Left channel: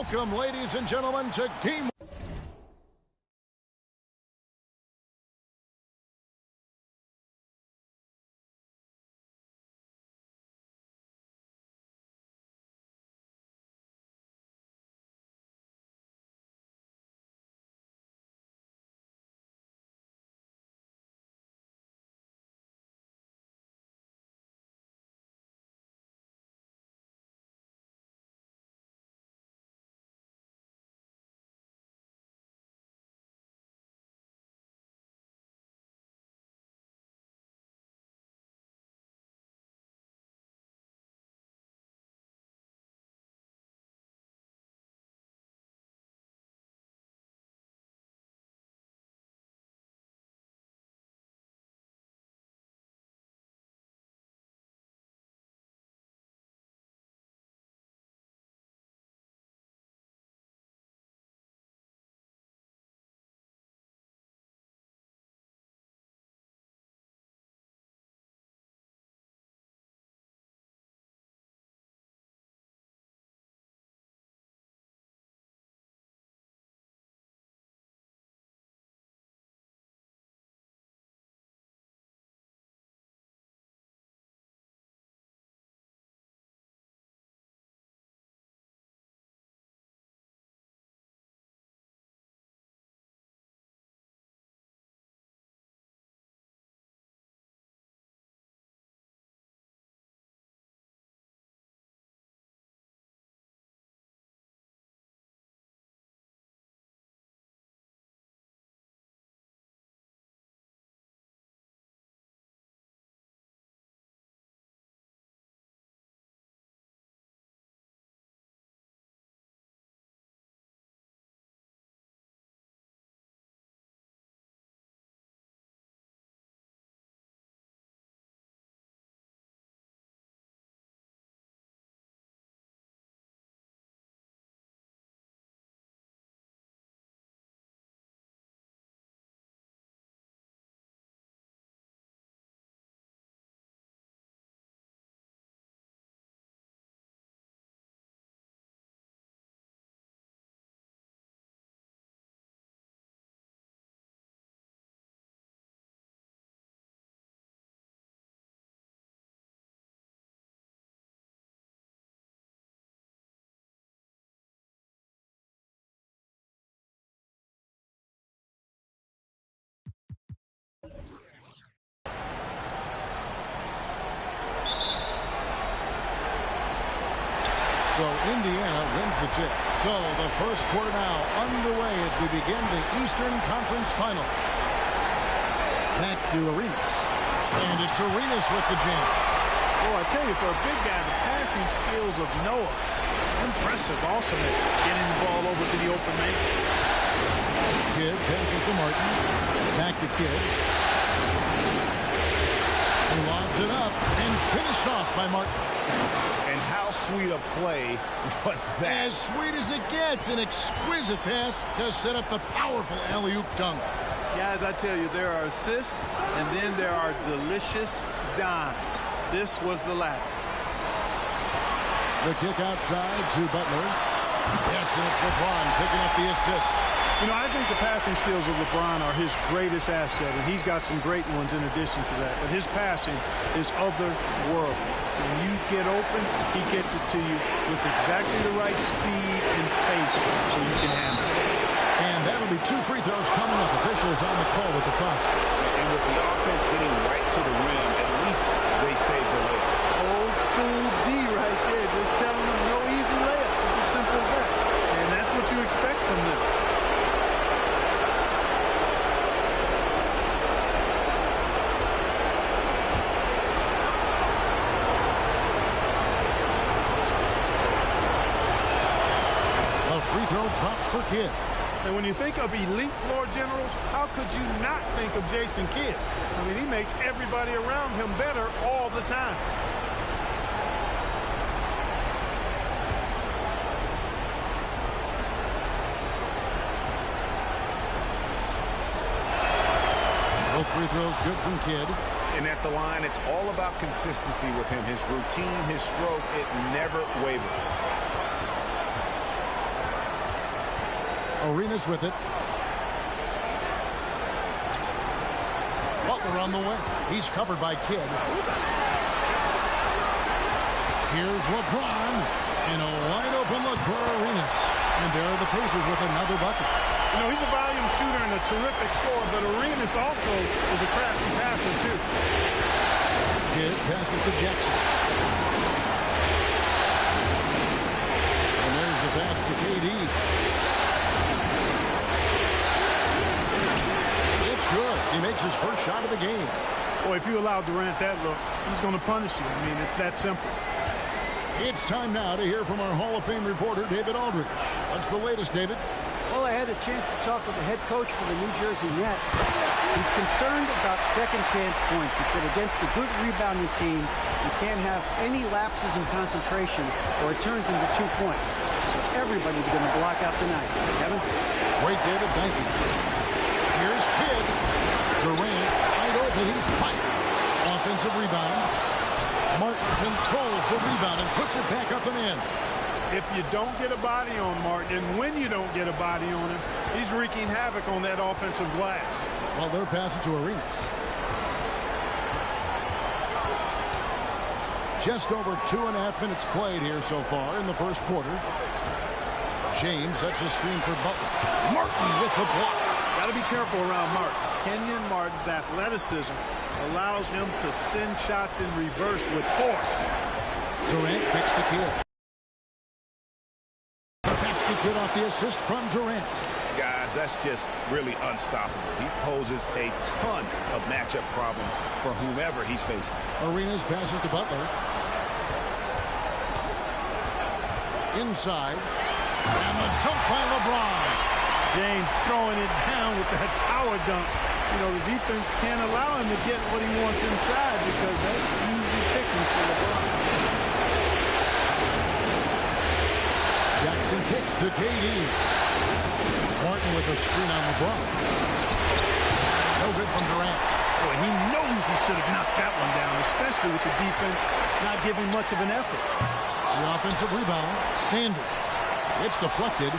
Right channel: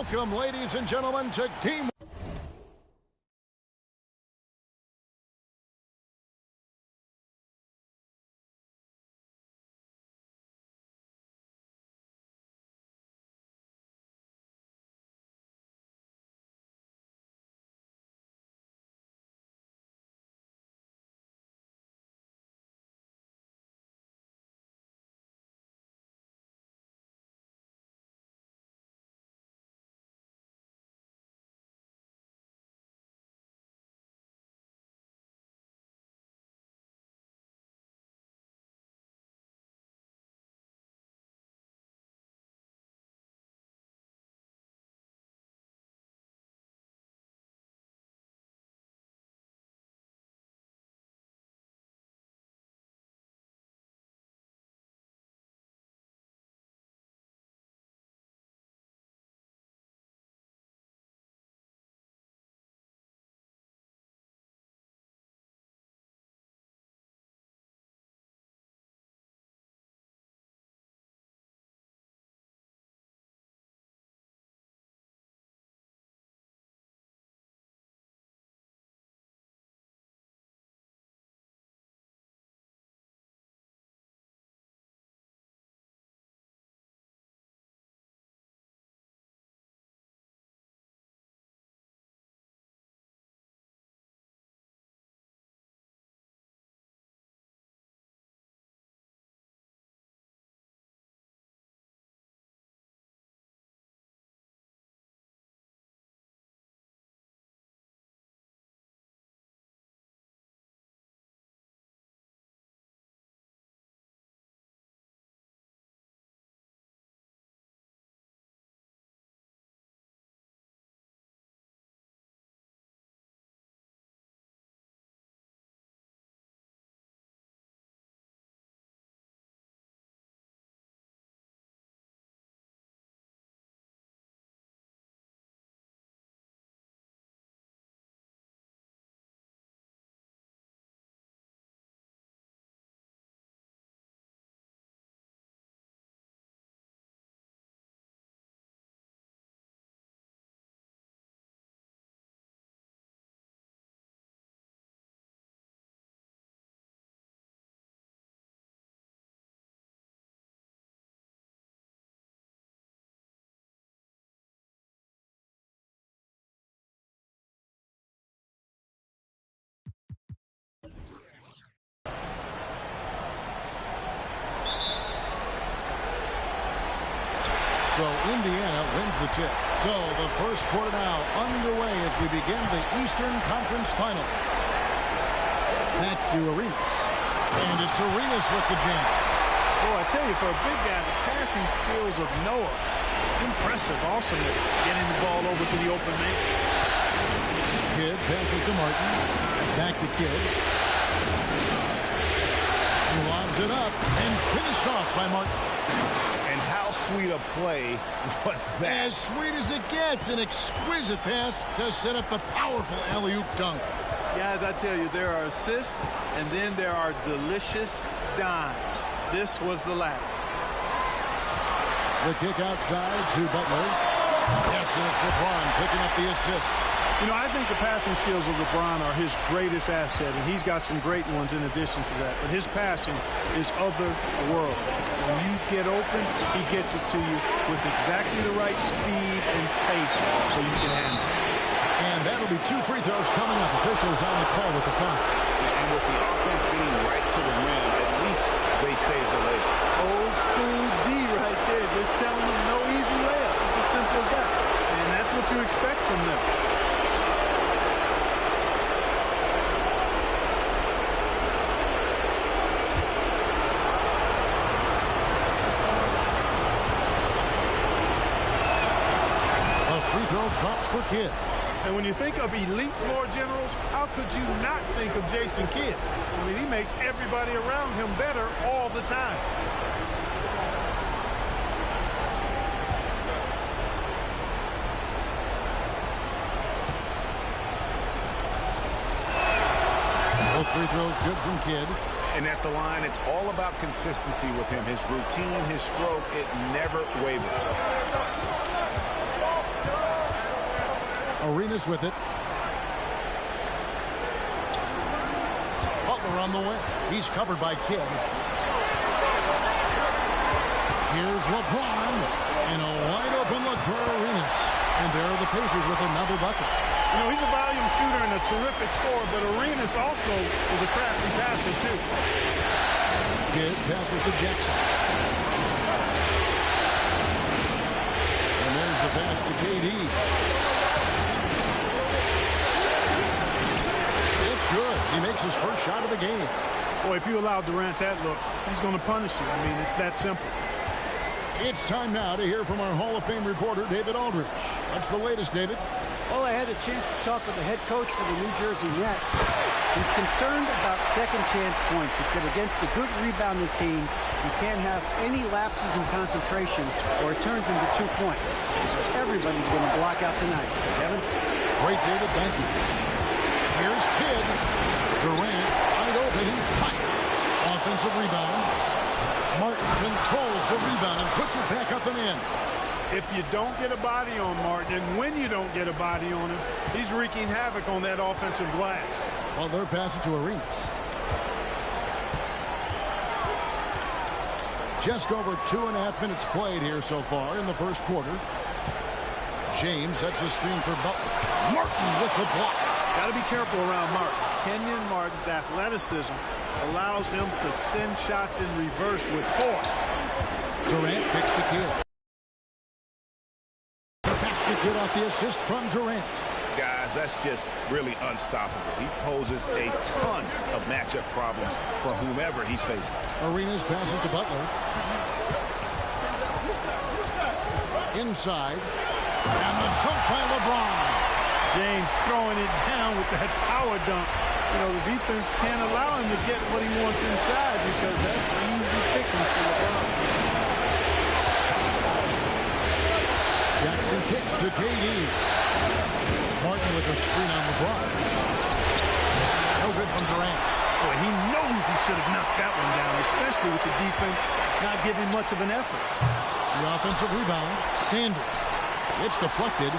Welcome, ladies and gentlemen, to Game 1. So Indiana wins the tip. So the first quarter now underway as we begin the Eastern Conference Finals. Back to Arenas. And it's Arenas with the jam. Boy, I tell you, for a big guy, the passing skills of Noah, impressive. Awesome at getting the ball over to the open man. Kidd passes to Martin. Back to Kidd. He lobs it up and finished off by Martin. And how sweet a play was that? As sweet as it gets. An exquisite pass to set up the powerful alley-oop dunk. Guys, I tell you, there are assists, and then there are delicious dimes. This was the latter. The kick outside to Butler. Yes, and it's LeBron picking up the assist. You know, I think the passing skills of LeBron are his greatest asset, and he's got some great ones in addition to that. But his passing is otherworldly. When you get open, he gets it to you with exactly the right speed and pace so you can handle it. And that'll be 2 free throws coming up. Officials on the call with the foul. And with the offense getting right to the rim, at least they saved the layup. Old school D right there, just telling them no easy layups. It's as simple as that. And that's what you expect from them. A free throw drops for Kidd. And when you think of elite floor generals, how could you not think of Jason Kidd? I mean, he makes everybody around him better all the time. Both free throws good from Kidd. And at the line, it's all about consistency with him. His routine, his stroke, it never wavers. Arenas with it. Butler on the wing. He's covered by Kidd. Here's LeBron. And a wide open look for Arenas. And there are the Pacers with another bucket. You know, he's a volume shooter and a terrific scorer, but Arenas also is a crafty passer, too. Kidd passes to Jackson. And there's the pass to KD. It's good. He makes his first shot of the game. Boy, if you allow Durant that look, he's going to punish you. I mean, it's that simple. It's time now to hear from our Hall of Fame reporter, David Aldridge. What's the latest, David? Well, I had a chance to talk with the head coach for the New Jersey Nets. He's concerned about second chance points. He said against a good rebounding team, you can't have any lapses in concentration or it turns into 2 points. So everybody's going to block out tonight. Kevin? Great, David. Thank you. Here's Kidd. Durant wide open. He fires. Offensive rebound. Martin controls the rebound and puts it back up and in. If you don't get a body on Martin, and when you don't get a body on him, he's wreaking havoc on that offensive glass. Well, they're passing to Arenas. Just over 2.5 minutes played here so far in the first quarter. James sets a screen for Butler. Martin with the block. Got to be careful around Martin. Kenyon Martin's athleticism allows him to send shots in reverse with force. Durant kicks to Kidd. The basket good off the assist from Durant. Guys, that's just really unstoppable. He poses a ton of matchup problems for whomever he's facing. Arenas passes to Butler. Inside. And the dunk by LeBron. James throwing it down with that power dunk. You know, the defense can't allow him to get what he wants inside because that's easy pickings for LeBron. Jackson kicks to KD. Martin with a screen on LeBron. No good from Durant. Boy, he knows he should have knocked that one down, especially with the defense not giving much of an effort. The offensive rebound, Sanders. It's deflected.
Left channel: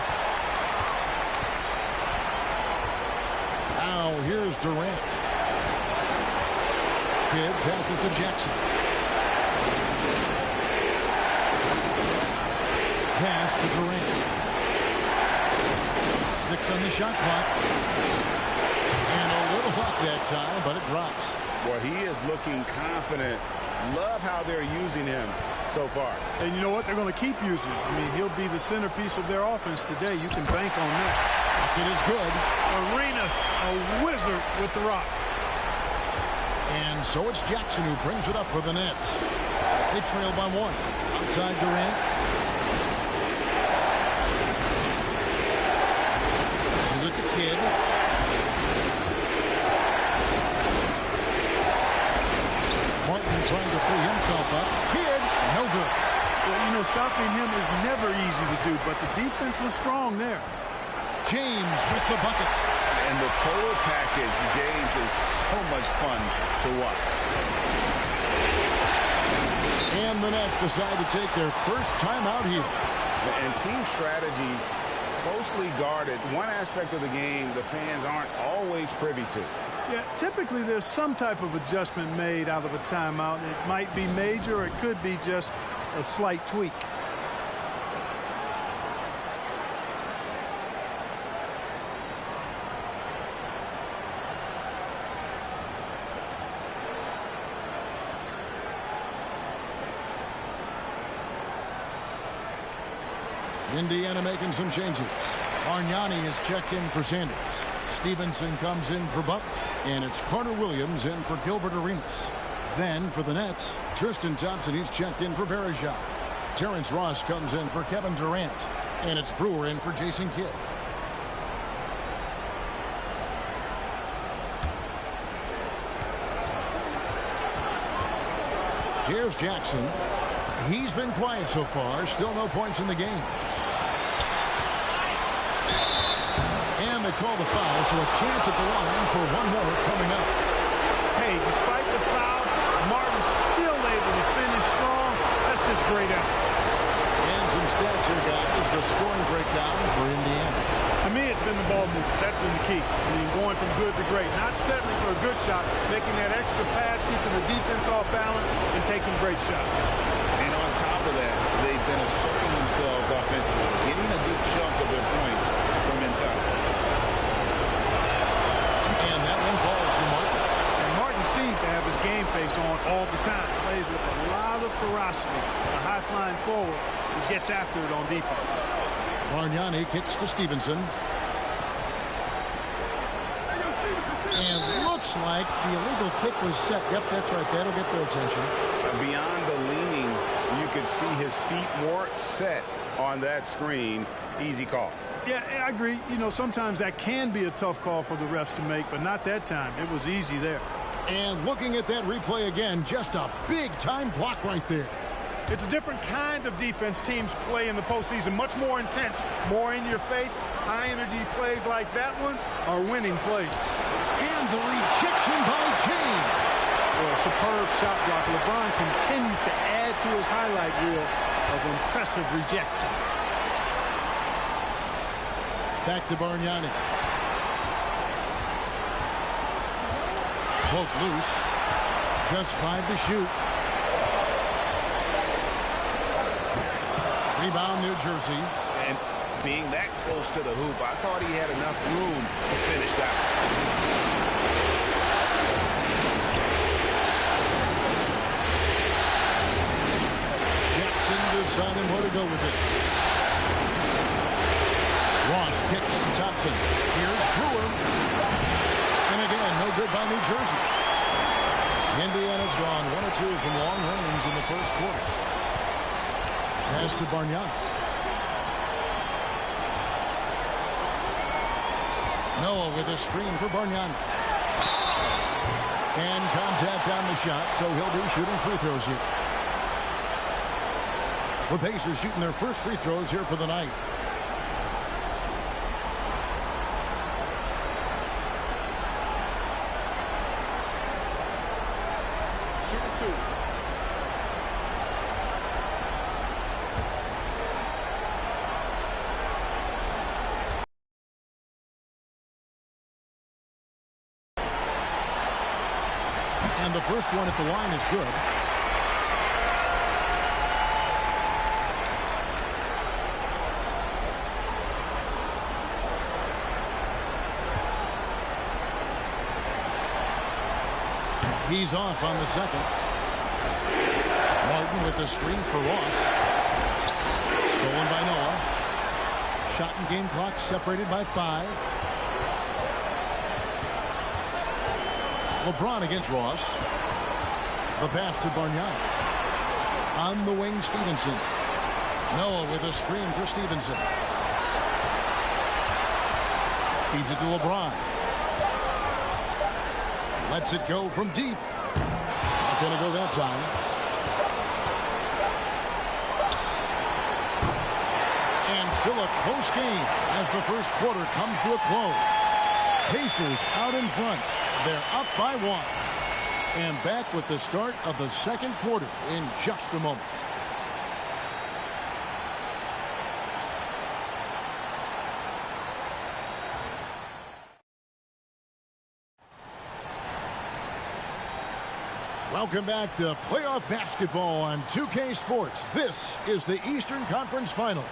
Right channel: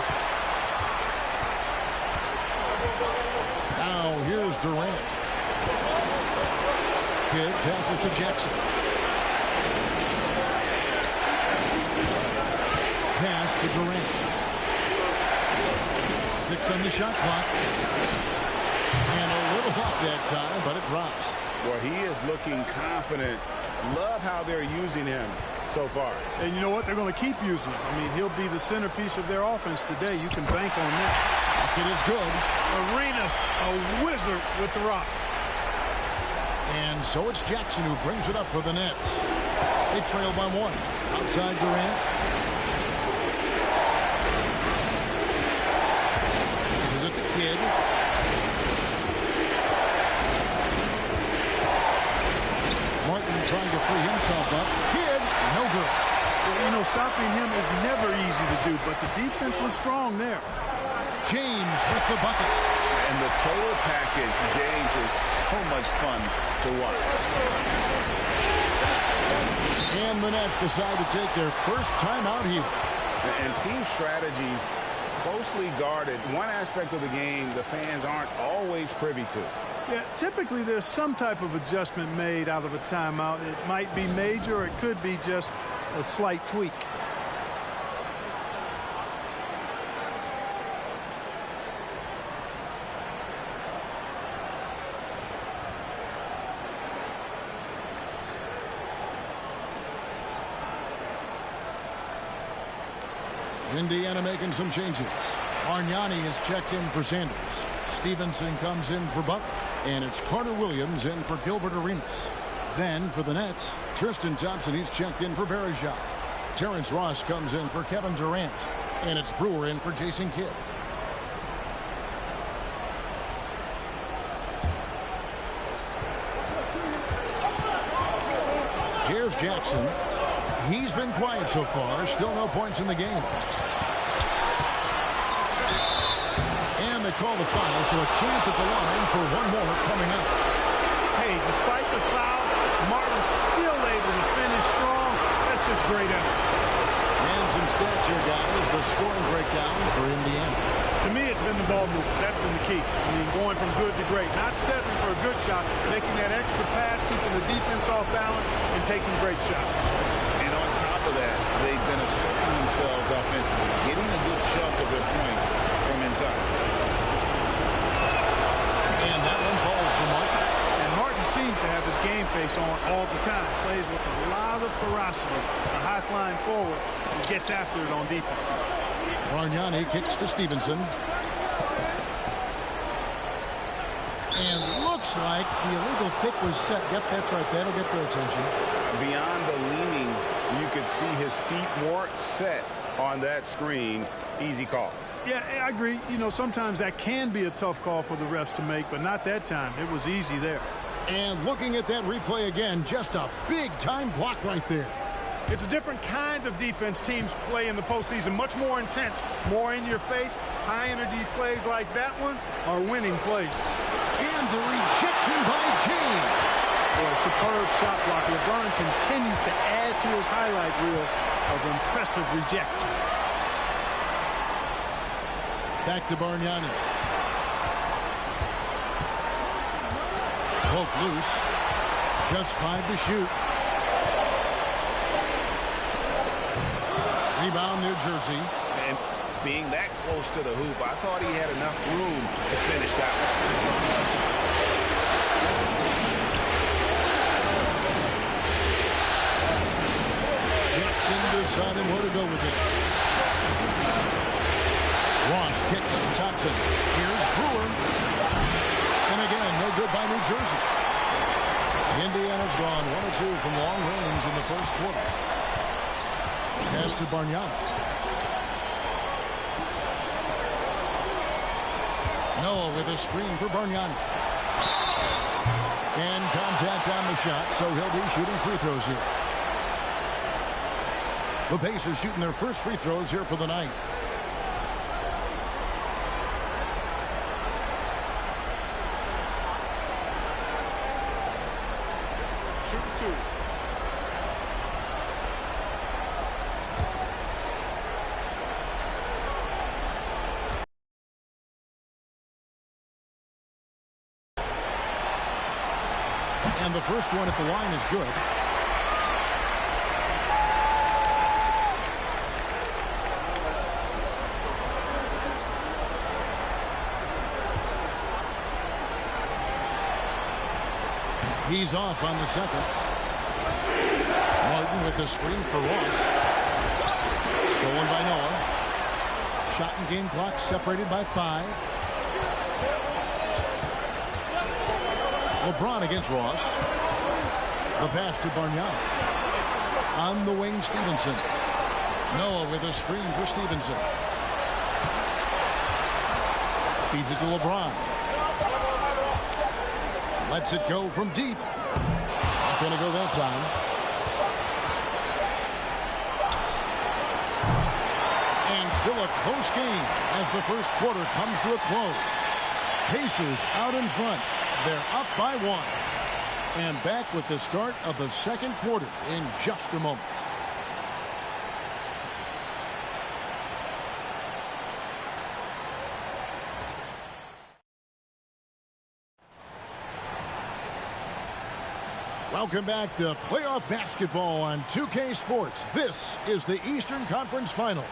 Now here's Durant. Kidd passes to Jackson. Pass to Durant. 6 on the shot clock. And a little up that time, but it drops. Boy, he is looking confident. Love how they're using him so far. And you know what? They're going to keep using him. I mean, he'll be the centerpiece of their offense today. You can bank on that. It is good. Arenas, a wizard with the rock. And so it's Jackson who brings it up for the Nets. They trail by 1. Outside Durant. This is it to Kidd. Martin trying to free himself up. Kidd, no good. Well, you know, stopping him is never easy to do, but the defense was strong there. James with the bucket. And the total package, James, is so much fun to watch. And the Nets decide to take their first time out here. And team strategies closely guarded. One aspect of the game the fans aren't always privy to. Yeah, typically there's some type of adjustment made out of a timeout. It might be major or it could be just a slight tweak. Indiana making some changes. Bargnani is checked in for Sanders. Stevenson comes in for Butler. And it's Carter Williams in for Gilbert Arenas. Then for the Nets, Tristan Thompson, he's checked in for Varejao. Terrence Ross comes in for Kevin Durant. And it's Brewer in for Jason Kidd. Here's Jackson. He's been quiet so far. Still no points in the game. And they call the foul, so a chance at the line for one more coming up. Hey, despite the foul, Martin's still able to finish strong. That's just great effort. And some stats here, guys. The scoring breakdown for Indiana. To me, it's been the ball movement. That's been the key. I mean, going from good to great. Not settling for a good shot, making that extra pass, keeping the defense off balance, and taking great shots. And on top of that, they've been asserting themselves offensively, getting a good chunk of their points from inside. And that one falls for Martin. And Martin seems to have his game face on all the time. Plays with a lot of ferocity. A high-flying forward who gets after it on defense. Bargnani kicks to Stevenson. And looks like the illegal kick was set. Yep, that's right. That'll get their attention. Beyond the leaning, you could see his feet more set on that screen. Easy call. Yeah, I agree. You know, sometimes that can be a tough call for the refs to make, but not that time. It was easy there. And looking at that replay again, just a big-time block right there. It's a different kind of defense teams play in the postseason. Much more intense, more in your face. High-energy plays like that one are winning plays. And the rejection by James. Boy, superb shot block. LeBron continues to add to his highlight reel of impressive rejection. Back to Bargnani. Poked loose. Just 5 to shoot. Rebound, New Jersey. And being that close to the hoop, I thought he had enough room to finish that one. Jackson deciding where to go with it. Ross kicks to Thompson. Here's Brewer. And again, no good by New Jersey. Indiana's gone 1 or 2 from long range in the first quarter. Pass to Bargnani. Noah with a screen for Bargnani. And contact on the shot, so he'll be shooting free throws here. The Pacers shooting their first free throws here for the night. Shooting 2. And the first one at the line is good. He's off on the second. Martin with the screen for Ross. Stolen by Noah. Shot and game clock separated by 5. LeBron against Ross. The pass to Bargnani. On the wing, Stevenson. Noah with a screen for Stevenson. Feeds it to LeBron. Lets it go from deep. Not going to go that time. And still a close game as the first quarter comes to a close. Pacers out in front. They're up by 1. And back with the start of the second quarter in just a moment. Welcome back to playoff basketball on 2K Sports. This is the Eastern Conference Finals.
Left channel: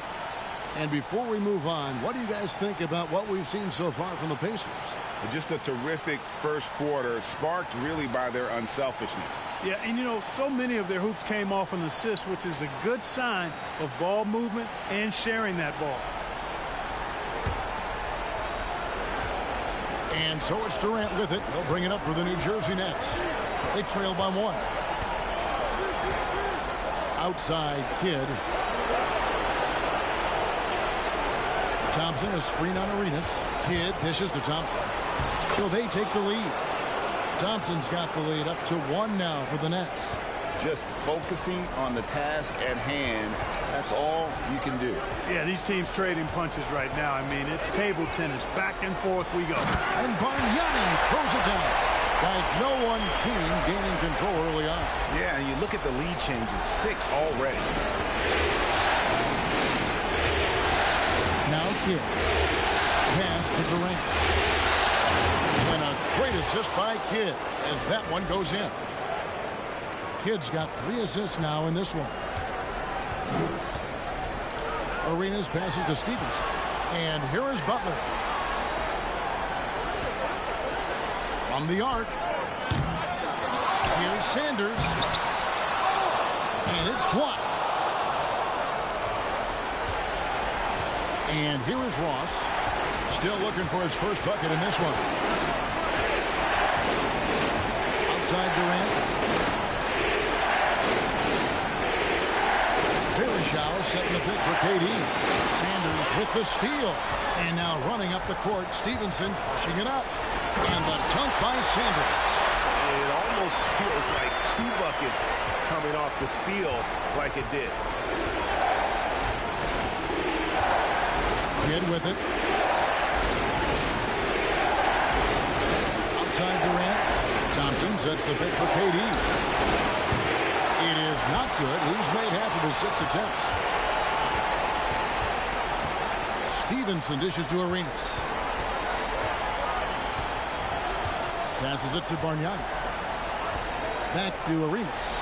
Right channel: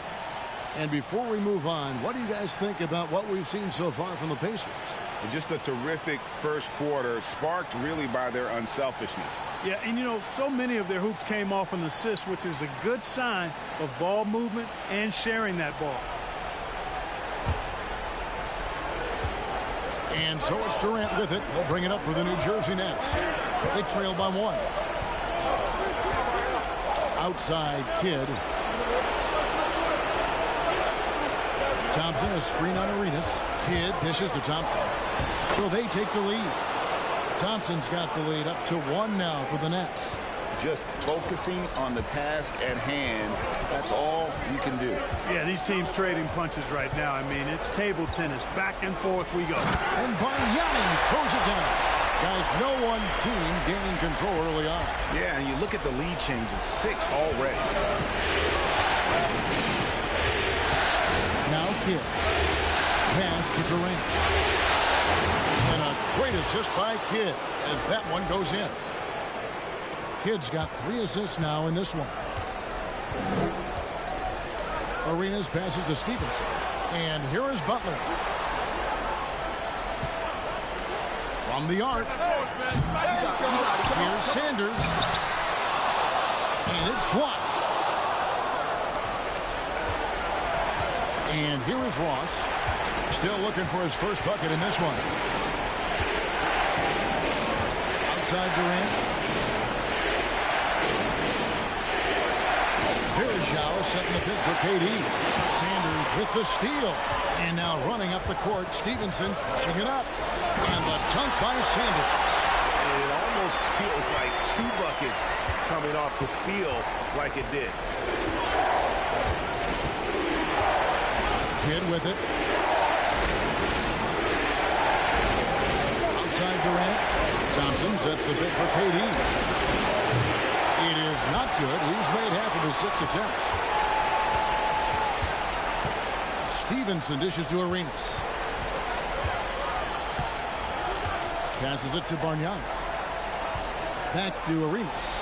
And before we move on, what do you guys think about what we've seen so far from the Pacers? Just a terrific first quarter, sparked really by their unselfishness. Yeah, and you know, so many of their hoops came off an assist, which is a good sign of ball movement and sharing that ball. And so it's Durant with it. He'll bring it up for the New Jersey Nets. They trail by 1. Outside Kidd. Thompson, a screen on Arenas. Kidd dishes to Thompson. So they take the lead. Thompson's got the lead up to 1 now for the Nets. Just focusing on the task at hand, that's all you can do. Yeah, these teams trading punches right now. I mean, it's table tennis. Back and forth we go. And Bargnani throws it down. Guys, no one team gaining control early on. Yeah, and you look at the lead changes, 6 already. Now Kidd. Pass to Durant. And a great assist by Kidd as that one goes in. Kidd's got 3 assists now in this one. Arenas passes to Stevenson. And here is Butler. From the arc. Here's Sanders. And it's blocked. And here is Ross. Still looking for his first bucket in this one. Outside Durant. Verjao setting the pick for KD. Sanders with the steal. And now running up the court, Stevenson pushing it up. And the dunk by Sanders. It almost feels like 2 buckets coming off the steal like it did. Kidd with it. Outside Durant. Thompson sets the pick for KD. It is not good. He's made half of his 6 attempts. Stevenson dishes to Arenas. Passes it to Bargnani. Back to Arenas.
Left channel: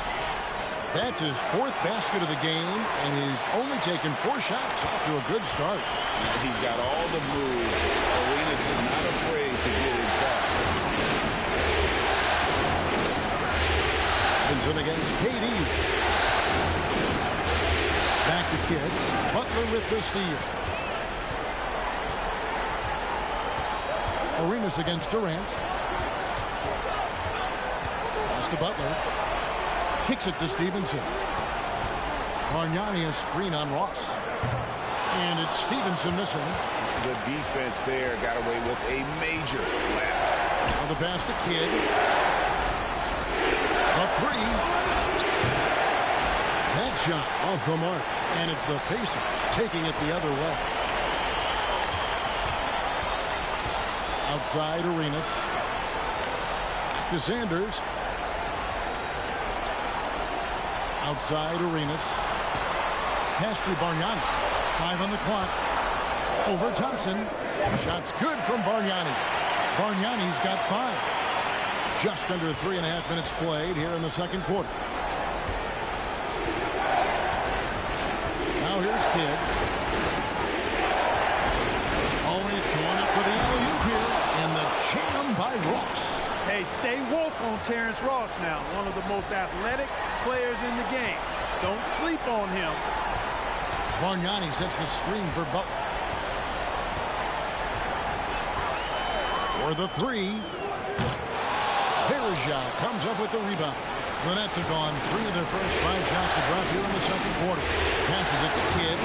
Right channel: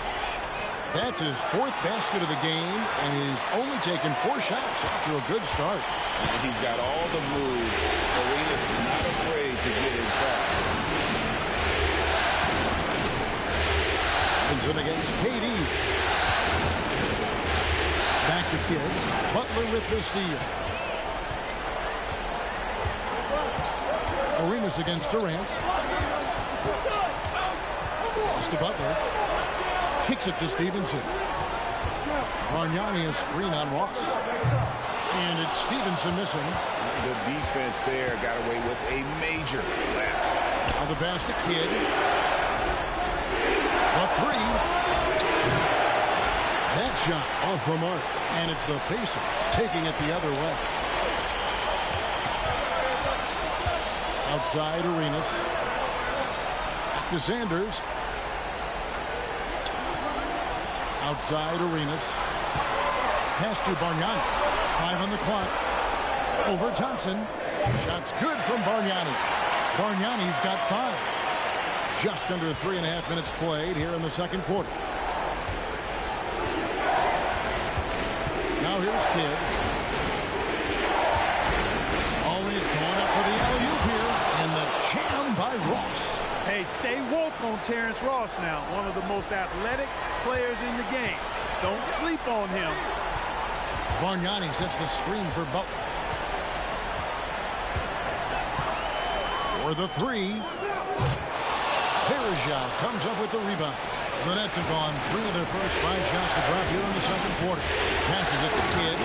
That's his 4th basket of the game, and he's only taken 4 shots. Off to a good start. And he's got all the moves. Arenas is not afraid to get inside. Vincent against KD. Back to Kidd. Butler with the steal. Arenas against Durant. Pass to Butler. Kicks it to Stevenson. Bargnani a screen on Ross. And it's Stevenson missing. The defense there got away with a major lapse. Now the pass to Kidd. The 3. That shot off the mark. And it's the Pacers taking it the other way. Outside Arenas. Back to Sanders. Outside Arenas. Pass to Bargnani. 5 on the clock. Over Thompson. Shot's good from Bargnani. Bargnani's got 5. Just under 3.5 minutes played here in the second quarter. Now here's Kidd. Always going up for the alley-oop here. And the jam by Ross. Hey, stay woke on Terrence Ross now. One of the most athletic players in the game. Don't sleep on him. Bargnani sets the screen for Butler. For the 3. Verjao comes up with the rebound. The Nets have gone 3 of their first 5 shots to drop here in the second quarter. Passes it to Kidd.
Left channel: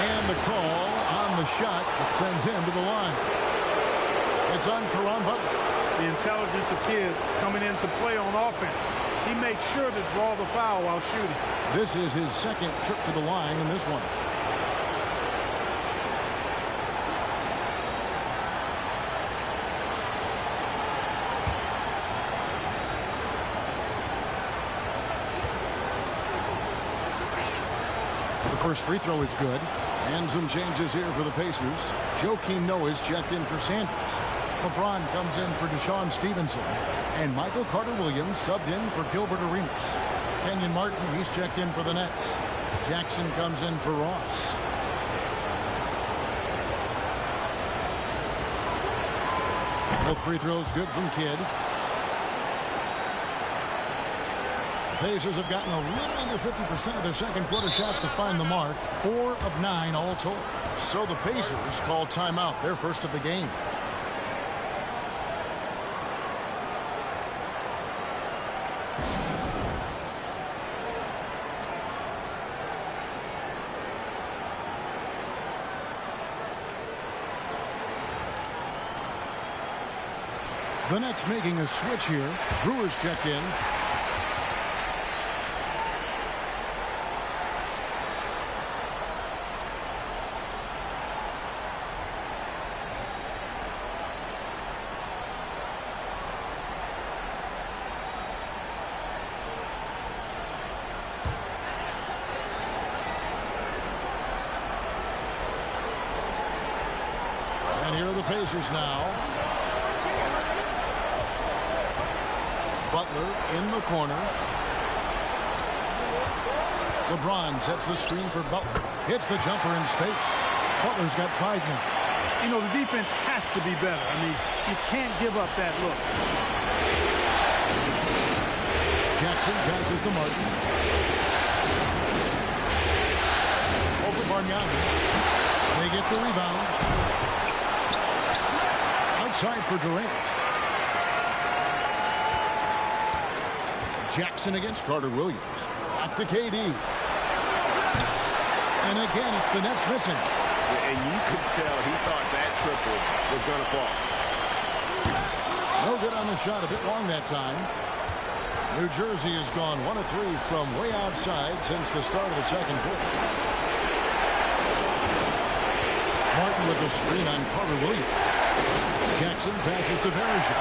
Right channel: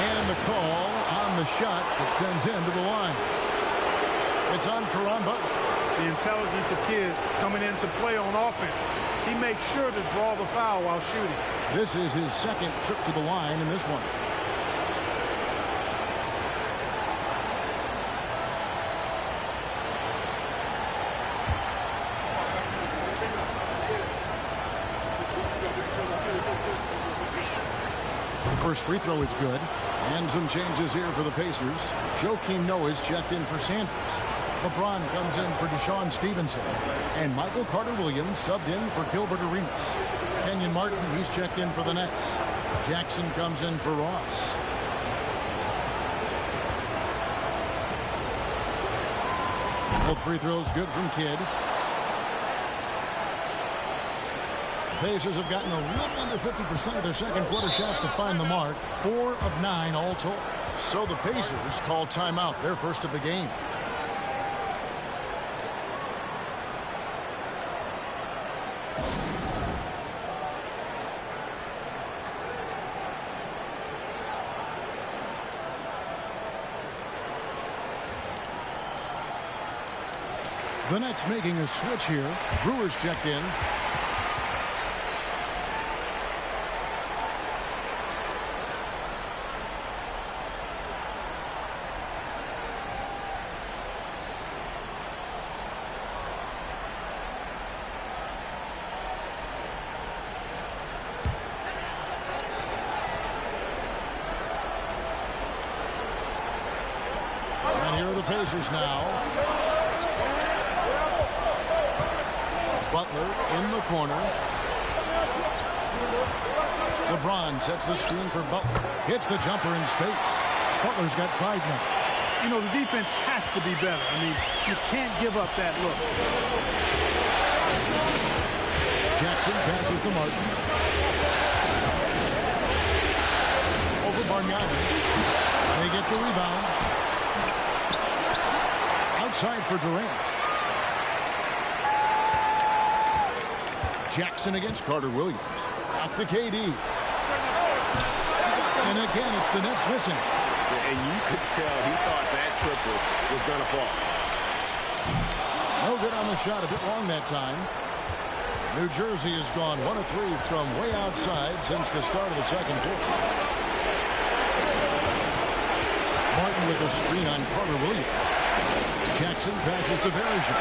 And the call on the shot that sends him to the line. It's on Caron Butler. The intelligence of Kidd coming into play on offense. He makes sure to draw the foul while shooting. This is his 2nd trip to the line in this one. The first free throw is good. And some changes here for the Pacers. Joakim Noah's checked in for Sanders. LeBron comes in for Deshaun Stevenson. And Michael Carter-Williams subbed in for Gilbert Arenas. Kenyon Martin, he's checked in for the Nets. Jackson comes in for Ross. Both free throws good from Kidd. The Pacers have gotten a little under 50% of their second quarter shots to find the mark. 4 of 9 all told. So the Pacers call timeout, their first of the game. The Nets making a switch here. Brewers checked in. Pacers now. Butler in the corner. LeBron sets the screen for Butler. Hits the jumper in space. Butler's got 5 now. You know, the defense has to be better. I mean, you can't give up that look. Jackson passes to Martin. Over Bargnani. They get the rebound. Outside for Durant. Jackson against Carter Williams. Back to KD. And again, it's the Nets missing. Yeah, and you could tell he thought that triple was going to fall. No good on the shot. A bit long that time. New Jersey has gone 1 of 3 from way outside since the start of the second quarter. Martin with a screen on Carter Williams. Jackson passes to Verija.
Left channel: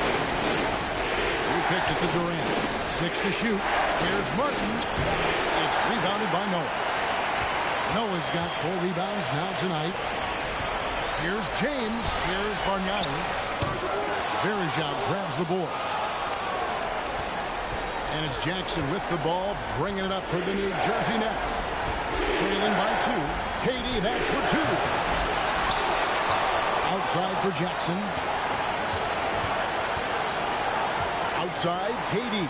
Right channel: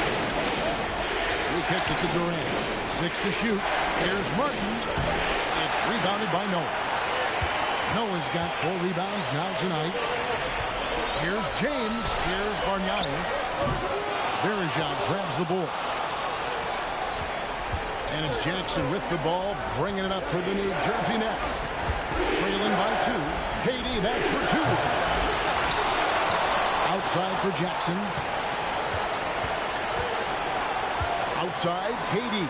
He kicks it to Durant. 6 to shoot. Here's Martin. It's rebounded by Noah. Noah's got 4 rebounds now tonight. Here's James. Here's Bargnani. Verija grabs the board. And it's Jackson with the ball, bringing it up for the New Jersey Nets. Trailing by 2. KD, that's for 2. Outside for Jackson. Outside, KD.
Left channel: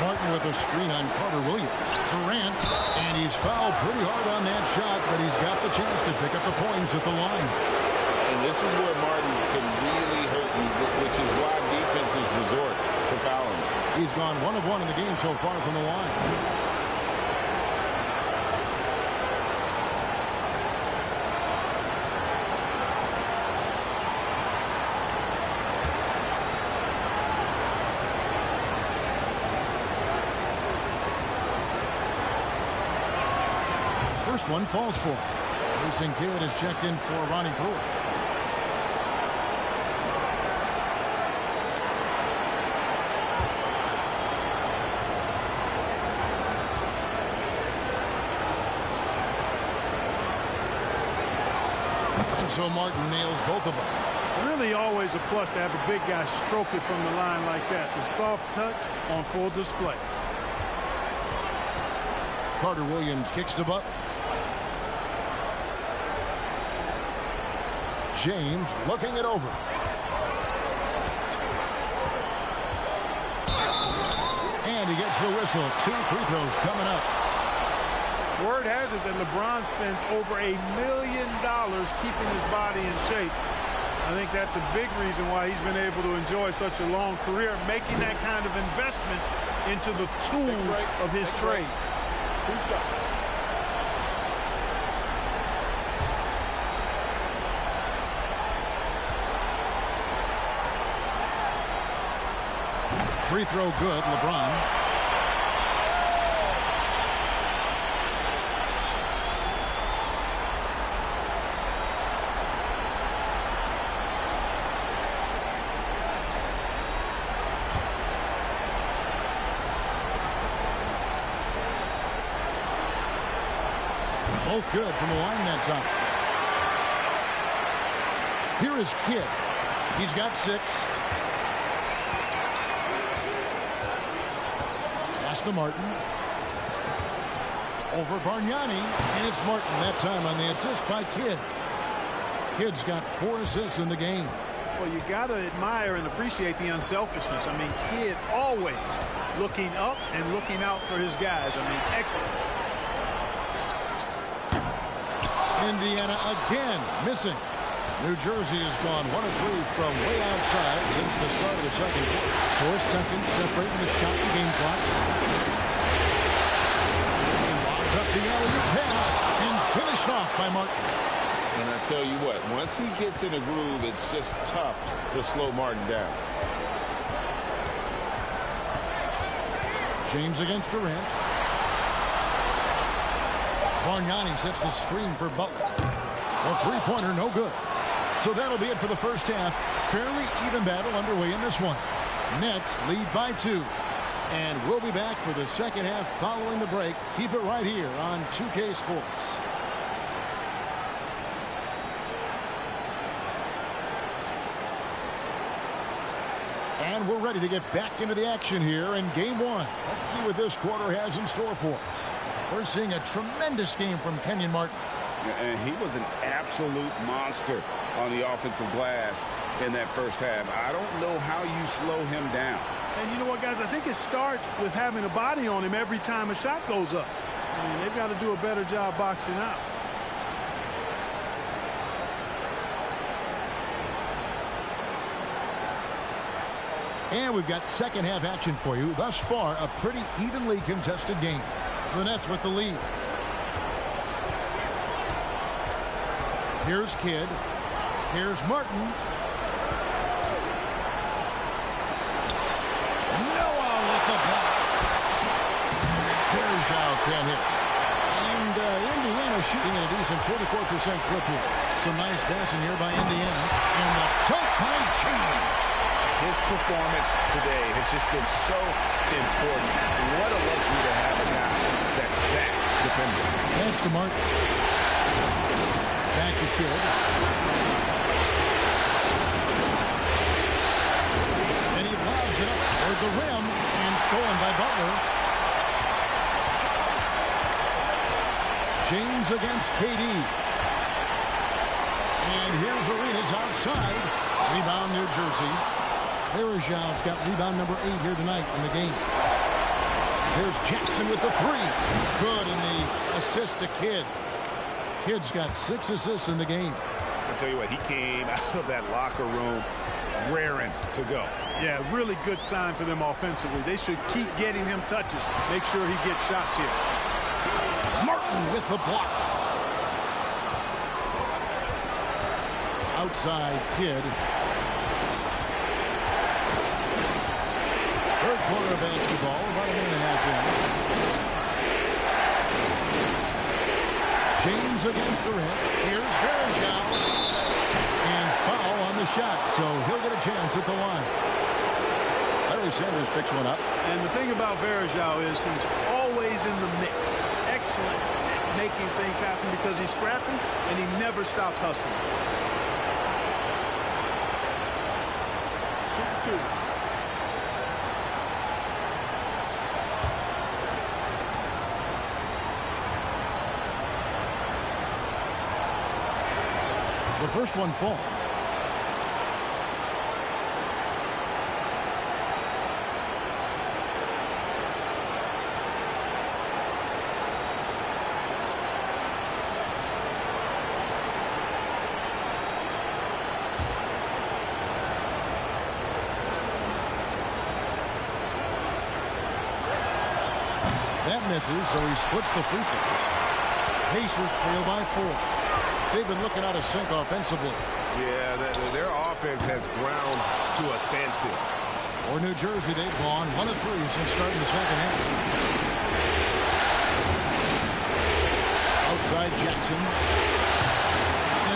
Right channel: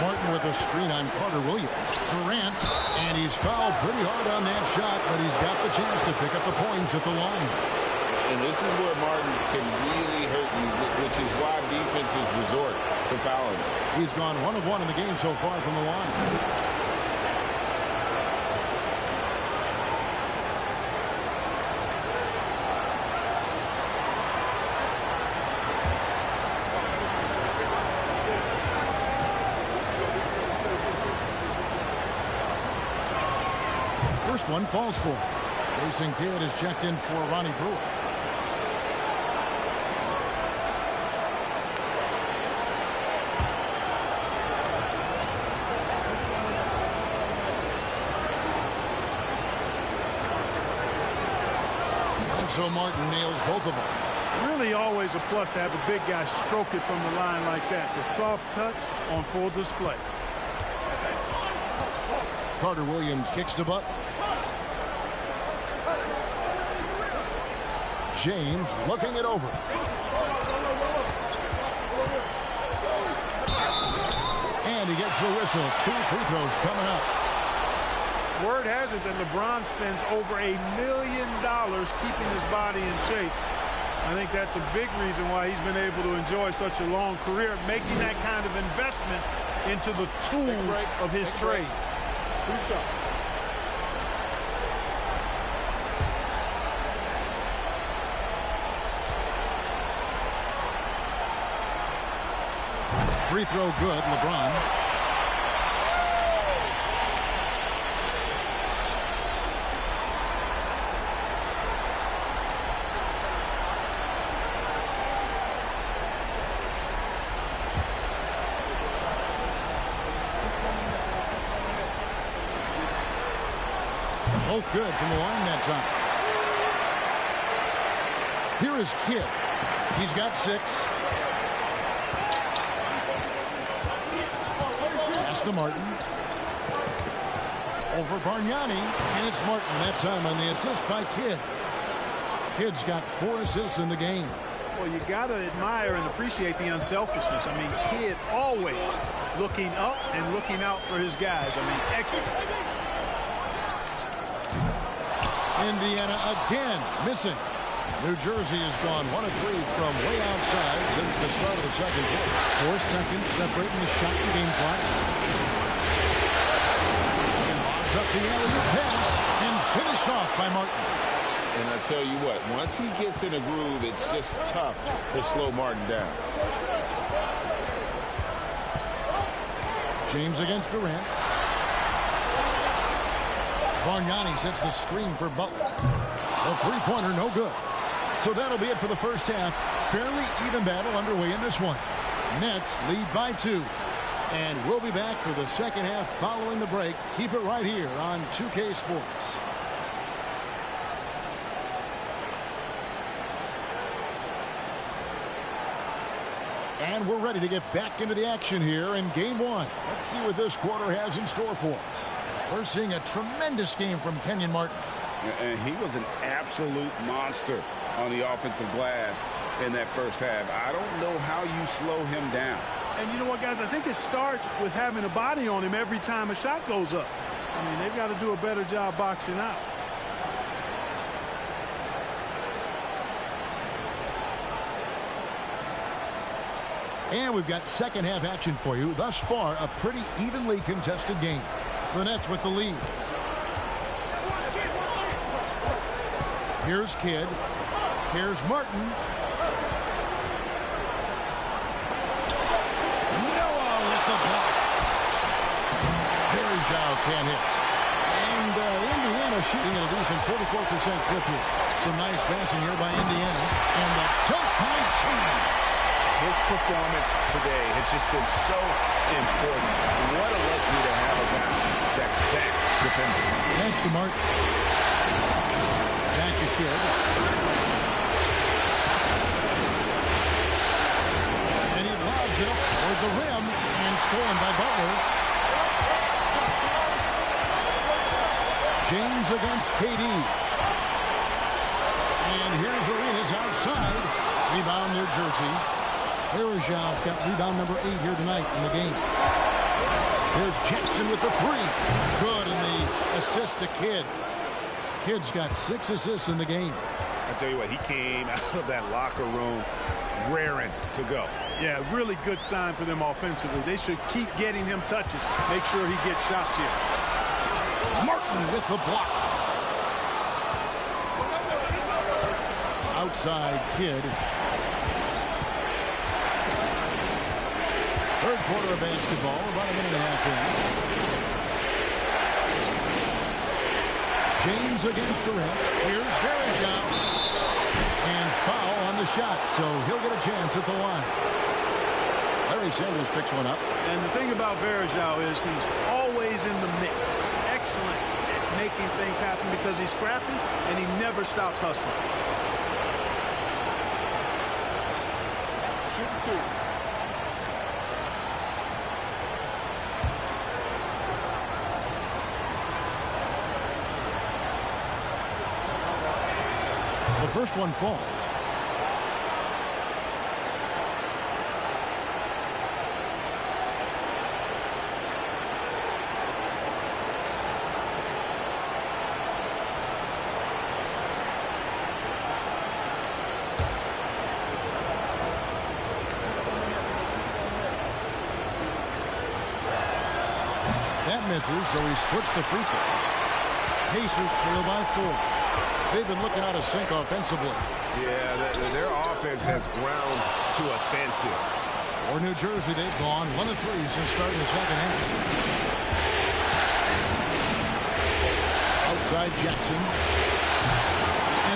Martin with a screen on Carter Williams. Durant, and he's fouled pretty hard on that shot, but he's got the chance to pick up the points at the line. And this is where Martin can really hurt you, which is why defenses resort to fouling him. He's gone 1 of 1 in the game so far from the line. First one falls for him. Jason Kidd is checked in for Ronnie Brewer. And so Martin nails both of them. Really always a plus to have a big guy stroke it from the line like that. The soft touch on full display. Carter Williams kicks to Butler. James looking it over. And he gets the whistle. 2 free throws coming up. Word has it that LeBron spends over $1 million keeping his body in shape. I think that's a big reason why he's been able to enjoy such a long career, making that kind of investment into the tool of his trade. 2 shots. Free throw good, LeBron. Both good from the line that time. Here is Kidd. He's got 6. Pass to Martin. Over Bargnani. And it's Martin that time on the assist by Kidd. Kidd's got 4 assists in the game. Well, you got to admire and appreciate the unselfishness. I mean, Kidd always looking up and looking out for his guys. I mean, excellent. Indiana again missing. New Jersey has gone 1 of 3 from way outside since the start of the second quarter. 4 seconds separating the shot and game clocks. And lobs up the alley-oop pass and finished off by Martin. And I tell you what, once he gets in a groove, it's just tough to slow Martin down. James against Durant. Bargnani sets the screen for Butler. The three-pointer no good. So that'll be it for the first half. Fairly even battle underway in this one. Nets lead by 2. And we'll be back for the second half following the break. Keep it right here on 2K Sports. And we're ready to get back into the action here in game one. Let's see what this quarter has in store for us. We're seeing a tremendous game from Kenyon Martin. And he was an absolute monster on the offensive glass in that first half. I don't know how you slow him down. And you know what, guys? I think it starts with having a body on him every time a shot goes up. I mean, they've got to do a better job boxing out. And we've got second half action for you. Thus far, a pretty evenly contested game. The Nets with the lead. Here's Kidd. Here's Martin. Noah with the block. Verjao can't hit. And Indiana shooting at a decent 44% clip here. Some nice passing here by Indiana. And the dunk by James. His performance today has just been so important. What a luxury to have a guy that's that dependent. Pass to Martin. Back to Kidd. And he lobs it up toward the rim and stolen by Butler. James against KD. And here's Arenas outside. Rebound New Jersey. Verjao's got rebound number 8 here tonight in the game. There's Jackson with the 3. Good, and the assist to Kidd. Kidd's got 6 assists in the game. I tell you what, he came out of that locker room raring to go. Yeah, really good sign for them offensively. They should keep getting him touches. Make sure he gets shots here. Martin with the block. Outside Kidd. Third quarter of basketball, about a minute and a half in. James against Durant. Here's Verjao. And foul on the shot, so he'll get a chance at the line. Larry Sanders picks one up. And the thing about Verjao is he's always in the mix. Excellent at making things happen because he's scrappy and he never stops hustling. Shoot 2. The first one falls. That misses, so he splits the free throws. Pacers trail by 4. They've been looking out of sync offensively. Yeah, their offense has ground to a standstill. For New Jersey, they've gone 1 of 3 since starting the second half. Outside Jackson.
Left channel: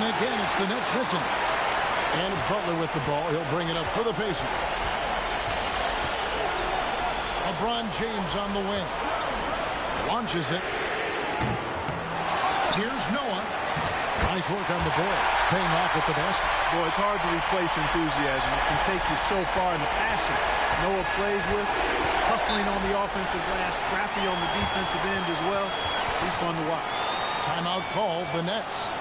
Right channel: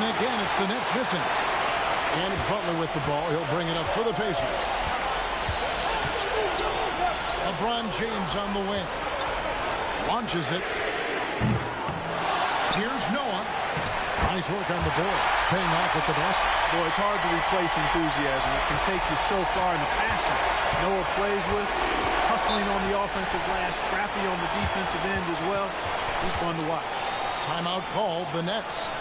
And again, it's the Nets missing. And it's Butler with the ball. He'll bring it up for the Pacers. LeBron James on the wing. Launches it. Here's Noah. Nice work on the boards. Paying off with the basket. Boy, it's hard to replace enthusiasm. It can take you so far in the passion Noah plays with. Hustling on the offensive glass. Scrappy on the defensive end as well. He's fun to watch. Timeout called, the Nets.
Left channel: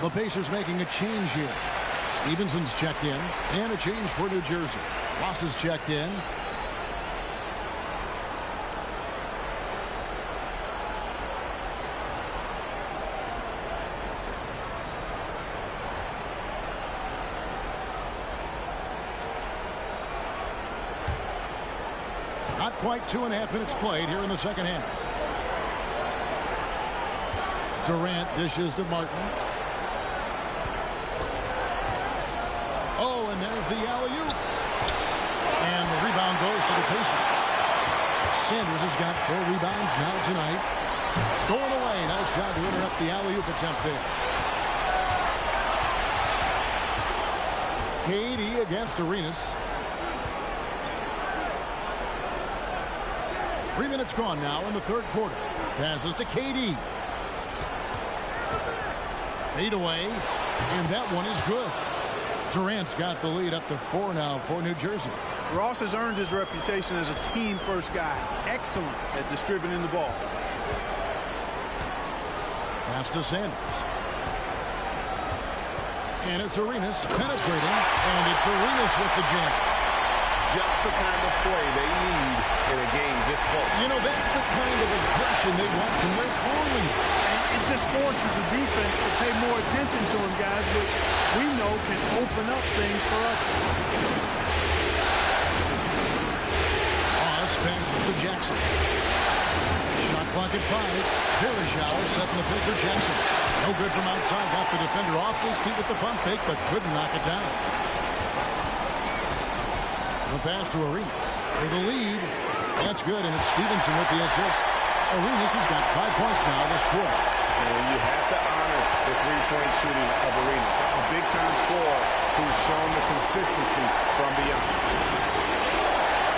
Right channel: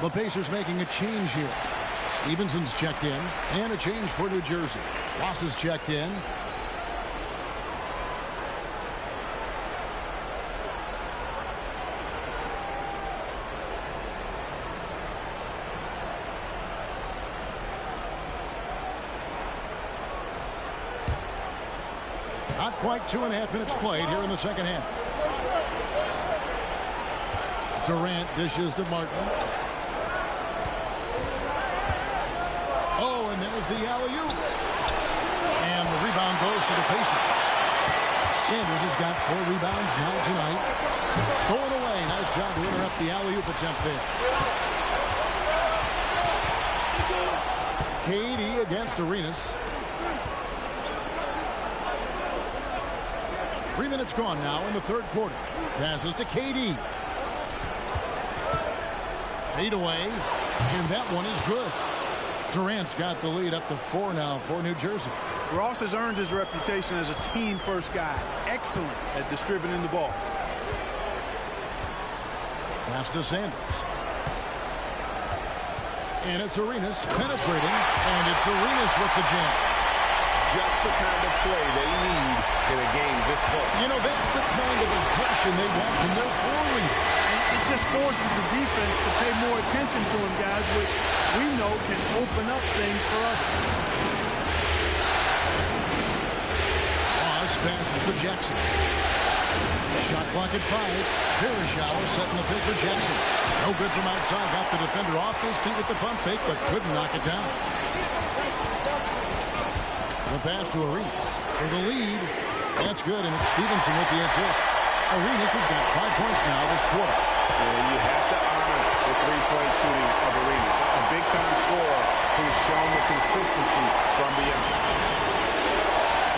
The Pacers making a change here. Stevenson's checked in, and a change for New Jersey. Ross is checked in. Not quite 2.5 minutes played here in the second half. Durant dishes to Martin. Oh, and there's the alley-oop. And the rebound goes to the Pacers. Sanders has got 4 rebounds now tonight. Stolen away. Nice job to interrupt the alley-oop attempt there. KD against Arenas. 3 minutes gone now in the third quarter. Passes to KD. Fade away. And that one is good. Durant's got the lead up to 4 now for New Jersey. Ross has earned his reputation as a team-first guy. Excellent at distributing the ball. Pass to Sanders. And it's Arenas penetrating. And it's Arenas with the jam. Just the kind of play they need in a game this close. You know, that's the kind of aggression they want from their floor leader. And it just forces the defense to pay more attention to him, guys, which we know can open up things for others. Ross passes to Jackson. Shot clock at 5. Verashao setting the pick for Jackson. No good from outside. Got the defender off his feet with the pump fake, but couldn't knock it down. The pass to Arenas for the lead. That's good, and it's Stevenson with the assist. Arenas has got 5 points now this quarter. And you have to honor the three-point shooting of Arenas. A big-time scorer who's shown the consistency from beyond.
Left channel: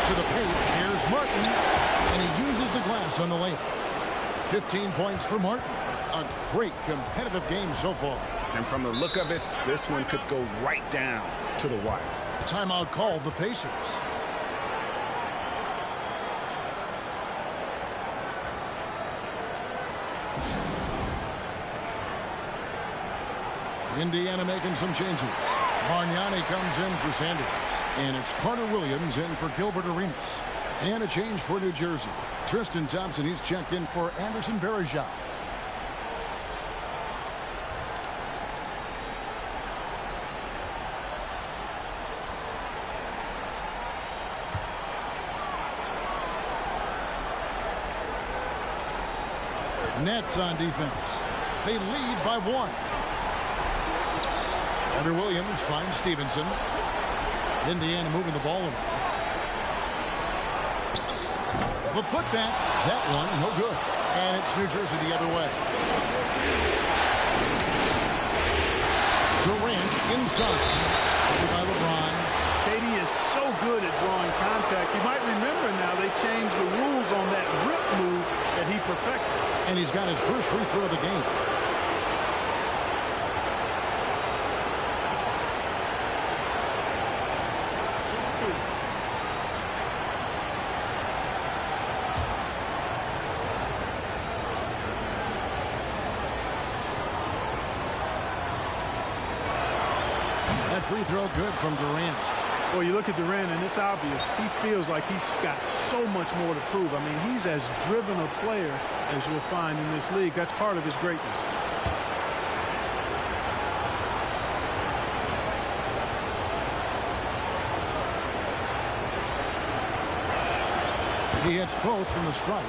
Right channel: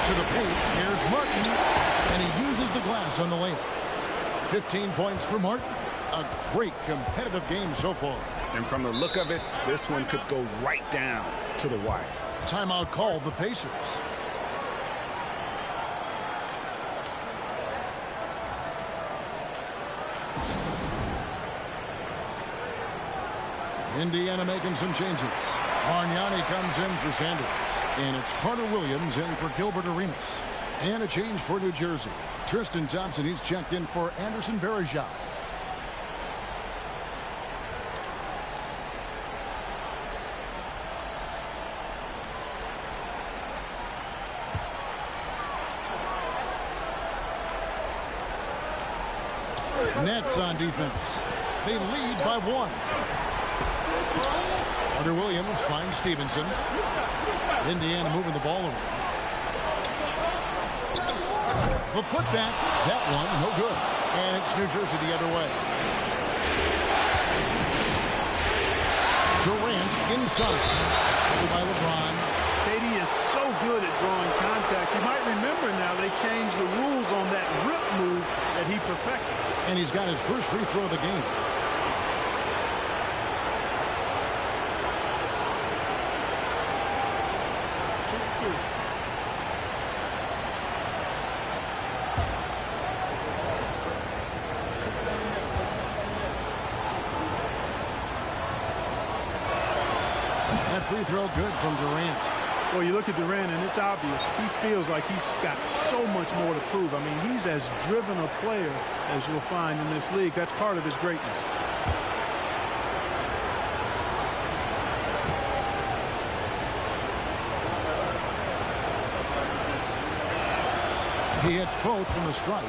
To the paint, here's Martin, and he uses the glass on the layup. 15 points for Martin. A great competitive game so far. And from the look of it, this one could go right down to the wire. Timeout called the Pacers. Indiana making some changes. Bargnani comes in for Sanders. And it's Carter Williams in for Gilbert Arenas. And a change for New Jersey. Tristan Thompson, he's checked in for Anderson Varejao. Nets on defense. They lead by 1. Carter Williams finds Stevenson. Indiana moving the ball around. The putback, that one, no good. And it's New Jersey the other way. Durant inside. Over by LeBron. KD is so good at drawing contact. You might remember now they changed the rules on that rip move that he perfected. And he's got his first free throw of the game. Shoot 2. That free throw good from Durant. Well, you look at Durant, and it's obvious. He feels like he's got so much more to prove. I mean, he's as driven a player as you'll find in this league. That's part of his greatness. He hits both from the stripe.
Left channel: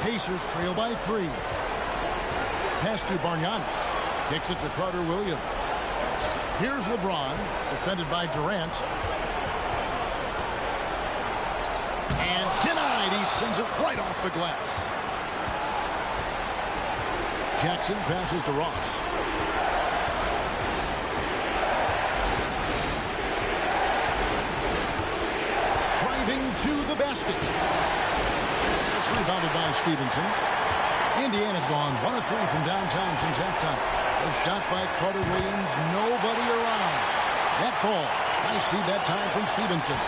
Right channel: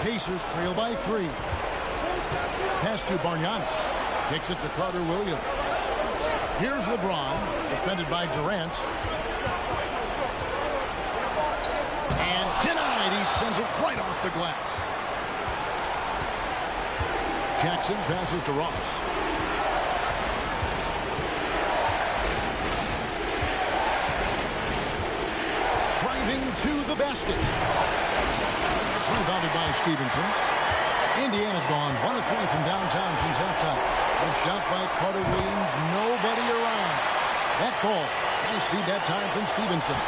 Pacers trail by 3. Pass to Bargnani. Kicks it to Carter Williams. Here's LeBron, defended by Durant. And denied. He sends it right off the glass. Jackson passes to Ross. Driving to the basket. It's rebounded by Stevenson. Indiana's gone 1 of 3 from downtown since halftime. A shot by Carter Williams. Nobody around. That ball. Nice feed that time from Stevenson.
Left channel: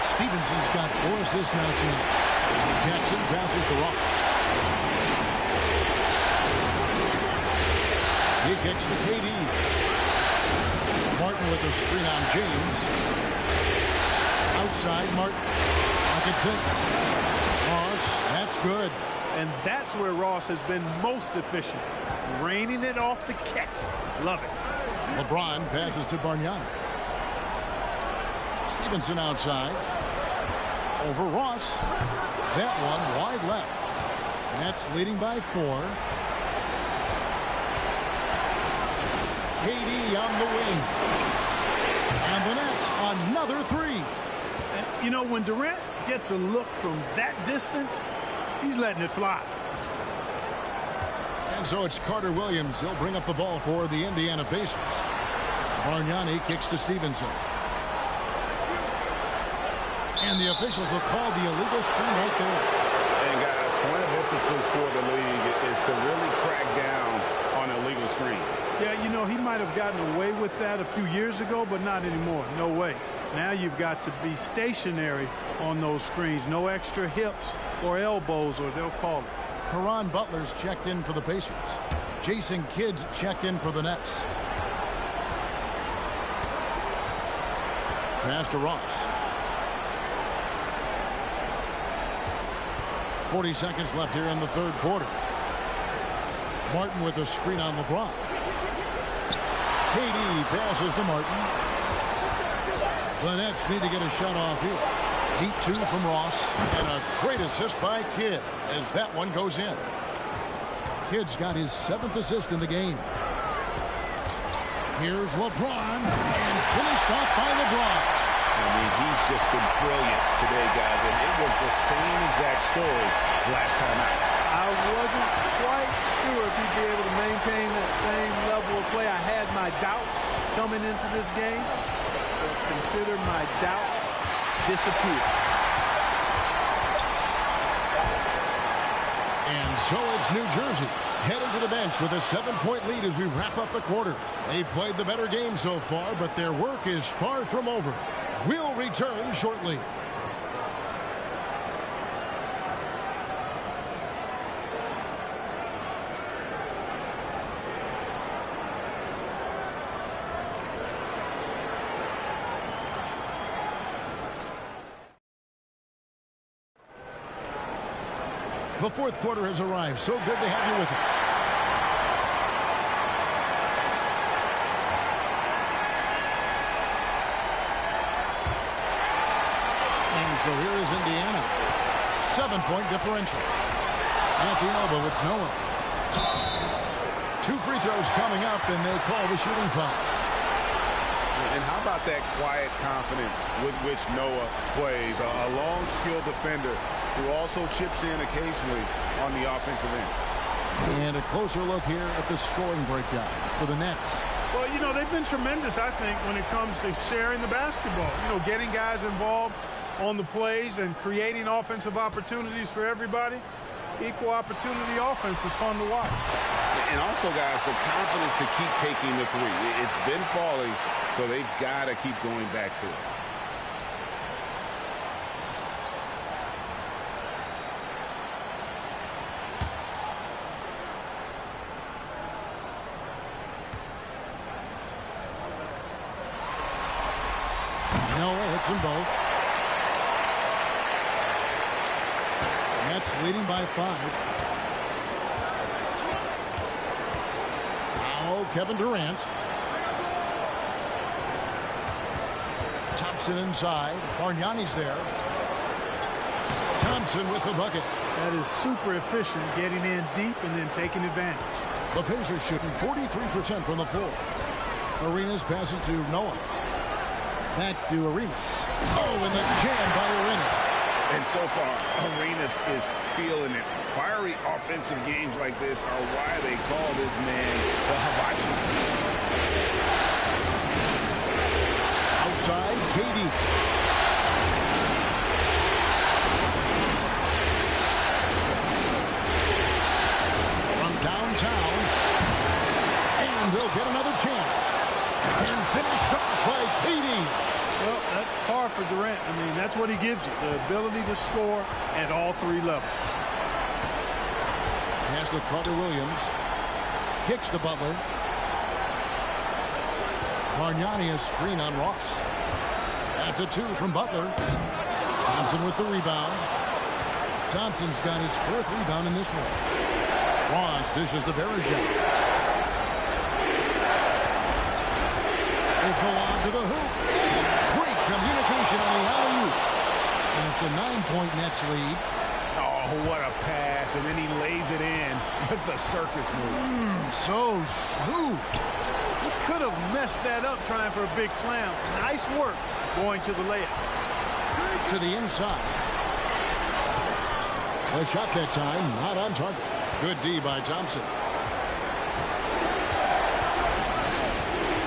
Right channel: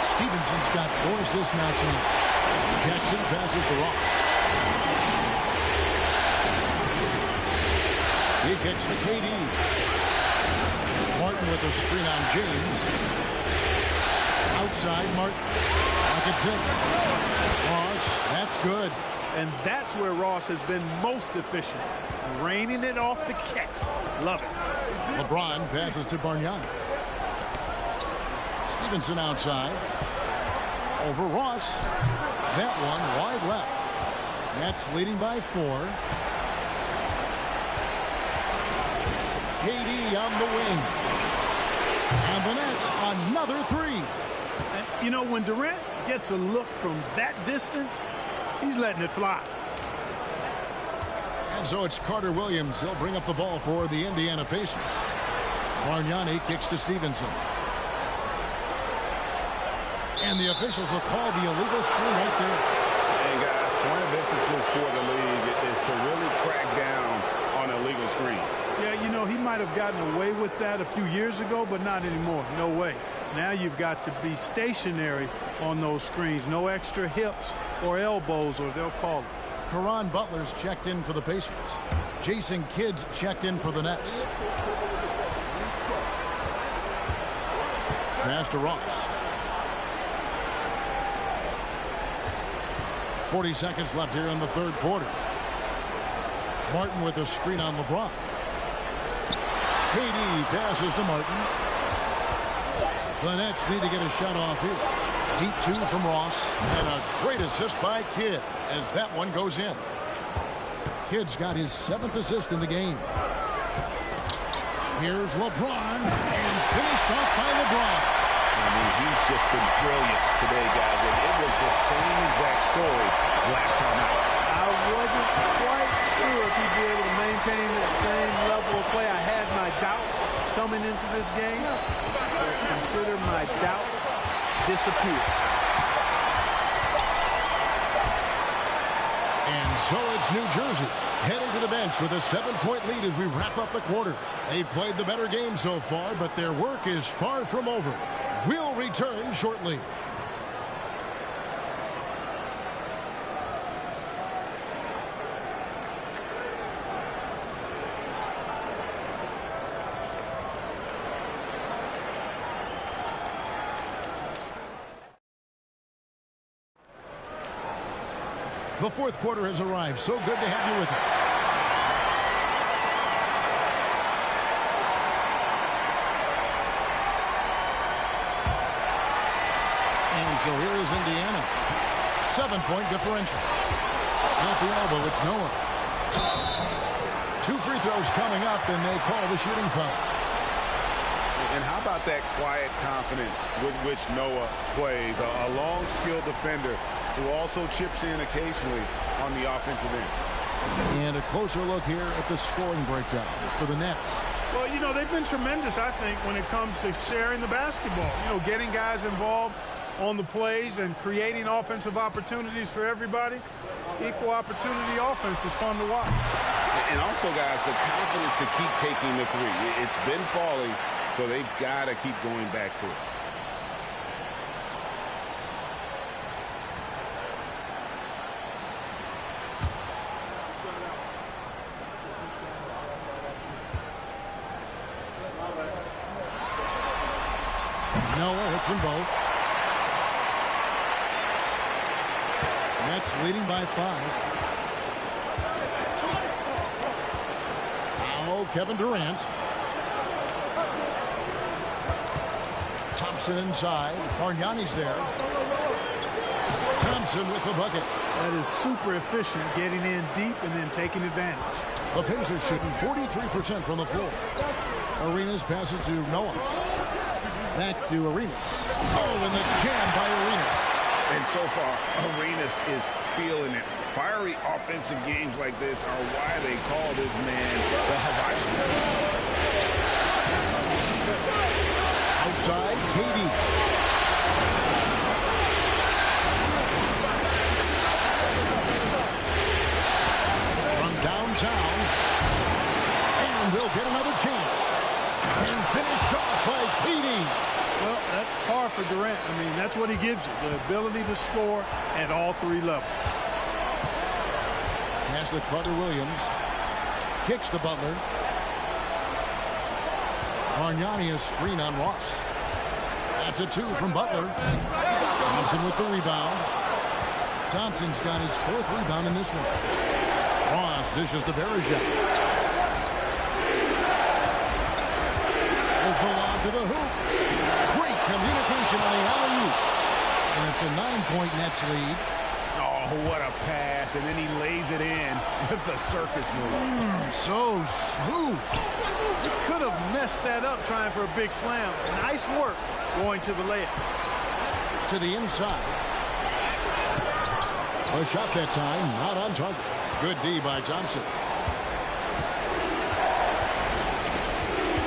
Stevenson's got 4 assists now tonight. Jackson passes to Ross. He kicks to KD. Martin with a screen on James. Outside Martin. Pocket 6. Ross, that's good. And that's where Ross has been most efficient. Raining it off the catch. Love it. LeBron passes to Bargnani. Stevenson outside. Over Ross. That one wide left. Nets leading by 4. KD on the wing. And the Nets another 3. And, you know, when Durant gets a look from that distance, he's letting it fly. And so it's Carter Williams. He'll bring up the ball for the Indiana Pacers. Bargnani kicks to Stevenson. And the officials will call the illegal screen right there. And guys, point of emphasis for the league is to really crack down on illegal screens. Yeah, you know, he might have gotten away with that a few years ago, but not anymore. No way. Now you've got to be stationary on those screens. No extra hips or elbows, or they'll call it. Caron Butler's checked in for the Pacers. Jason Kidd's checked in for the Nets. Pass to Ross. 40 seconds left here in the third quarter. Martin with a screen on LeBron. KD passes to Martin. The Nets need to get a shot off here. Deep 2 from Ross. And a great assist by Kidd as that one goes in. Kidd's got his 7th assist in the game. Here's LeBron, and finished off by LeBron. I mean, he's just been brilliant today, guys, and it was the same exact story last time out. I wasn't quite sure if he'd be able to maintain that same level of play. I had my doubts coming into this game, but consider my doubts disappear. And so it's New Jersey heading to the bench with a 7-point lead as we wrap up the quarter. They've played the better game so far, but their work is far from over. We'll return shortly. The fourth quarter has arrived. So good to have you with us. And so here is Indiana. 7-point differential. At the elbow, it's Noah. 2 free throws coming up, and they call the shooting foul. And how about that quiet confidence with which Noah plays? A long, skilled defender who also chips in occasionally on the offensive end. And a closer look here at the scoring breakdown for the Nets. Well, you know, they've been tremendous, I think, when it comes to sharing the basketball. You know, getting guys involved on the plays and creating offensive opportunities for everybody. Equal opportunity offense is fun to watch. And also, guys, the confidence to keep taking the 3. It's been falling, so they've got to keep going back to it. Noah hits them both. Nets leading by 5. Now Kevin Durant. Thompson inside. Bargnani's there. Thompson with the bucket. That is super efficient, getting in deep and then taking advantage. The Pacers shooting 43% from the floor. Arenas passes to Noah. Back to Arenas. Oh, and the jam by Arenas. And so far, Arenas is feeling it. Fiery offensive games like this are why they call this man the Hibachi. Outside, KD. From downtown. And they'll get another chance. And finished off by KD. Well, that's par for Durant. I mean, that's what he gives you, the ability to score at all 3 levels. Pass to Carter Williams. Kicks to Butler. Bargnani a screen on Ross. That's a 2 from Butler. Thompson with the rebound. Thompson's got his 4th rebound in this one. Ross dishes to Verajak. There's the lob to the hoop. Great communication on the alley-oop. And it's a 9-point Nets lead. Oh, what a pass. And then he lays it in with the circus move. So smooth. He could have messed that up trying for a big slam. Nice work going to the layup. To the inside. A shot that time, not on target. Good D by Thompson.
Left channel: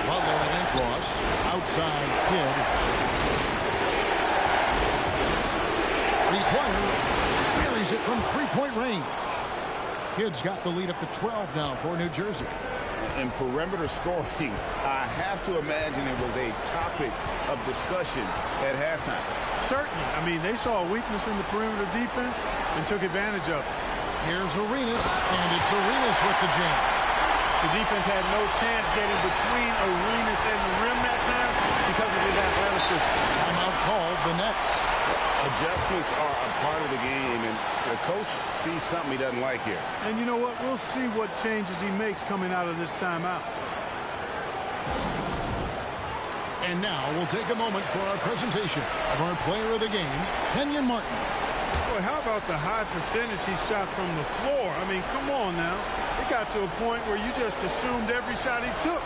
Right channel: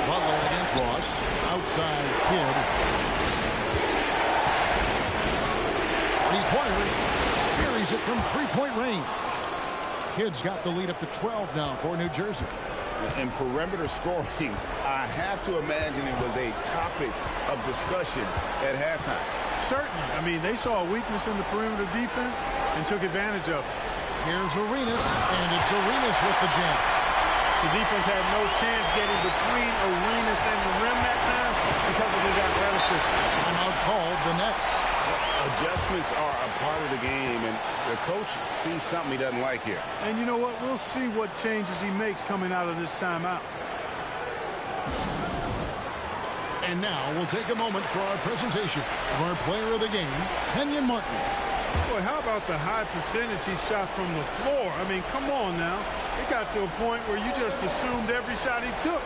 Butler against Ross. Outside Kidd. Three-pointer. Buries it from three-point range. Kidd's got the lead up to 12 now for New Jersey. In perimeter scoring, I have to imagine it was a topic of discussion at halftime. Certainly. I mean, they saw a weakness in the perimeter defense and took advantage of it. Here's Arenas, and it's Arenas with the jam. The defense had no chance getting between Arenas and the rim that time because of his athleticism. Timeout called, the Nets. Adjustments are a part of the game, and the coach sees something he doesn't like here. And you know what? We'll see what changes he makes coming out of this timeout. And now we'll take a moment for our presentation of our player of the game, Kenyon Martin. Boy, how about the high percentage he shot from the floor? I mean, come on now. It got to a point where you just assumed every shot he took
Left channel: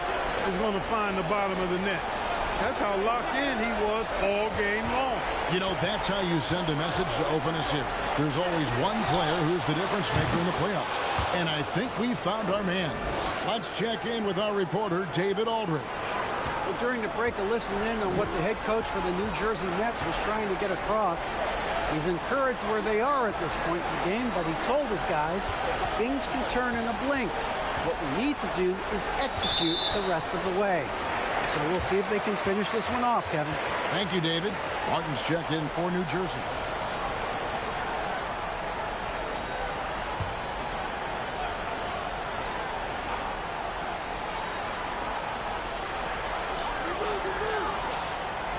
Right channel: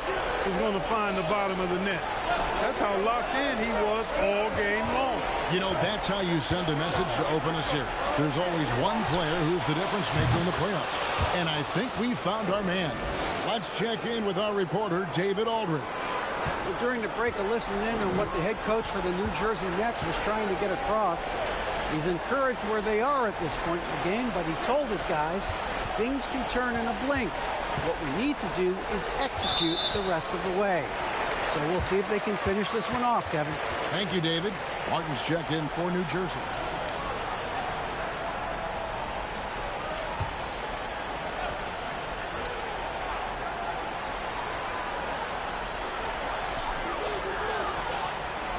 was going to find the bottom of the net. That's how locked in he was all game long. You know, that's how you send a message to open a series. There's always one player who's the difference maker in the playoffs. And I think we found our man. Let's check in with our reporter, David Aldridge. Well, during the break, I listened in on what the head coach for the New Jersey Nets was trying to get across. He's encouraged where they are at this point in the game, but he told his guys things can turn in a blink. What we need to do is execute the rest of the way. So we'll see if they can finish this one off, Kevin. Thank you, David. Martin's checked in for New Jersey.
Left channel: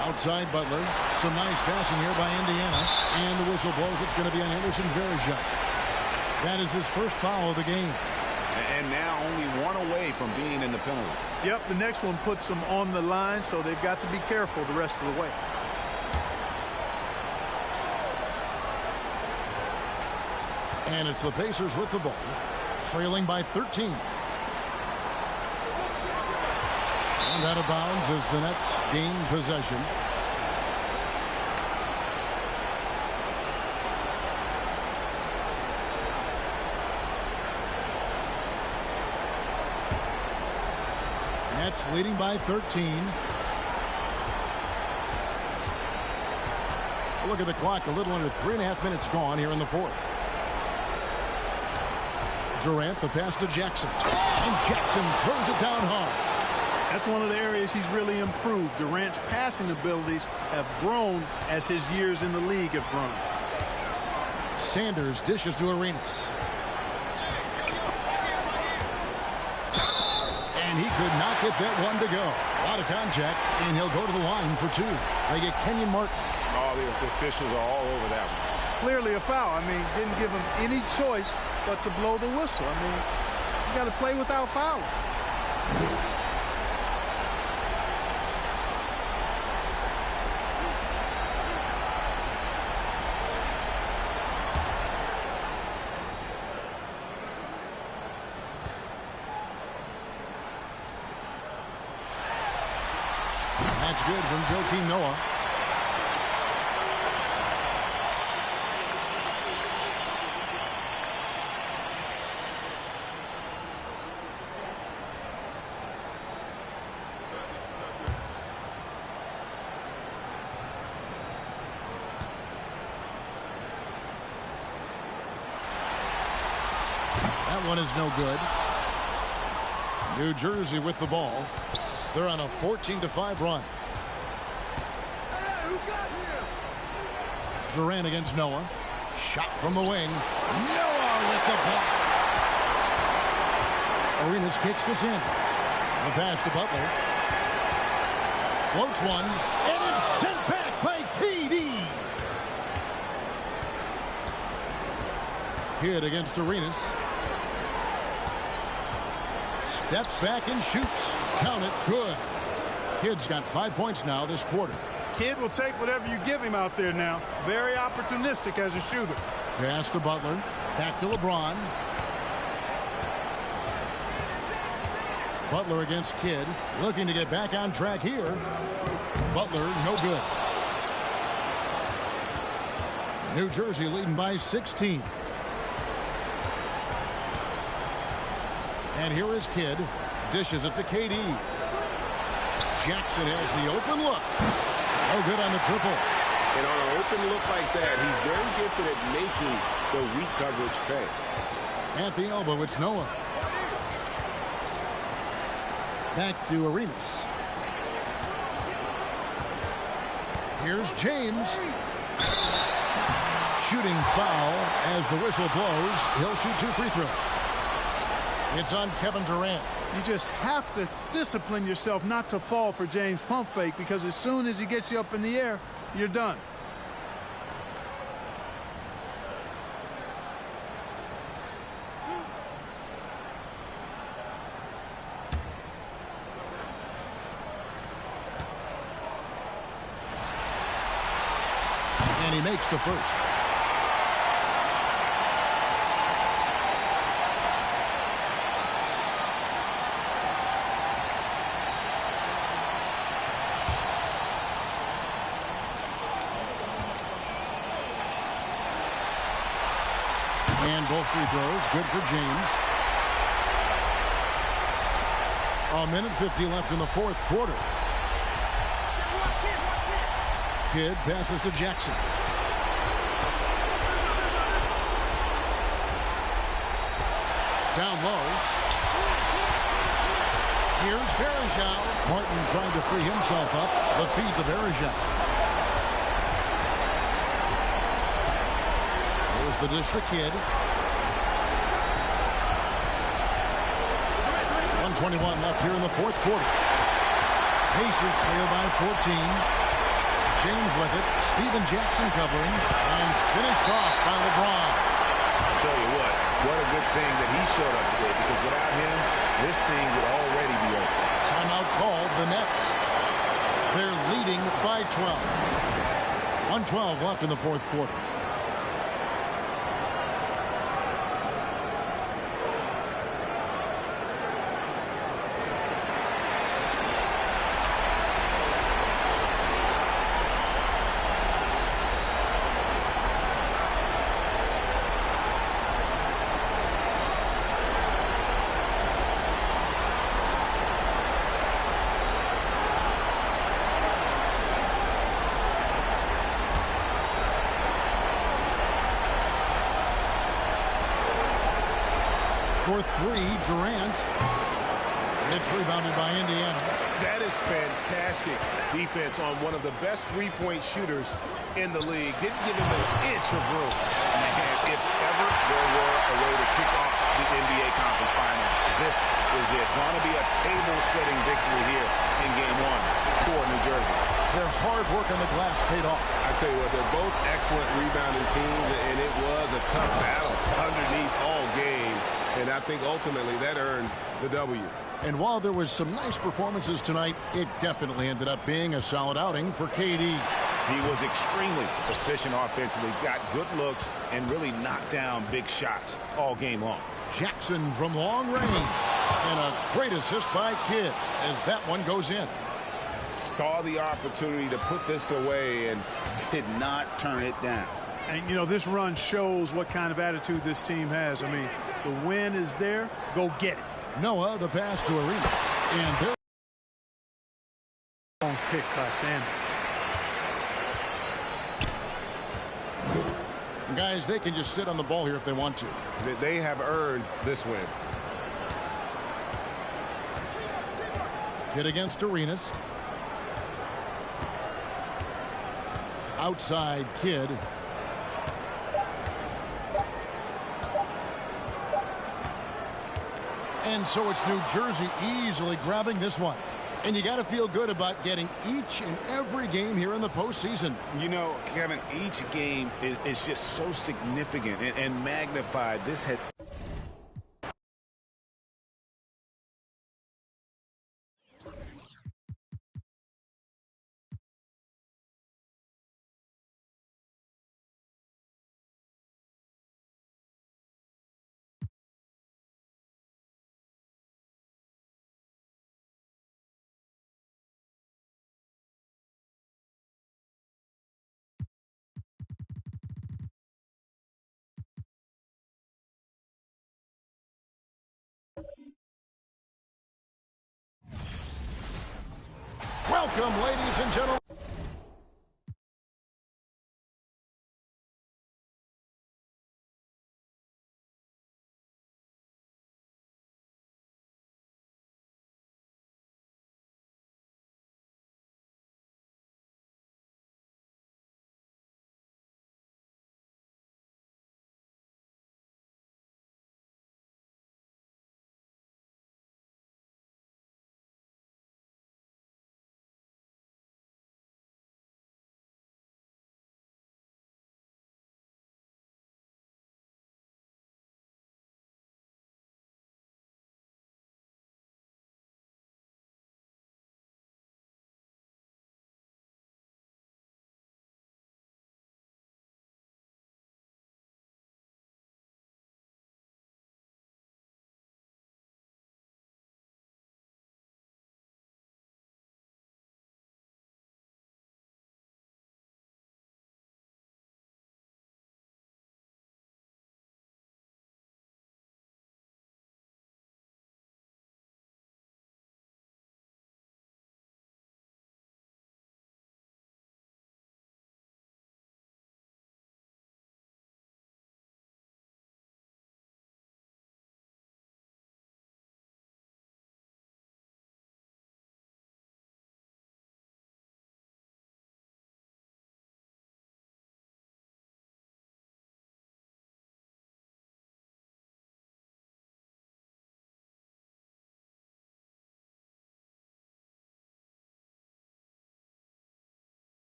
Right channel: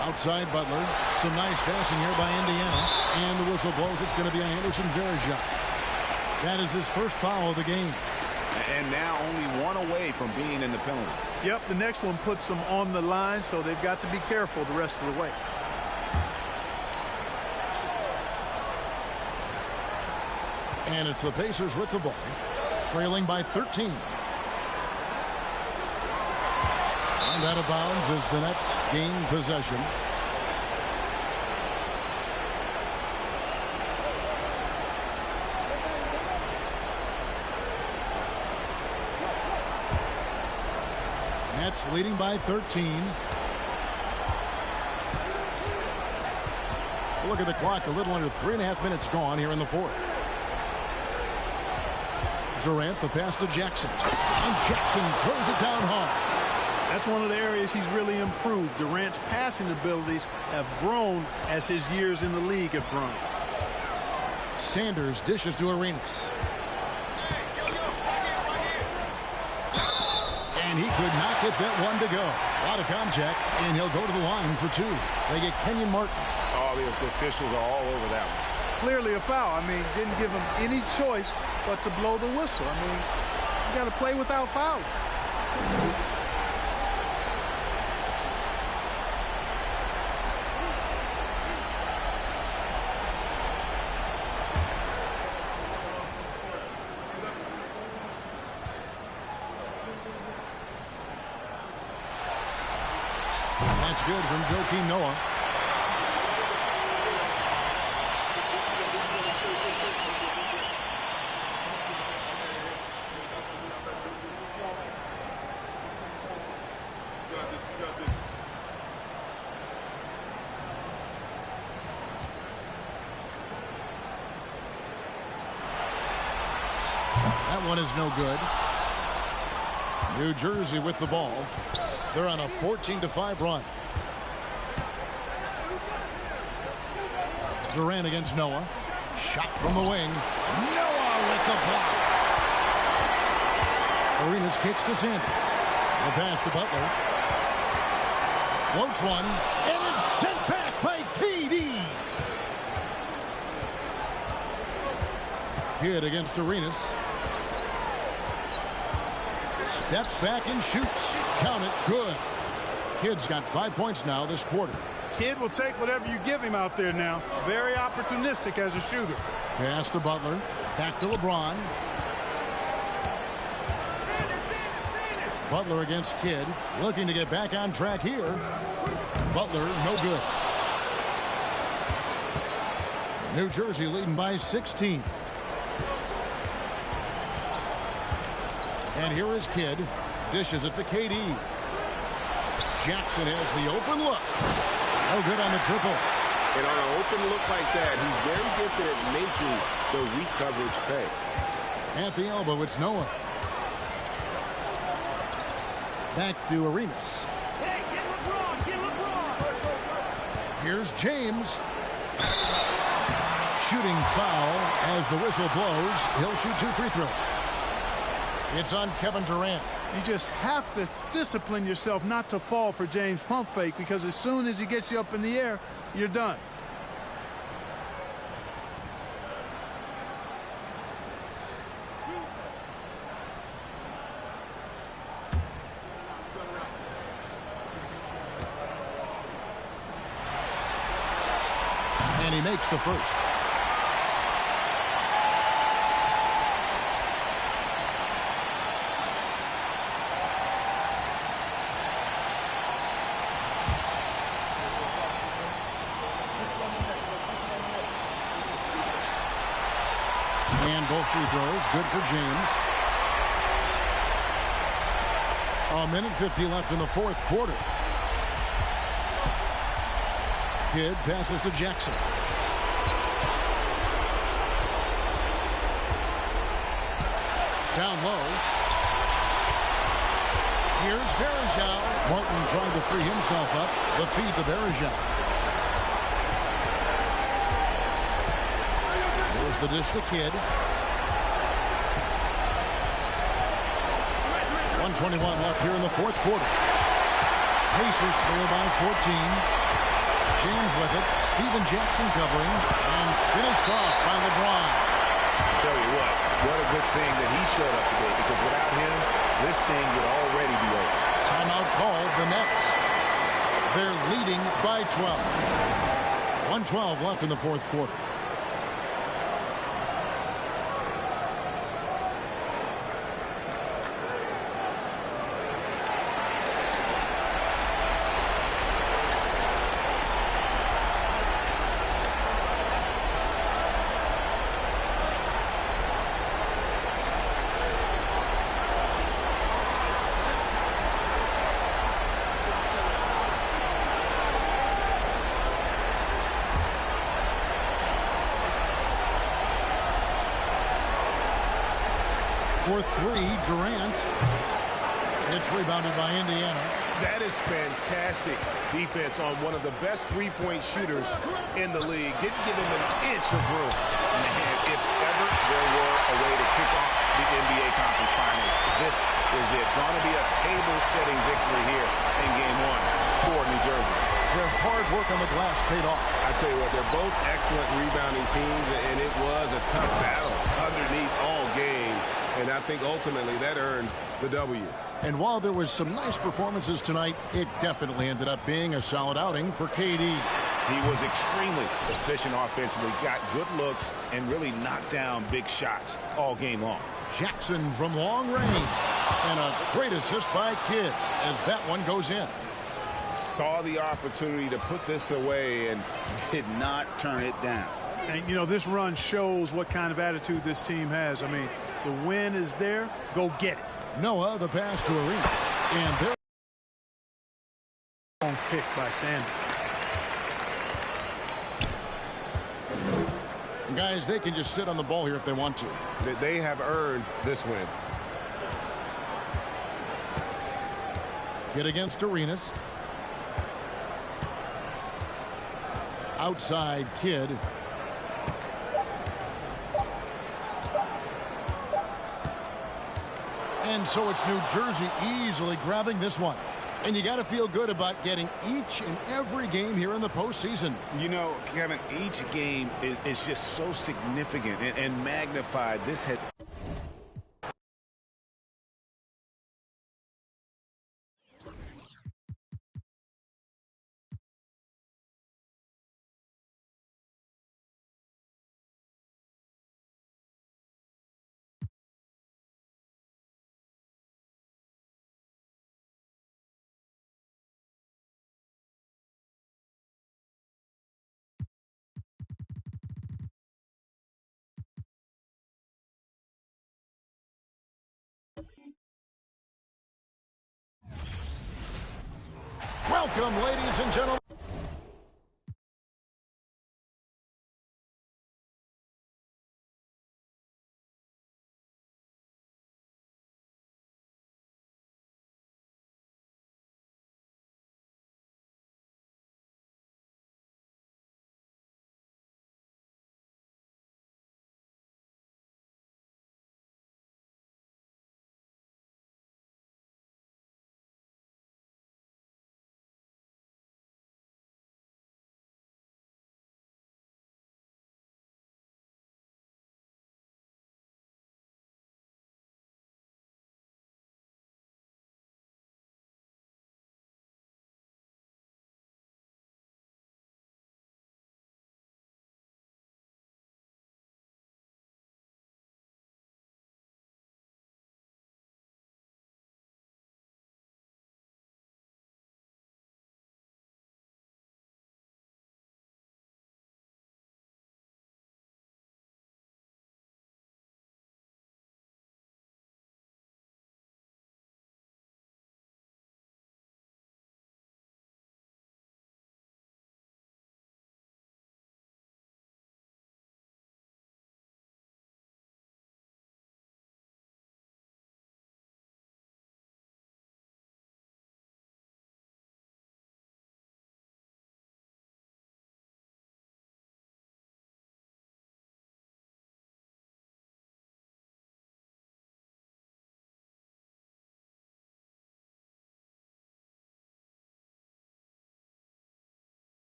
Outside Butler. Some nice passing here by Indiana. And the whistle blows. It's going to be on Anderson Varejao. That is his first foul of the game. And now only one away from being in the penalty. Yep, the next one puts them on the line, so they've got to be careful the rest of the way. And it's the Pacers with the ball, trailing by 13. And out of bounds as the Nets gain possession. Nets leading by 13. Look at the clock, a little under 3.5 minutes gone here in the fourth. Durant, the pass to Jackson. And Jackson throws it down hard. That's one of the areas he's really improved. Durant's passing abilities have grown as his years in the league have grown. Sanders dishes to Arenas. And he could not get that one to go. A lot of contact, and he'll go to the line for two. They get Kenyon Martin. Oh, the officials are all over that one. Clearly a foul. I mean, didn't give him any choice but to blow the whistle. I mean, you got to play without fouling. That's good from Joakim Noah. That one is no good. New Jersey with the ball. They're on a 14-5 run. Durant against Noah. Shot from the wing. Noah with the block. Arenas kicks to Sanders. The pass to Butler. Floats one. And it's sent back by KD. Kidd against Arenas. Steps back and shoots. Count it. Good. Kidd's got 5 points now this quarter. Kidd will take whatever you give him out there now. Very opportunistic as a shooter. Pass to Butler. Back to LeBron. Butler against Kidd. Looking to get back on track here. Butler, no good. New Jersey leading by 16. And here is Kidd. Dishes it to KD. Jackson has the open look. No good on the triple. And on an open look like that, he's very gifted at making the weak coverage pay. At the elbow, it's Noah. Back to Arenas. Here's James. Shooting foul as the whistle blows. He'll shoot 2 free throws. It's on Kevin Durant. You just have to discipline yourself not to fall for James' pump fake, because as soon as he gets you up in the air, you're done. And he makes the first. And both free throws good for James. A minute 50 left in the fourth quarter. Kidd passes to Jackson. Down low. Here's Varejao. Martin trying to free himself up. The feed to Varejao. Here's the dish to Kidd. 1:21 left here in the fourth quarter. Pacers trail by 14. James with it. Steven Jackson covering. And finished off by LeBron. I'll tell you what a good thing that he showed up today, because without him, this thing would already be over. Timeout called, the Nets. They're leading by 12. 1:12 left in the fourth quarter. For 3, Durant. It's rebounded by Indiana. That is fantastic defense on one of the best three-point shooters in the league. Didn't give him an inch of room. Man, if ever there were a way to kick off the NBA Conference Finals, this is it. Going to be a table-setting victory here in Game 1 for New Jersey. Their hard work on the glass paid off. I tell you what, they're both excellent rebounding teams, and it was a tough battle underneath all game. And I think ultimately that earned the W. And while there was some nice performances tonight, it definitely ended up being a solid outing for KD. He was extremely efficient offensively, got good looks, and really knocked down big shots all game long. Jackson from long range. And a great assist by Kidd as that one goes in. Saw the opportunity to put this away and did not turn it down. And, you know, this run shows what kind of attitude this team has. I mean, the win is there. Go get it. Noah, the pass to Arenas. And they're long pick by Sanders. Guys, they can just sit on the ball here if they want to. They have earned this win. Kidd against Arenas. Outside Kidd. And so it's New Jersey easily grabbing this one. And you got to feel good about getting each and every game here in the postseason. You know, Kevin, each game is just so significant and magnified. This had Welcome, ladies and gentlemen.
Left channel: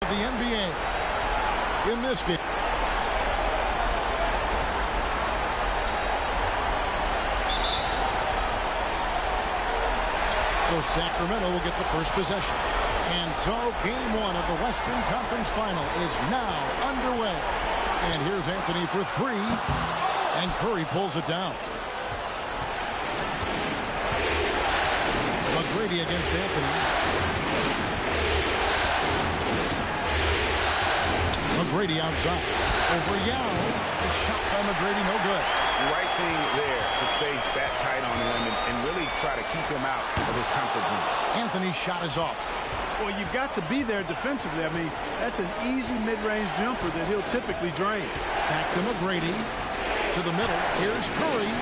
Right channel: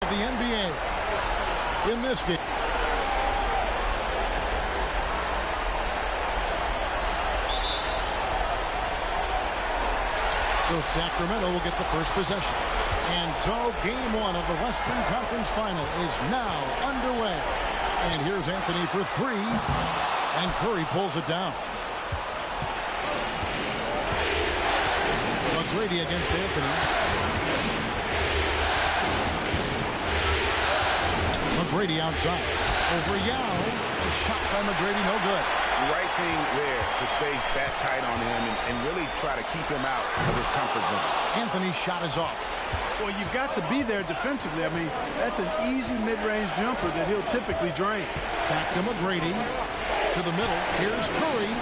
The NBA in this game. So Sacramento will get the first possession. And so game one of the Western Conference Final is now underway. And here's Anthony for three. And Curry pulls it down. McGrady against Anthony. McGrady outside. Over Yao. A shot by McGrady, no good. Right thing there to stay that tight on him and really try to keep him out of his comfort zone. Anthony's shot is off. Well, you've got to be there defensively. I mean, that's an easy mid-range jumper that he'll typically drain. Back to McGrady. To the middle. Here's Curry.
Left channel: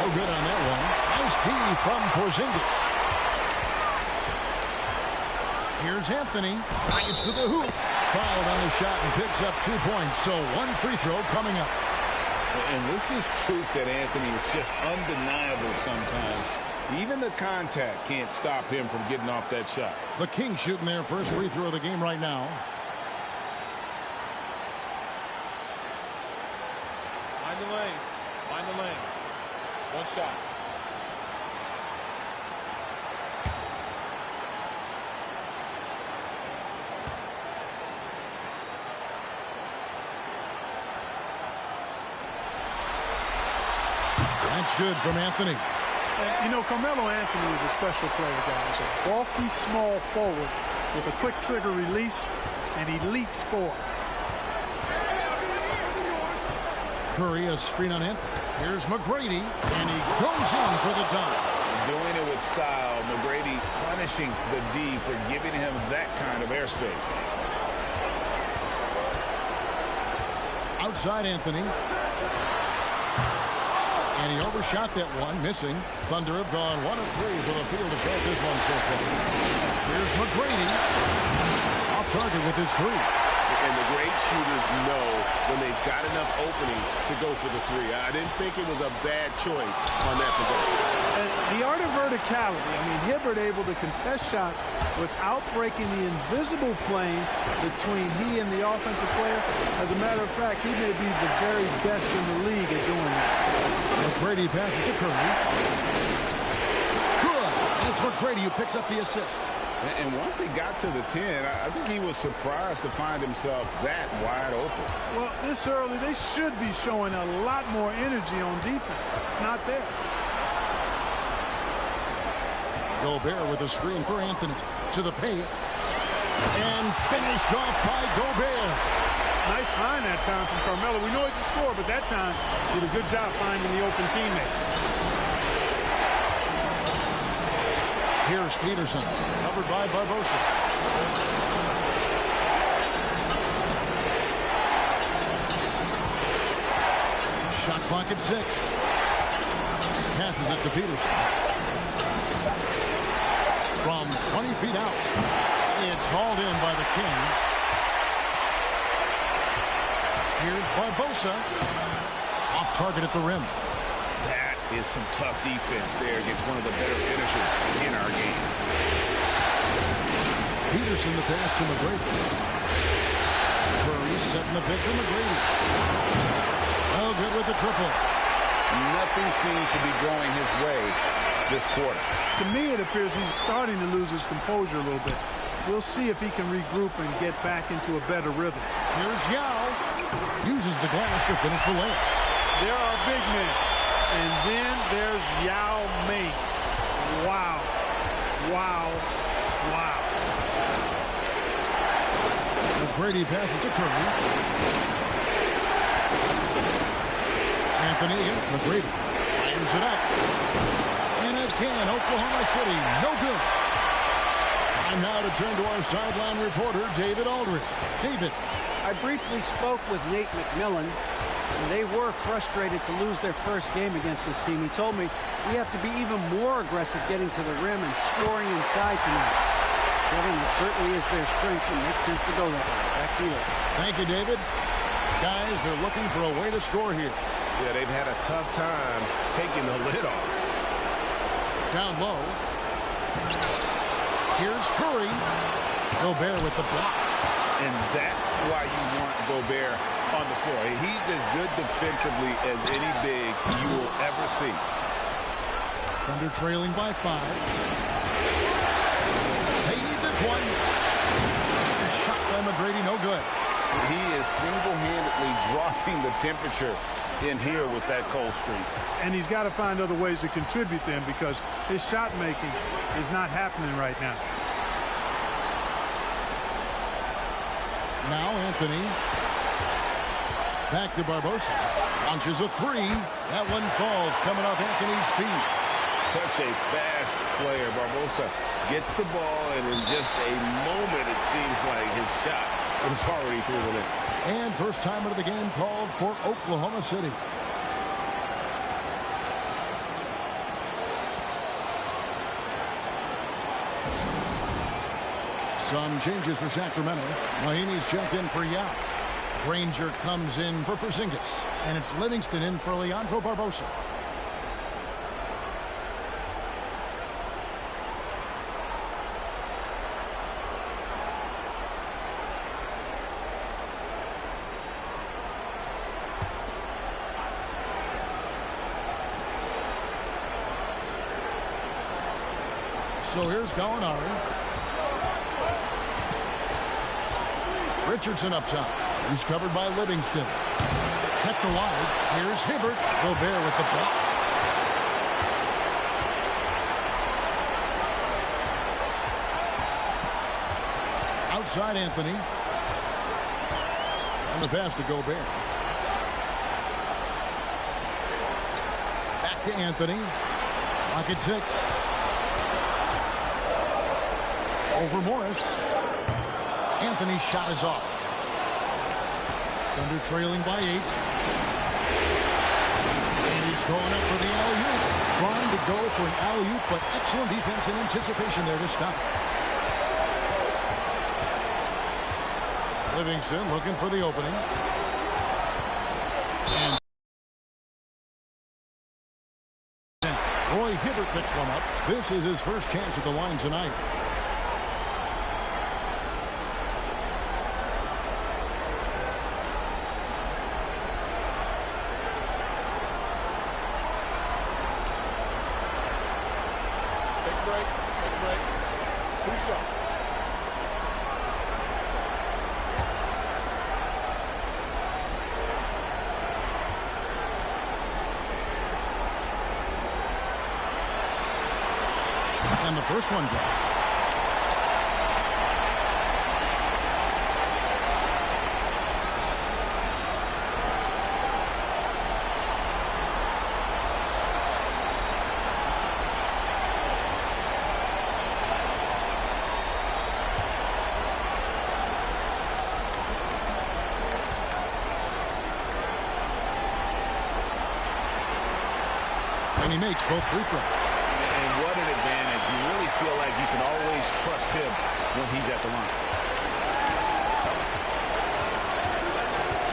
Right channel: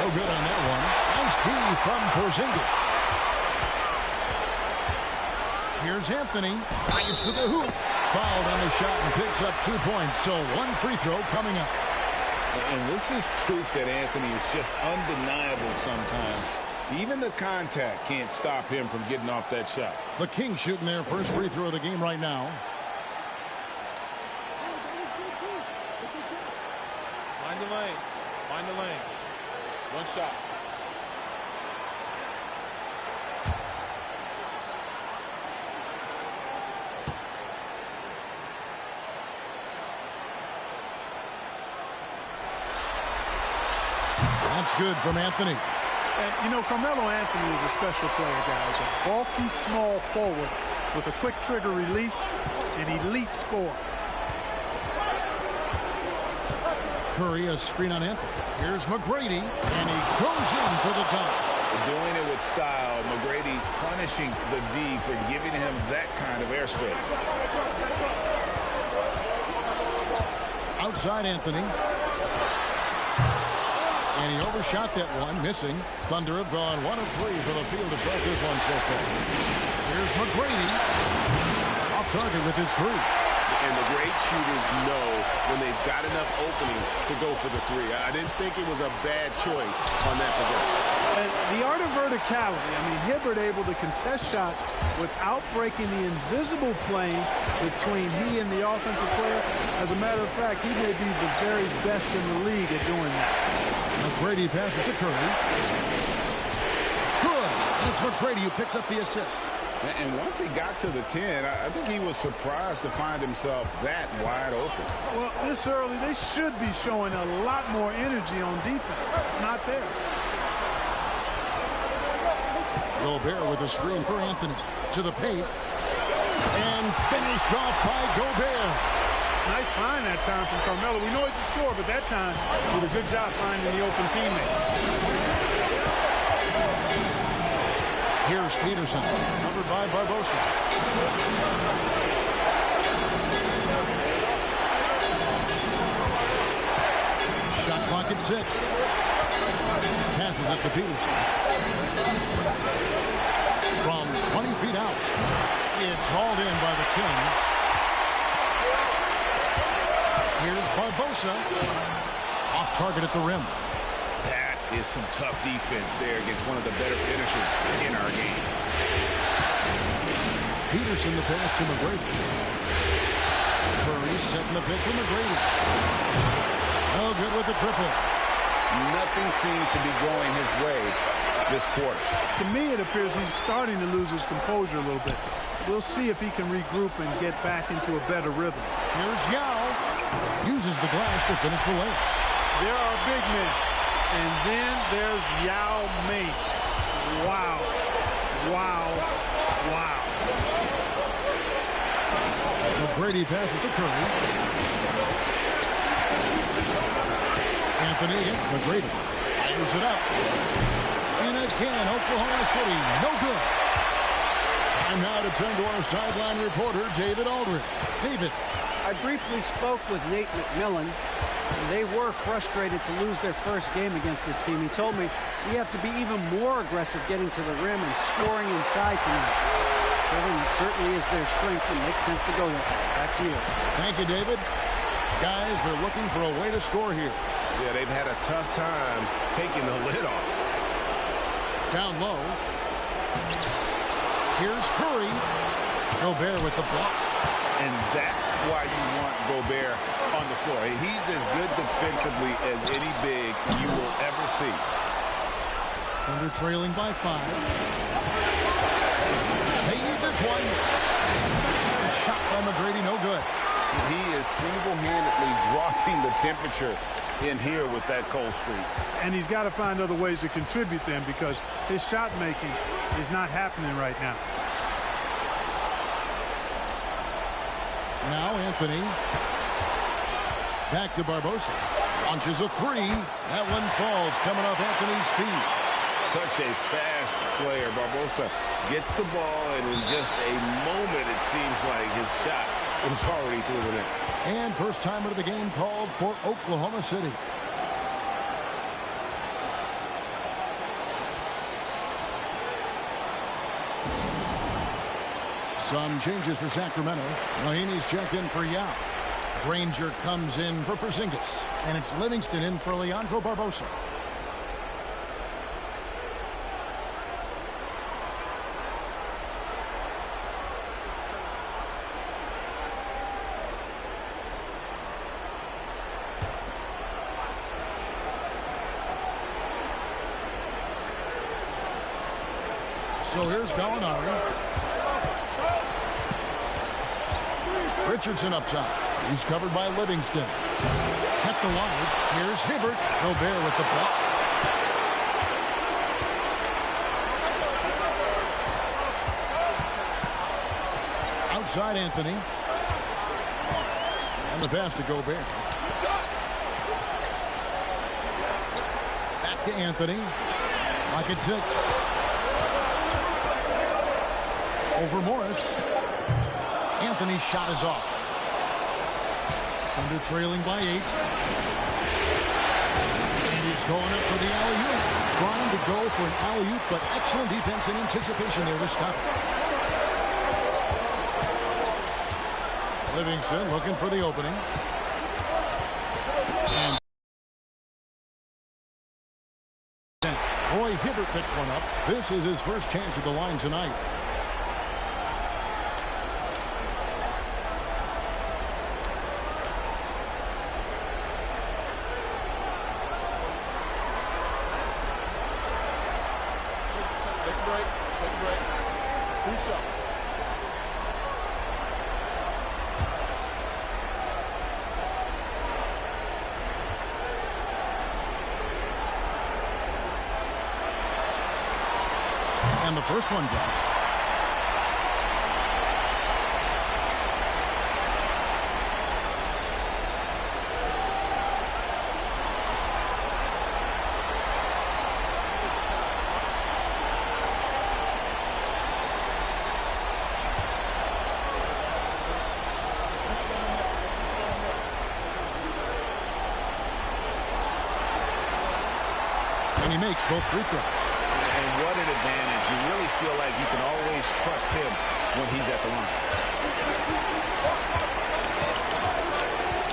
No good on that one. Nice D from Porzingis. Here's Anthony. Drives to the hoop. Fouled on the shot and picks up 2 points. So one free throw coming up. And this is proof that Anthony is just undeniable sometimes. Even the contact can't stop him from getting off that shot. The Kings shooting their first free throw of the game right now. Mind the lanes. Mind the lanes. One shot. That's good from Anthony. And, you know, Carmelo Anthony is a special player, guys. A bulky, small forward with a quick trigger release, an elite scorer. Curry, a screen on Anthony. Here's McGrady, and he goes in for the dunk. Doing it with style. McGrady punishing the D for giving him that kind of airspace. Outside Anthony. And he overshot that one, missing. Thunder have gone 1 of 3 for the field to start this one so far. Here's McGrady. Off target with his three. And the great shooters know when they've got enough opening to go for the three. I didn't think it was a bad choice on that possession. And the art of verticality. I mean, Hibbert able to contest shots without breaking the invisible plane between he and the offensive player. As a matter of fact, he may be the very best in the league at doing that. McGrady passes to Curry. Good. And it's McGrady who picks up the assist. And once he got to the 10, I think he was surprised to find himself that wide open. Well, this early, they should be showing a lot more energy on defense. It's not there. Gobert with a screen for Anthony. To the paint. And finished off by Gobert. Nice find that time from Carmelo. We know he's a scorer, but that time did a good job finding the open teammate. Here's Peterson, covered by Barbosa. Shot clock at 6. Passes it to Peterson. From 20 feet out. It's hauled in by the Kings. Here's Barbosa. Off target at the rim. That is some tough defense there against one of the better finishers in our game. Peterson the pass to McGrady. Curry setting the pick for McGrady. Oh, good with the triple. Nothing seems to be going his way this quarter. To me, it appears he's starting to lose his composure a little bit. We'll see if he can regroup and get back into a better rhythm. Here's Yao. Uses the glass to finish the layup. There are big men. And then there's Yao Ming. Wow. Wow. Wow. McGrady passes to Curry. Anthony against McGrady. Fires it up. And again, Oklahoma City, no good. Time now to turn to our sideline reporter, David Aldridge. David. I briefly spoke with Nate McMillan. They were frustrated to lose their first game against this team. He told me we have to be even more aggressive getting to the rim and scoring inside tonight. Kevin, it certainly is their strength and makes sense to go that way. Back to you. Thank you, David. Guys, they're looking for a way to score here. Yeah, they've had a tough time taking the lid off. Down low. Here's Curry. Gobert with the block. And that's why you want Gobert on the floor. He's as good defensively as any big you will ever see. Thunder trailing by 5. They need this one. The shot by McGrady, no good. He is single-handedly dropping the temperature in here with that cold streak. And he's got to find other ways to contribute then, because his shot making is not happening right now. Now Anthony. Back to Barbosa. Launches a 3. That one falls coming off Anthony's feet. Such a fast player. Barbosa gets the ball, and in just a moment, it seems like his shot is already through the net. And first timer of the game called for Oklahoma City. Some changes for Sacramento. Mahinmi's checked in for Yao. Granger comes in for Porzingis. And it's Livingston in for Leandro Barbosa. So here's Gallinari. Richardson up top. He's covered by Livingston. Kept alive. Here's Hibbert. Gobert with the block. Outside Anthony. And the pass to Gobert. Back to Anthony. Lock at 6. Over Morris. Anthony's shot is off. Thunder trailing by 8. And he's going up for the alley-oop. Trying to go for an alley-oop, but excellent defense and anticipation there to stop it. Livingston looking for the opening. And Roy Hibbert picks one up. This is his first chance at the line tonight. Take a break. Take a break. 2 shots. And the first one drops. And he makes both free throws. And what an advantage. You really feel like you can always trust him when he's at the line.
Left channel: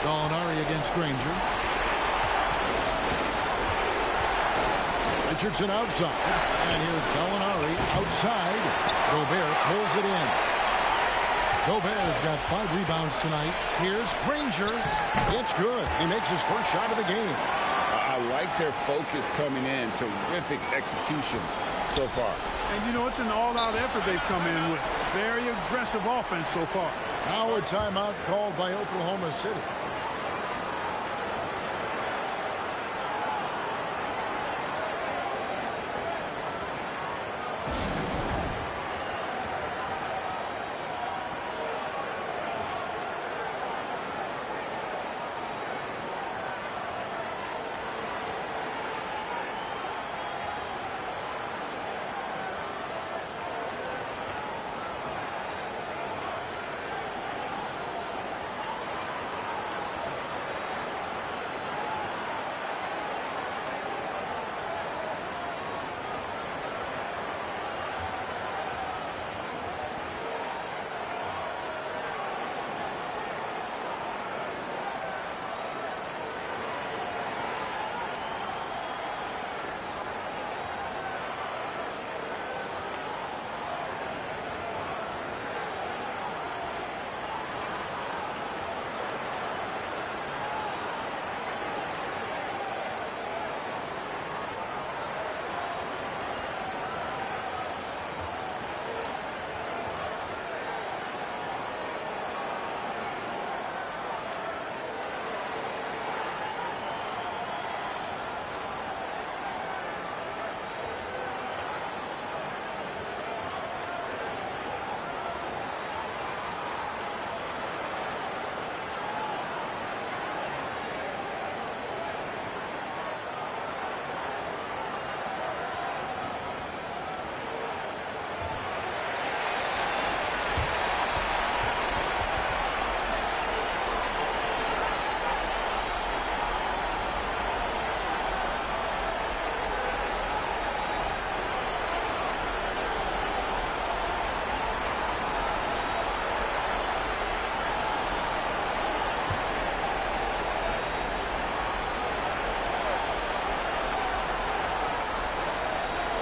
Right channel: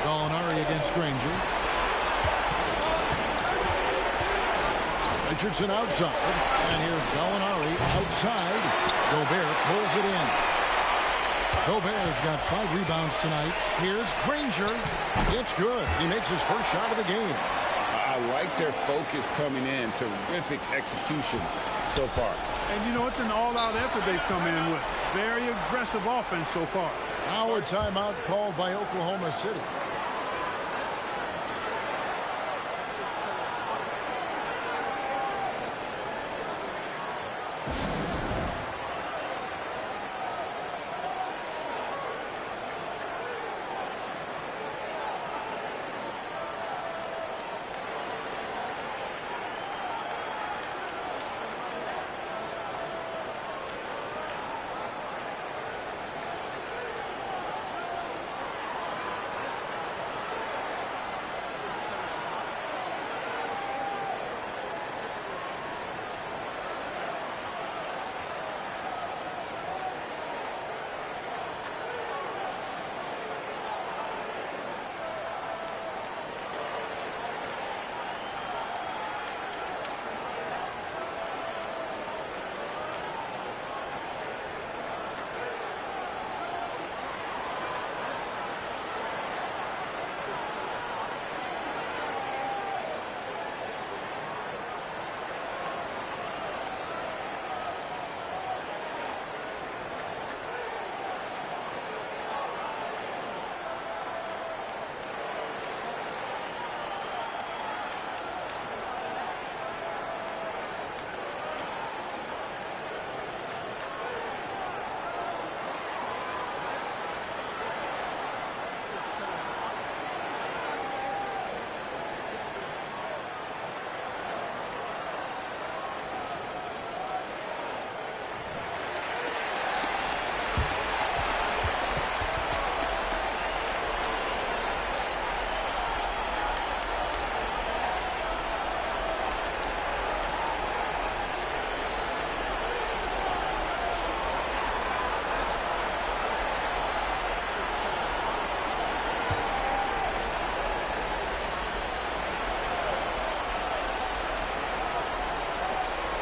Gallinari against Granger. Richardson outside. And here's Gallinari outside. Gobert pulls it in. Gobert's got 5 rebounds tonight. Here's Granger. It's good. He makes his first shot of the game. I like their focus coming in. Terrific execution so far. And, you know, it's an all-out effort they've come in with. Very aggressive offense so far. Now a timeout called by Oklahoma City.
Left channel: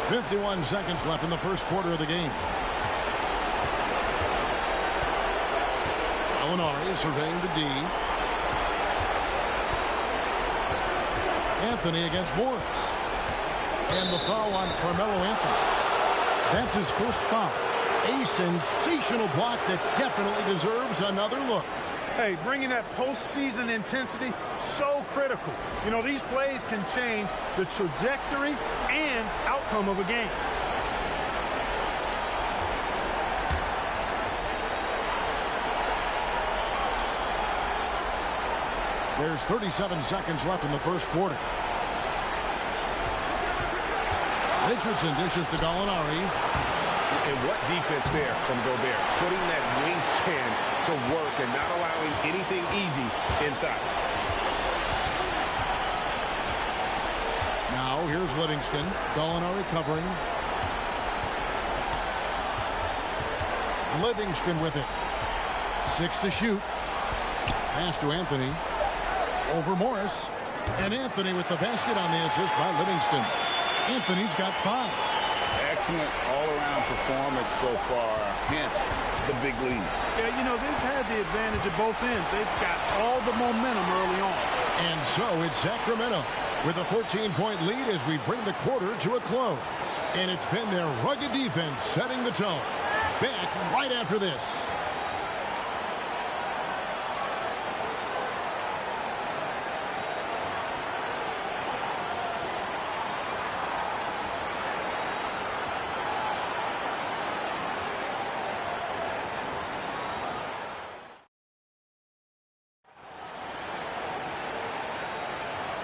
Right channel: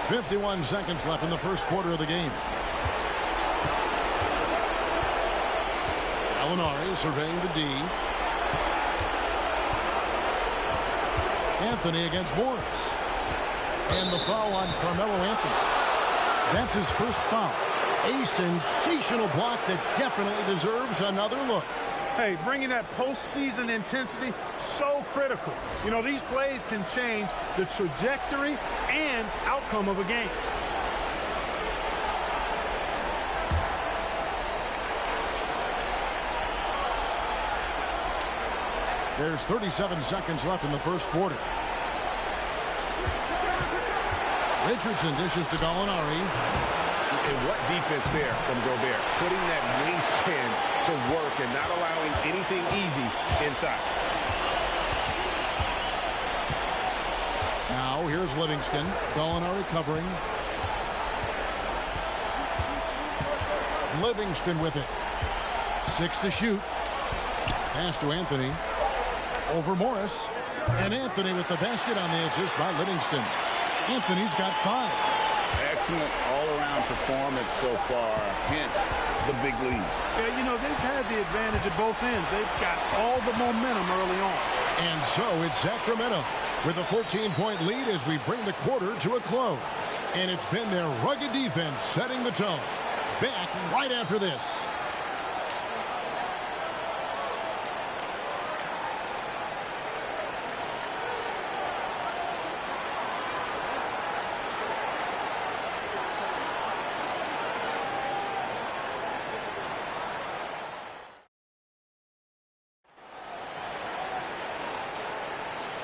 .51 seconds left in the first quarter of the game. Gallinari surveying the D. Anthony against Morris. And the foul on Carmelo Anthony. That's his first foul. A sensational block that definitely deserves another look. Hey, bringing that postseason intensity, so critical. You know, these plays can change the trajectory and outcome of a game. There's 37 seconds left in the first quarter. Richardson dishes to Gallinari. And what defense there from Gobert. Putting that wingspan to work and not allowing anything easy inside. Now here's Livingston. Gallinari covering. Livingston with it. 6 to shoot. Pass to Anthony. Over Morris. And Anthony with the basket on the assist by Livingston. Anthony's got 5. Excellent all-around performance so far, hence the big lead. Yeah, you know, they've had the advantage at both ends. They've got all the momentum early on. And so it's Sacramento with a 14-point lead as we bring the quarter to a close. And it's been their rugged defense setting the tone. Back right after this.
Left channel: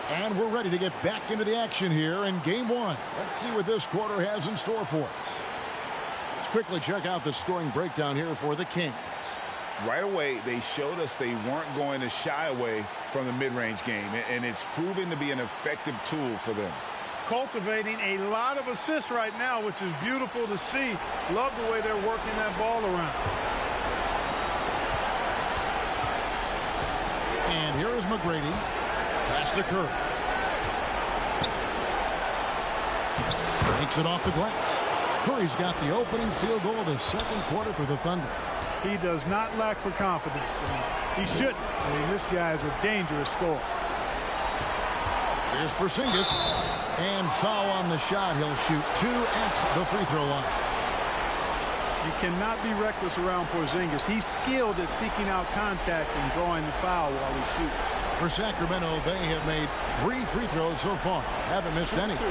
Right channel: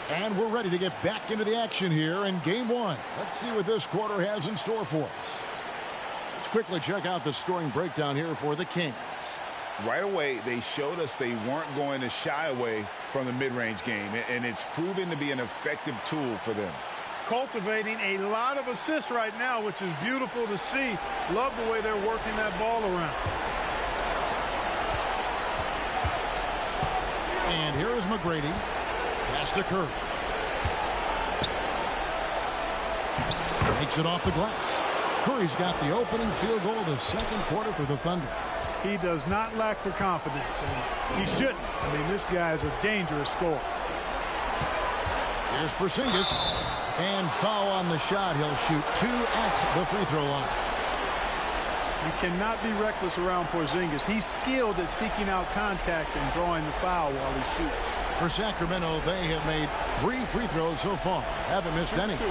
And we're ready to get back into the action here in game 1. Let's see what this quarter has in store for us. Let's quickly check out the scoring breakdown here for the Kings. Right away, they showed us they weren't going to shy away from the mid-range game, and it's proven to be an effective tool for them. Cultivating a lot of assists right now, which is beautiful to see. Love the way they're working that ball around. And here is McGrady. Pass to Curry. Takes it off the glass. Curry's got the opening field goal of the second quarter for the Thunder. He does not lack for confidence, and he shouldn't. I mean, this guy is a dangerous scorer. Here's Porzingis. And foul on the shot. He'll shoot 2 at the free throw line. You cannot be reckless around Porzingis. He's skilled at seeking out contact and drawing the foul while he shoots. For Sacramento, they have made 3 free throws so far. Haven't missed any. 2.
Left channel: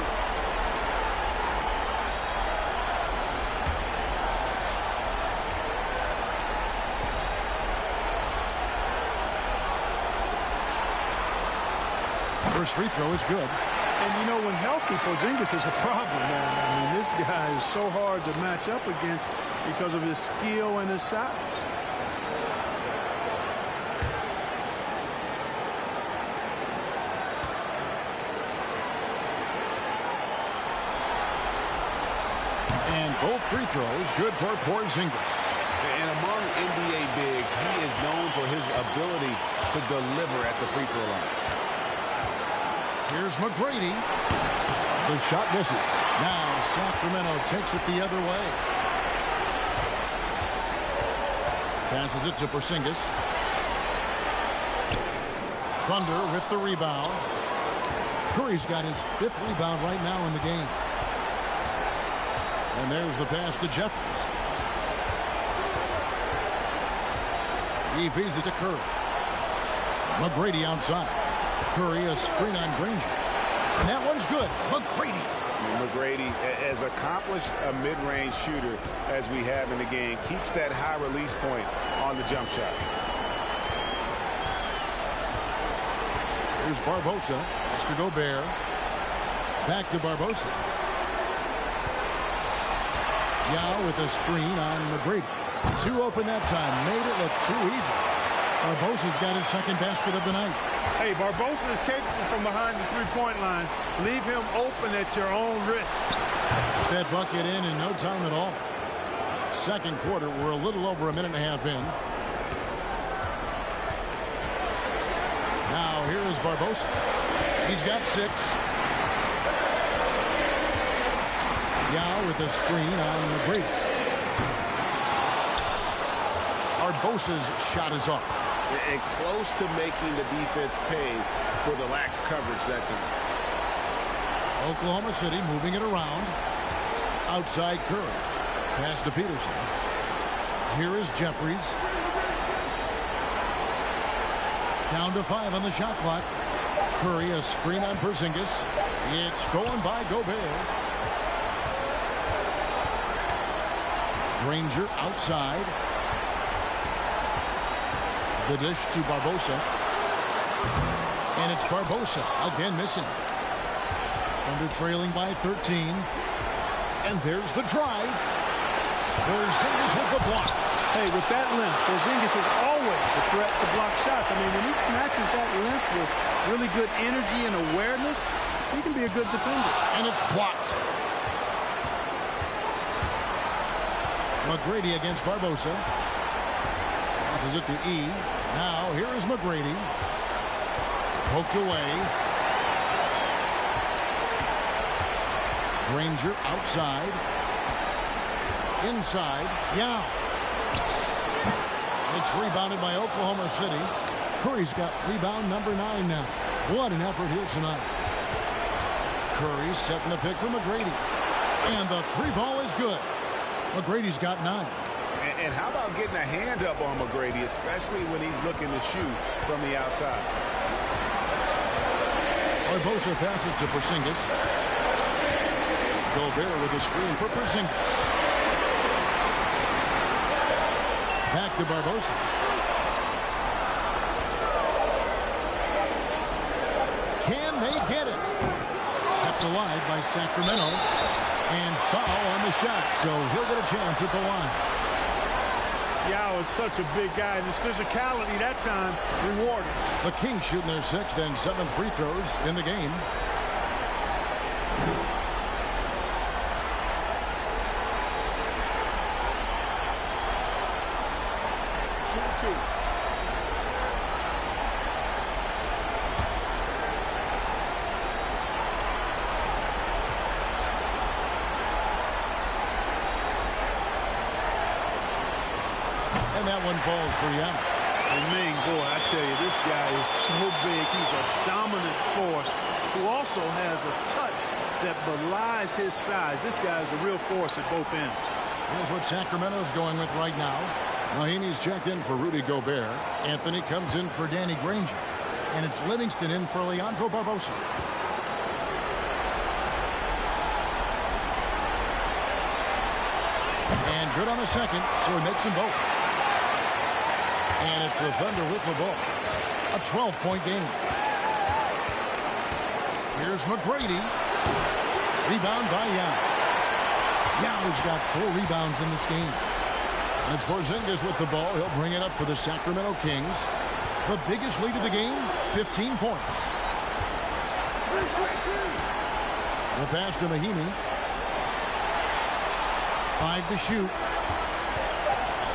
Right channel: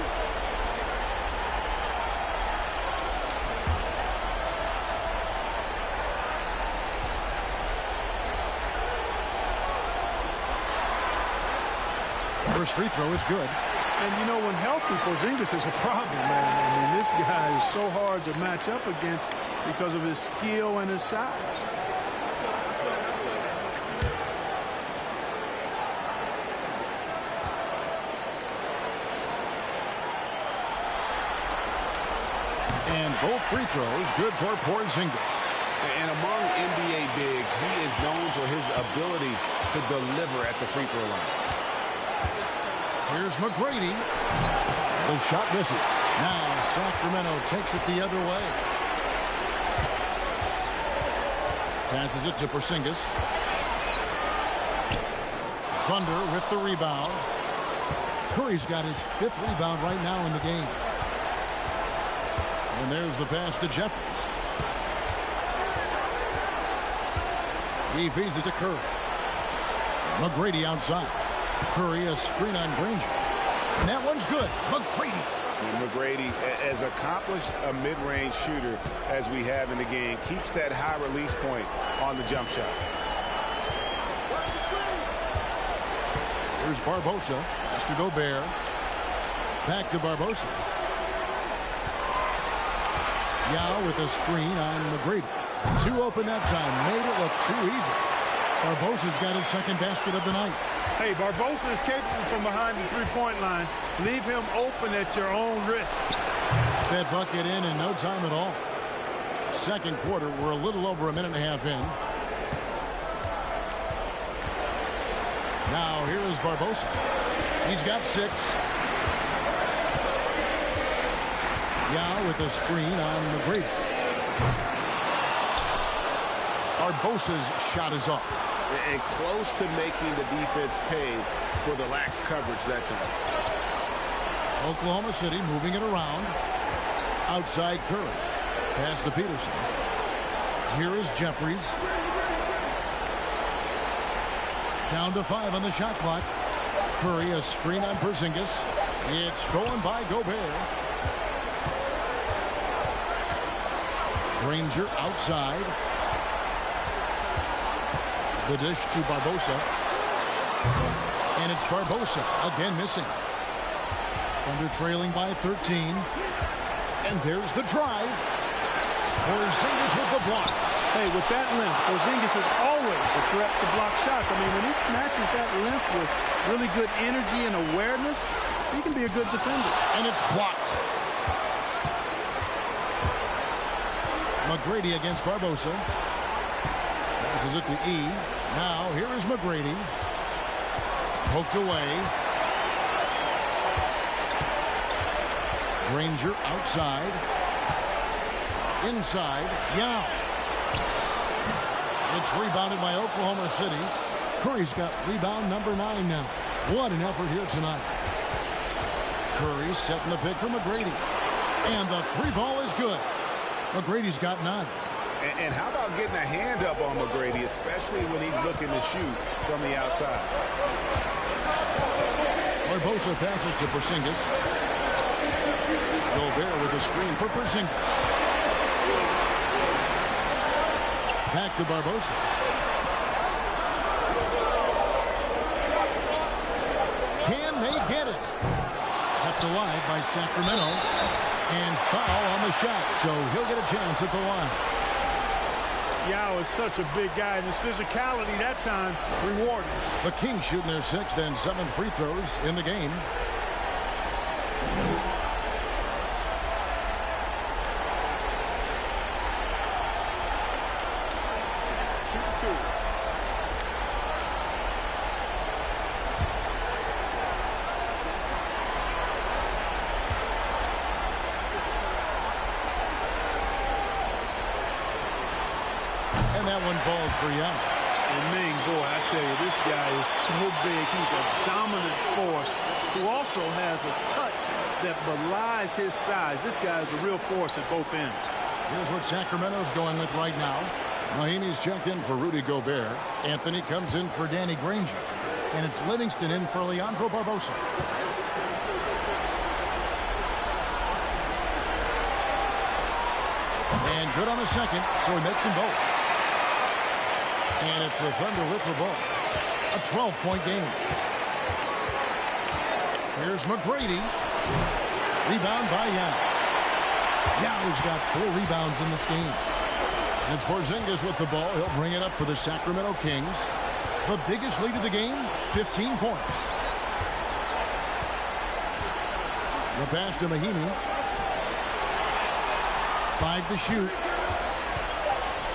First free throw is good. And, you know, when healthy, Porzingis is a problem, man. I mean, this guy is so hard to match up against because of his skill and his size. And both free throws good for Porzingis. And among NBA bigs, he is known for his ability to deliver at the free throw line. Here's McGrady. The shot misses. Now Sacramento takes it the other way. Passes it to Porzingis. Thunder with the rebound. Curry's got his 5th rebound right now in the game. And there's the pass to Jeffries. He feeds it to Curry. McGrady outside. Curry a screen on Granger. And that one's good. McGrady. And McGrady, as accomplished a mid-range shooter as we have in the game, keeps that high release point on the jump shot. Here's Barbosa. Pass to Gobert. Back to Barbosa. Yao with a screen on McGrady. 2 open that time. Made it look too easy. Barbosa's got his 2nd basket of the night. Hey, Barbosa is capable from behind the three-point line. Leave him open at your own risk. Got that bucket in no time at all. Second quarter, we're a little over a minute and a half in. Now here is Barbosa. He's got 6. Yao with a screen on McGrady. Barbosa's shot is off. And close to making the defense pay for the lax coverage that time. Oklahoma City moving it around. Outside Curry. Pass to Peterson. Here is Jeffries. Down to 5 on the shot clock. Curry a screen on Porzingis. It's stolen by Gobert. Granger outside. The dish to Barbosa. And it's Barbosa again missing. Thunder trailing by 13. And there's the drive. Porzingis with the block. Hey, with that length, Porzingis is always a threat to block shots. I mean, when he matches that length with really good energy and awareness, he can be a good defender. And it's blocked. McGrady against Barbosa. Passes it to E. Now here is McGrady. Poked away. Granger outside. Inside. Yao. It's rebounded by Oklahoma City. Curry's got rebound number 9 now. What an effort here tonight. Curry setting the pick for McGrady. And the 3-ball is good. McGrady's got 9. And how about getting a hand up on McGrady, especially when he's looking to shoot from the outside? Barbosa passes to Porzingis. Gobert with a screen for Porzingis. Back to Barbosa. Can they get it? Kept alive by Sacramento. And foul on the shot, so he'll get a chance at the line. Yao is such a big guy, and his physicality that time rewarded. The Kings shooting their 6th and 7th free throws in the game. Shooting 2. And that one falls for Yao. And Ming, boy, I tell you, this guy is so big. He's a dominant force who also has a touch that belies his size. This guy is a real force at both ends. Here's what Sacramento's going with right now. Mahinmi's checked in for Rudy Gobert. Anthony comes in for Danny Granger. And it's Livingston in for Leandro Barbosa. And good on the second, so he makes them both. And it's the Thunder with the ball. A 12-point game. Here's McGrady. Rebound by Yao. Yao's got 4 rebounds in this game. And it's Porzingis with the ball. He'll bring it up for the Sacramento Kings. The biggest lead of the game, 15 points. The pass to Mahinmi. 5 to shoot.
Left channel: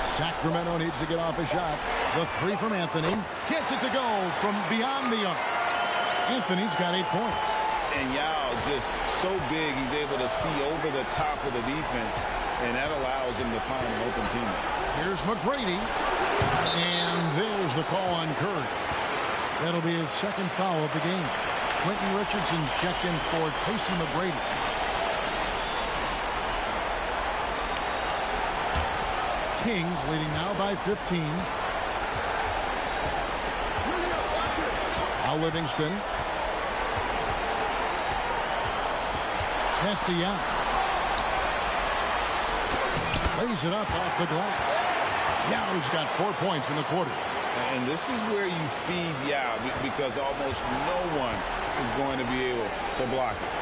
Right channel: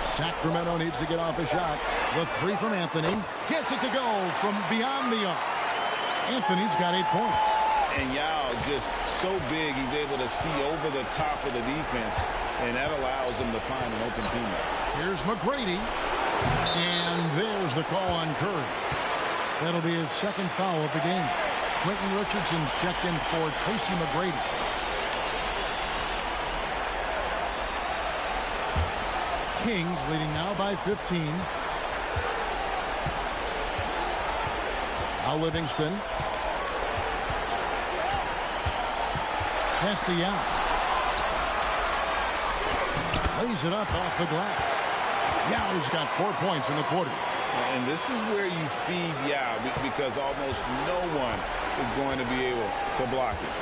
Sacramento needs to get off a shot. The 3 from Anthony. Gets it to go from beyond the arc. Anthony's got 8 points. And Yao just so big, he's able to see over the top of the defense, and that allows him to find an open teammate. Here's McGrady. And there's the call on Curry. That'll be his 2nd foul of the game. Quentin Richardson's checked in for Tracy McGrady. Kings leading now by 15. Now Livingston. Pass to Yao. Lays it up off the glass. Yao's got 4 points in the quarter. And this is where you feed Yao, because almost no one is going to be able to block it.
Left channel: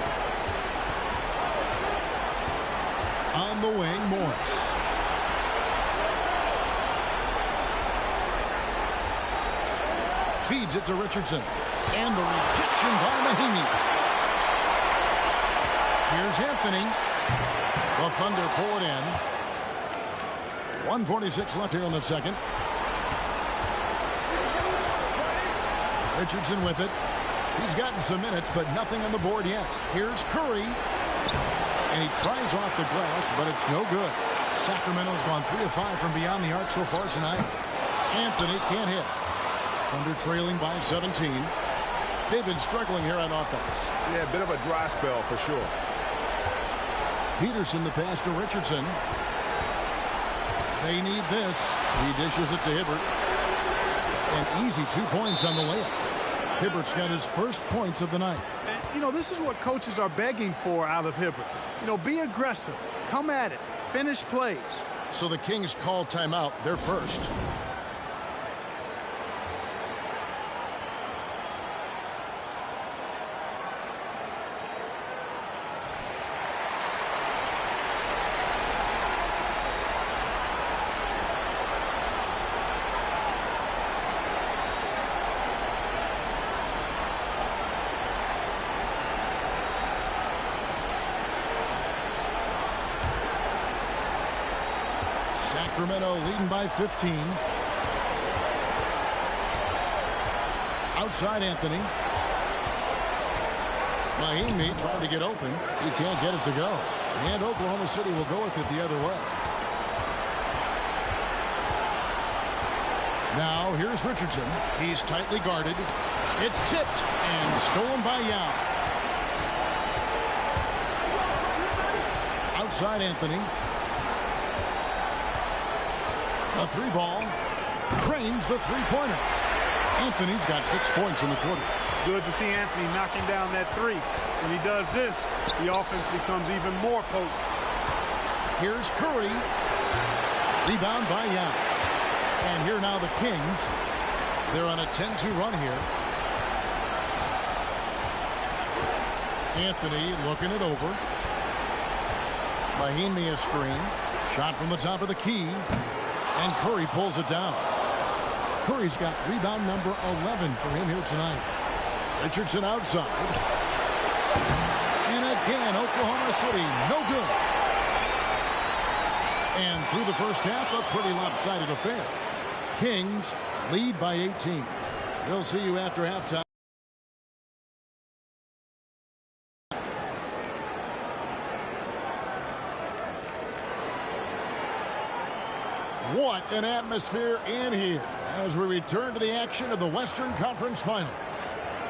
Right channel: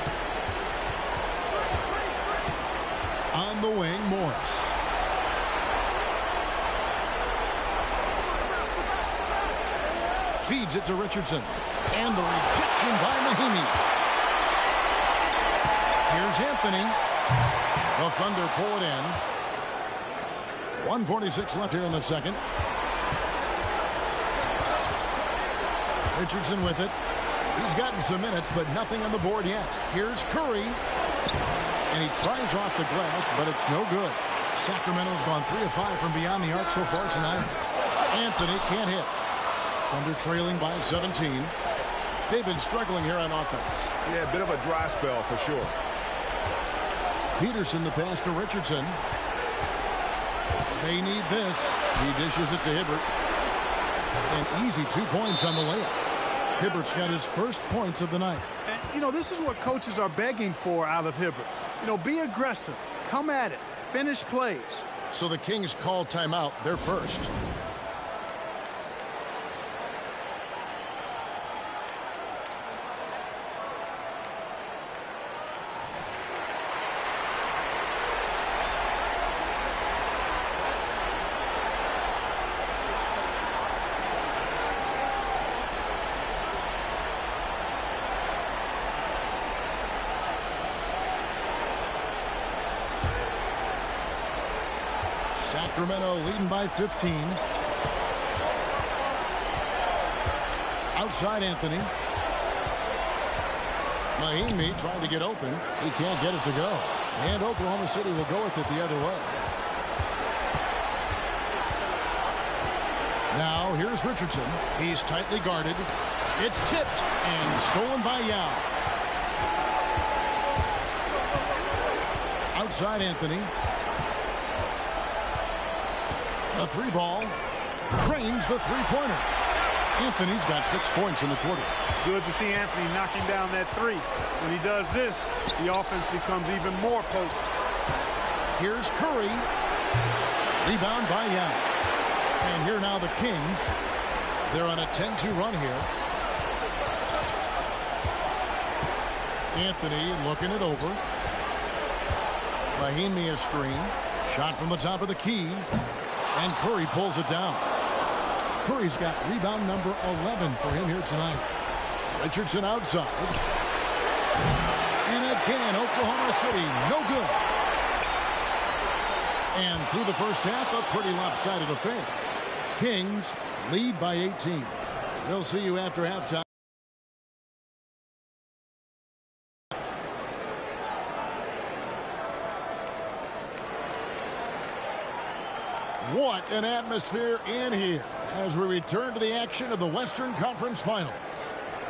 On the wing, Morris. Feeds it to Richardson. And the rejection by Mahinmi. Here's Anthony. The Thunder pull it in. 1:46 left here in the second. Richardson with it. He's gotten some minutes, but nothing on the board yet. Here's Curry. And he tries off the glass, but it's no good. Sacramento's gone 3 of 5 from beyond the arc so far tonight. Anthony can't hit. Thunder trailing by 17. They've been struggling here on offense. Yeah, a bit of a dry spell for sure. Peterson the pass to Richardson. They need this. He dishes it to Hibbert. An easy 2 points on the layup. Hibbert's got his first points of the night. And, you know, this is what coaches are begging for out of Hibbert. You know, be aggressive. Come at it. Finish plays. So the Kings call timeout, their first. Sacramento leading by 15. Outside Anthony. Mahimi trying to get open. He can't get it to go. And Oklahoma City will go with it the other way. Now here's Richardson. He's tightly guarded. It's tipped and stolen by Yao. Outside Anthony. A three ball. Drains the three-pointer. Anthony's got 6 points in the quarter. Good to see Anthony knocking down that three. When he does this, the offense becomes even more potent. Here's Curry. Rebound by Yao. And here now the Kings. They're on a 10-2 run here. Anthony looking it over. Mahimi a screen. Shot from the top of the key. And Curry pulls it down. Curry's got rebound number 11 for him here tonight. Richardson outside. And again, Oklahoma City, no good. And through the first half, a pretty lopsided affair. Kings lead by 18. We'll see you after halftime. What an atmosphere in here as we return to the action of the Western Conference Finals.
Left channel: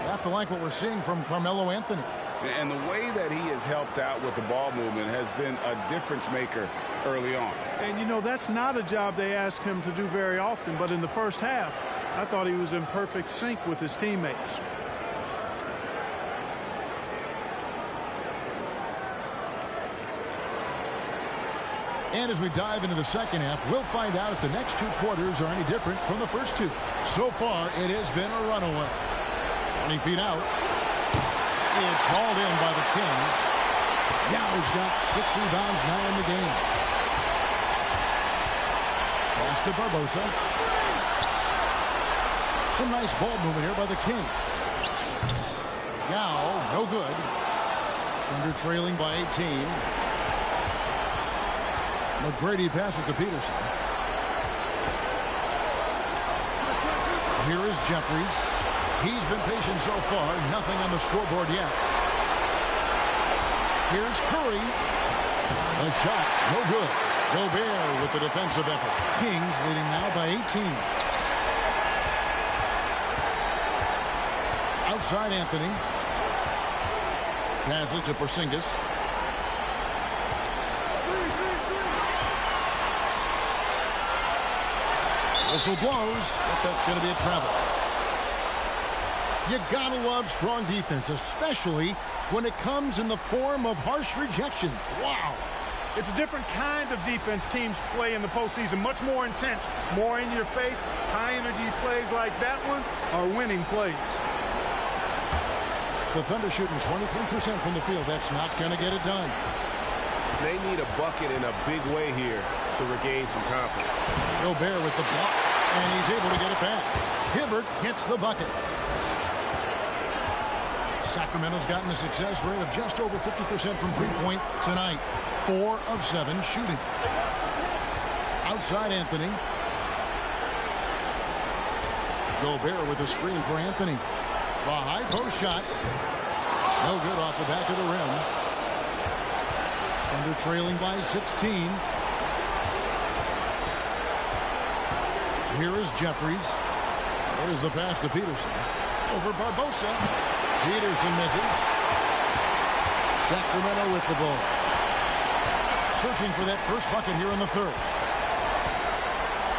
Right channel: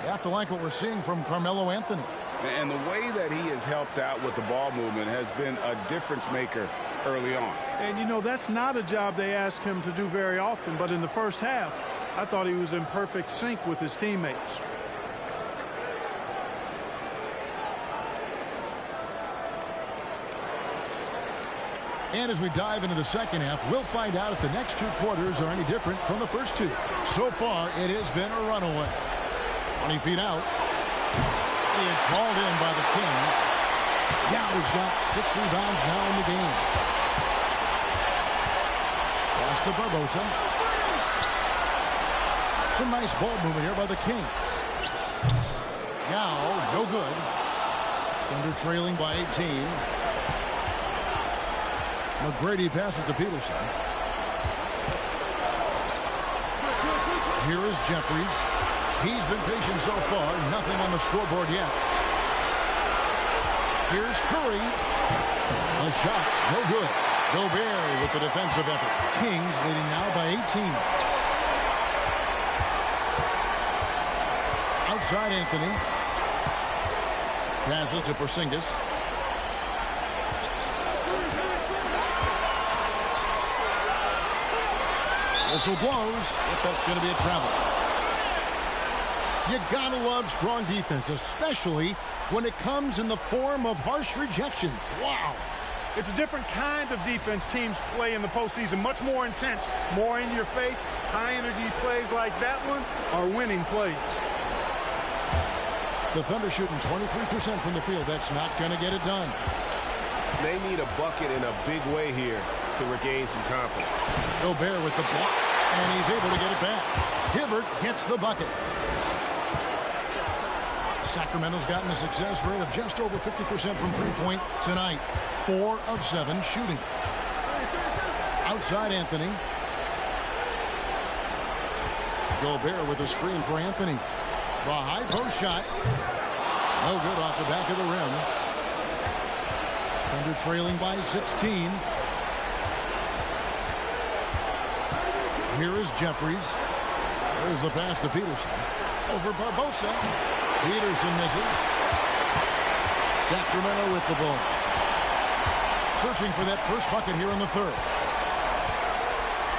You have to like what we're seeing from Carmelo Anthony. And the way that he has helped out with the ball movement has been a difference maker early on. And, you know, that's not a job they ask him to do very often. But in the first half, I thought he was in perfect sync with his teammates. And as we dive into the second half, we'll find out if the next 2 quarters are any different from the first 2. So far, it has been a runaway. 20 feet out. It's hauled in by the Kings. Yao's got 6 rebounds now in the game. Pass to Barbosa. Some nice ball movement here by the Kings. Yao, no good. Thunder trailing by 18. McGrady passes to Peterson. Here is Jeffries. He's been patient so far. Nothing on the scoreboard yet. Here's Curry. A shot. No good. Gobert with the defensive effort. Kings leading now by 18. Outside Anthony. Passes to Porzingis. Whistle blows. Yep, that's going to be a travel. You gotta love strong defense, especially when it comes in the form of harsh rejections. Wow. It's a different kind of defense teams play in the postseason. Much more intense, more in your face. High energy plays like that one are winning plays. The Thunder shooting 23% from the field. That's not going to get it done. They need a bucket in a big way here to regain some confidence. Gobert with the block, and he's able to get it back. Hibbert gets the bucket. Sacramento's gotten a success rate of just over 50% from three-point tonight. 4 of 7 shooting. Outside Anthony. Gobert with a screen for Anthony. The high post shot. No good off the back of the rim. Thunder trailing by 16. Here is Jeffries. There's the pass to Peterson. Over Barbosa. Peterson misses. Sacramento with the ball. Searching for that first bucket here in the third.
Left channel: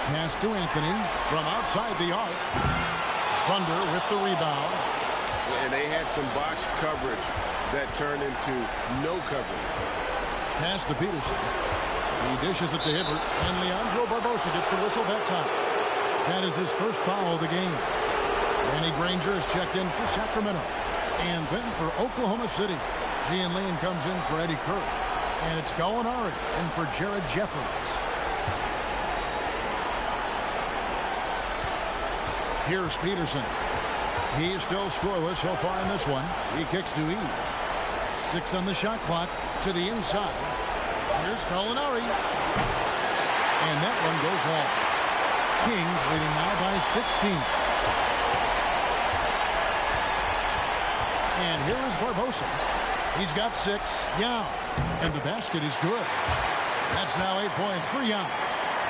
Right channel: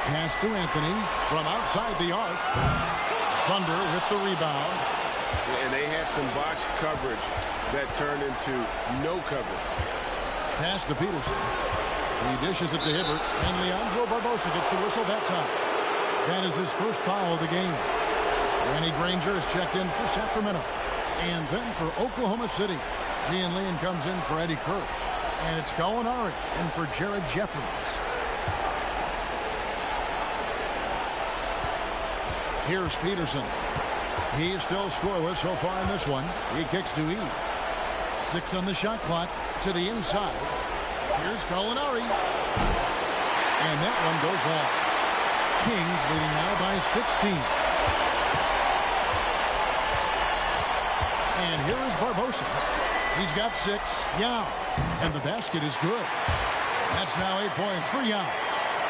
Pass to Anthony from outside the arc. Thunder with the rebound. And they had some botched coverage that turned into no coverage. Pass to Peterson. He dishes it to Hibbert, and Leandro Barbosa gets the whistle that time. That is his first foul of the game. Danny Granger is checked in for Sacramento. And then for Oklahoma City, Gian Leon comes in for Eddie Kerr. And it's Gallinari in for Jared Jeffries. Here's Peterson. He's still scoreless so far in this one. He kicks to E. 6 on the shot clock to the inside. Here's Gallinari. And that one goes long. Kings leading now by 16. And here is Barbosa. He's got 6. Yao. And the basket is good. That's now 8 points for Yao.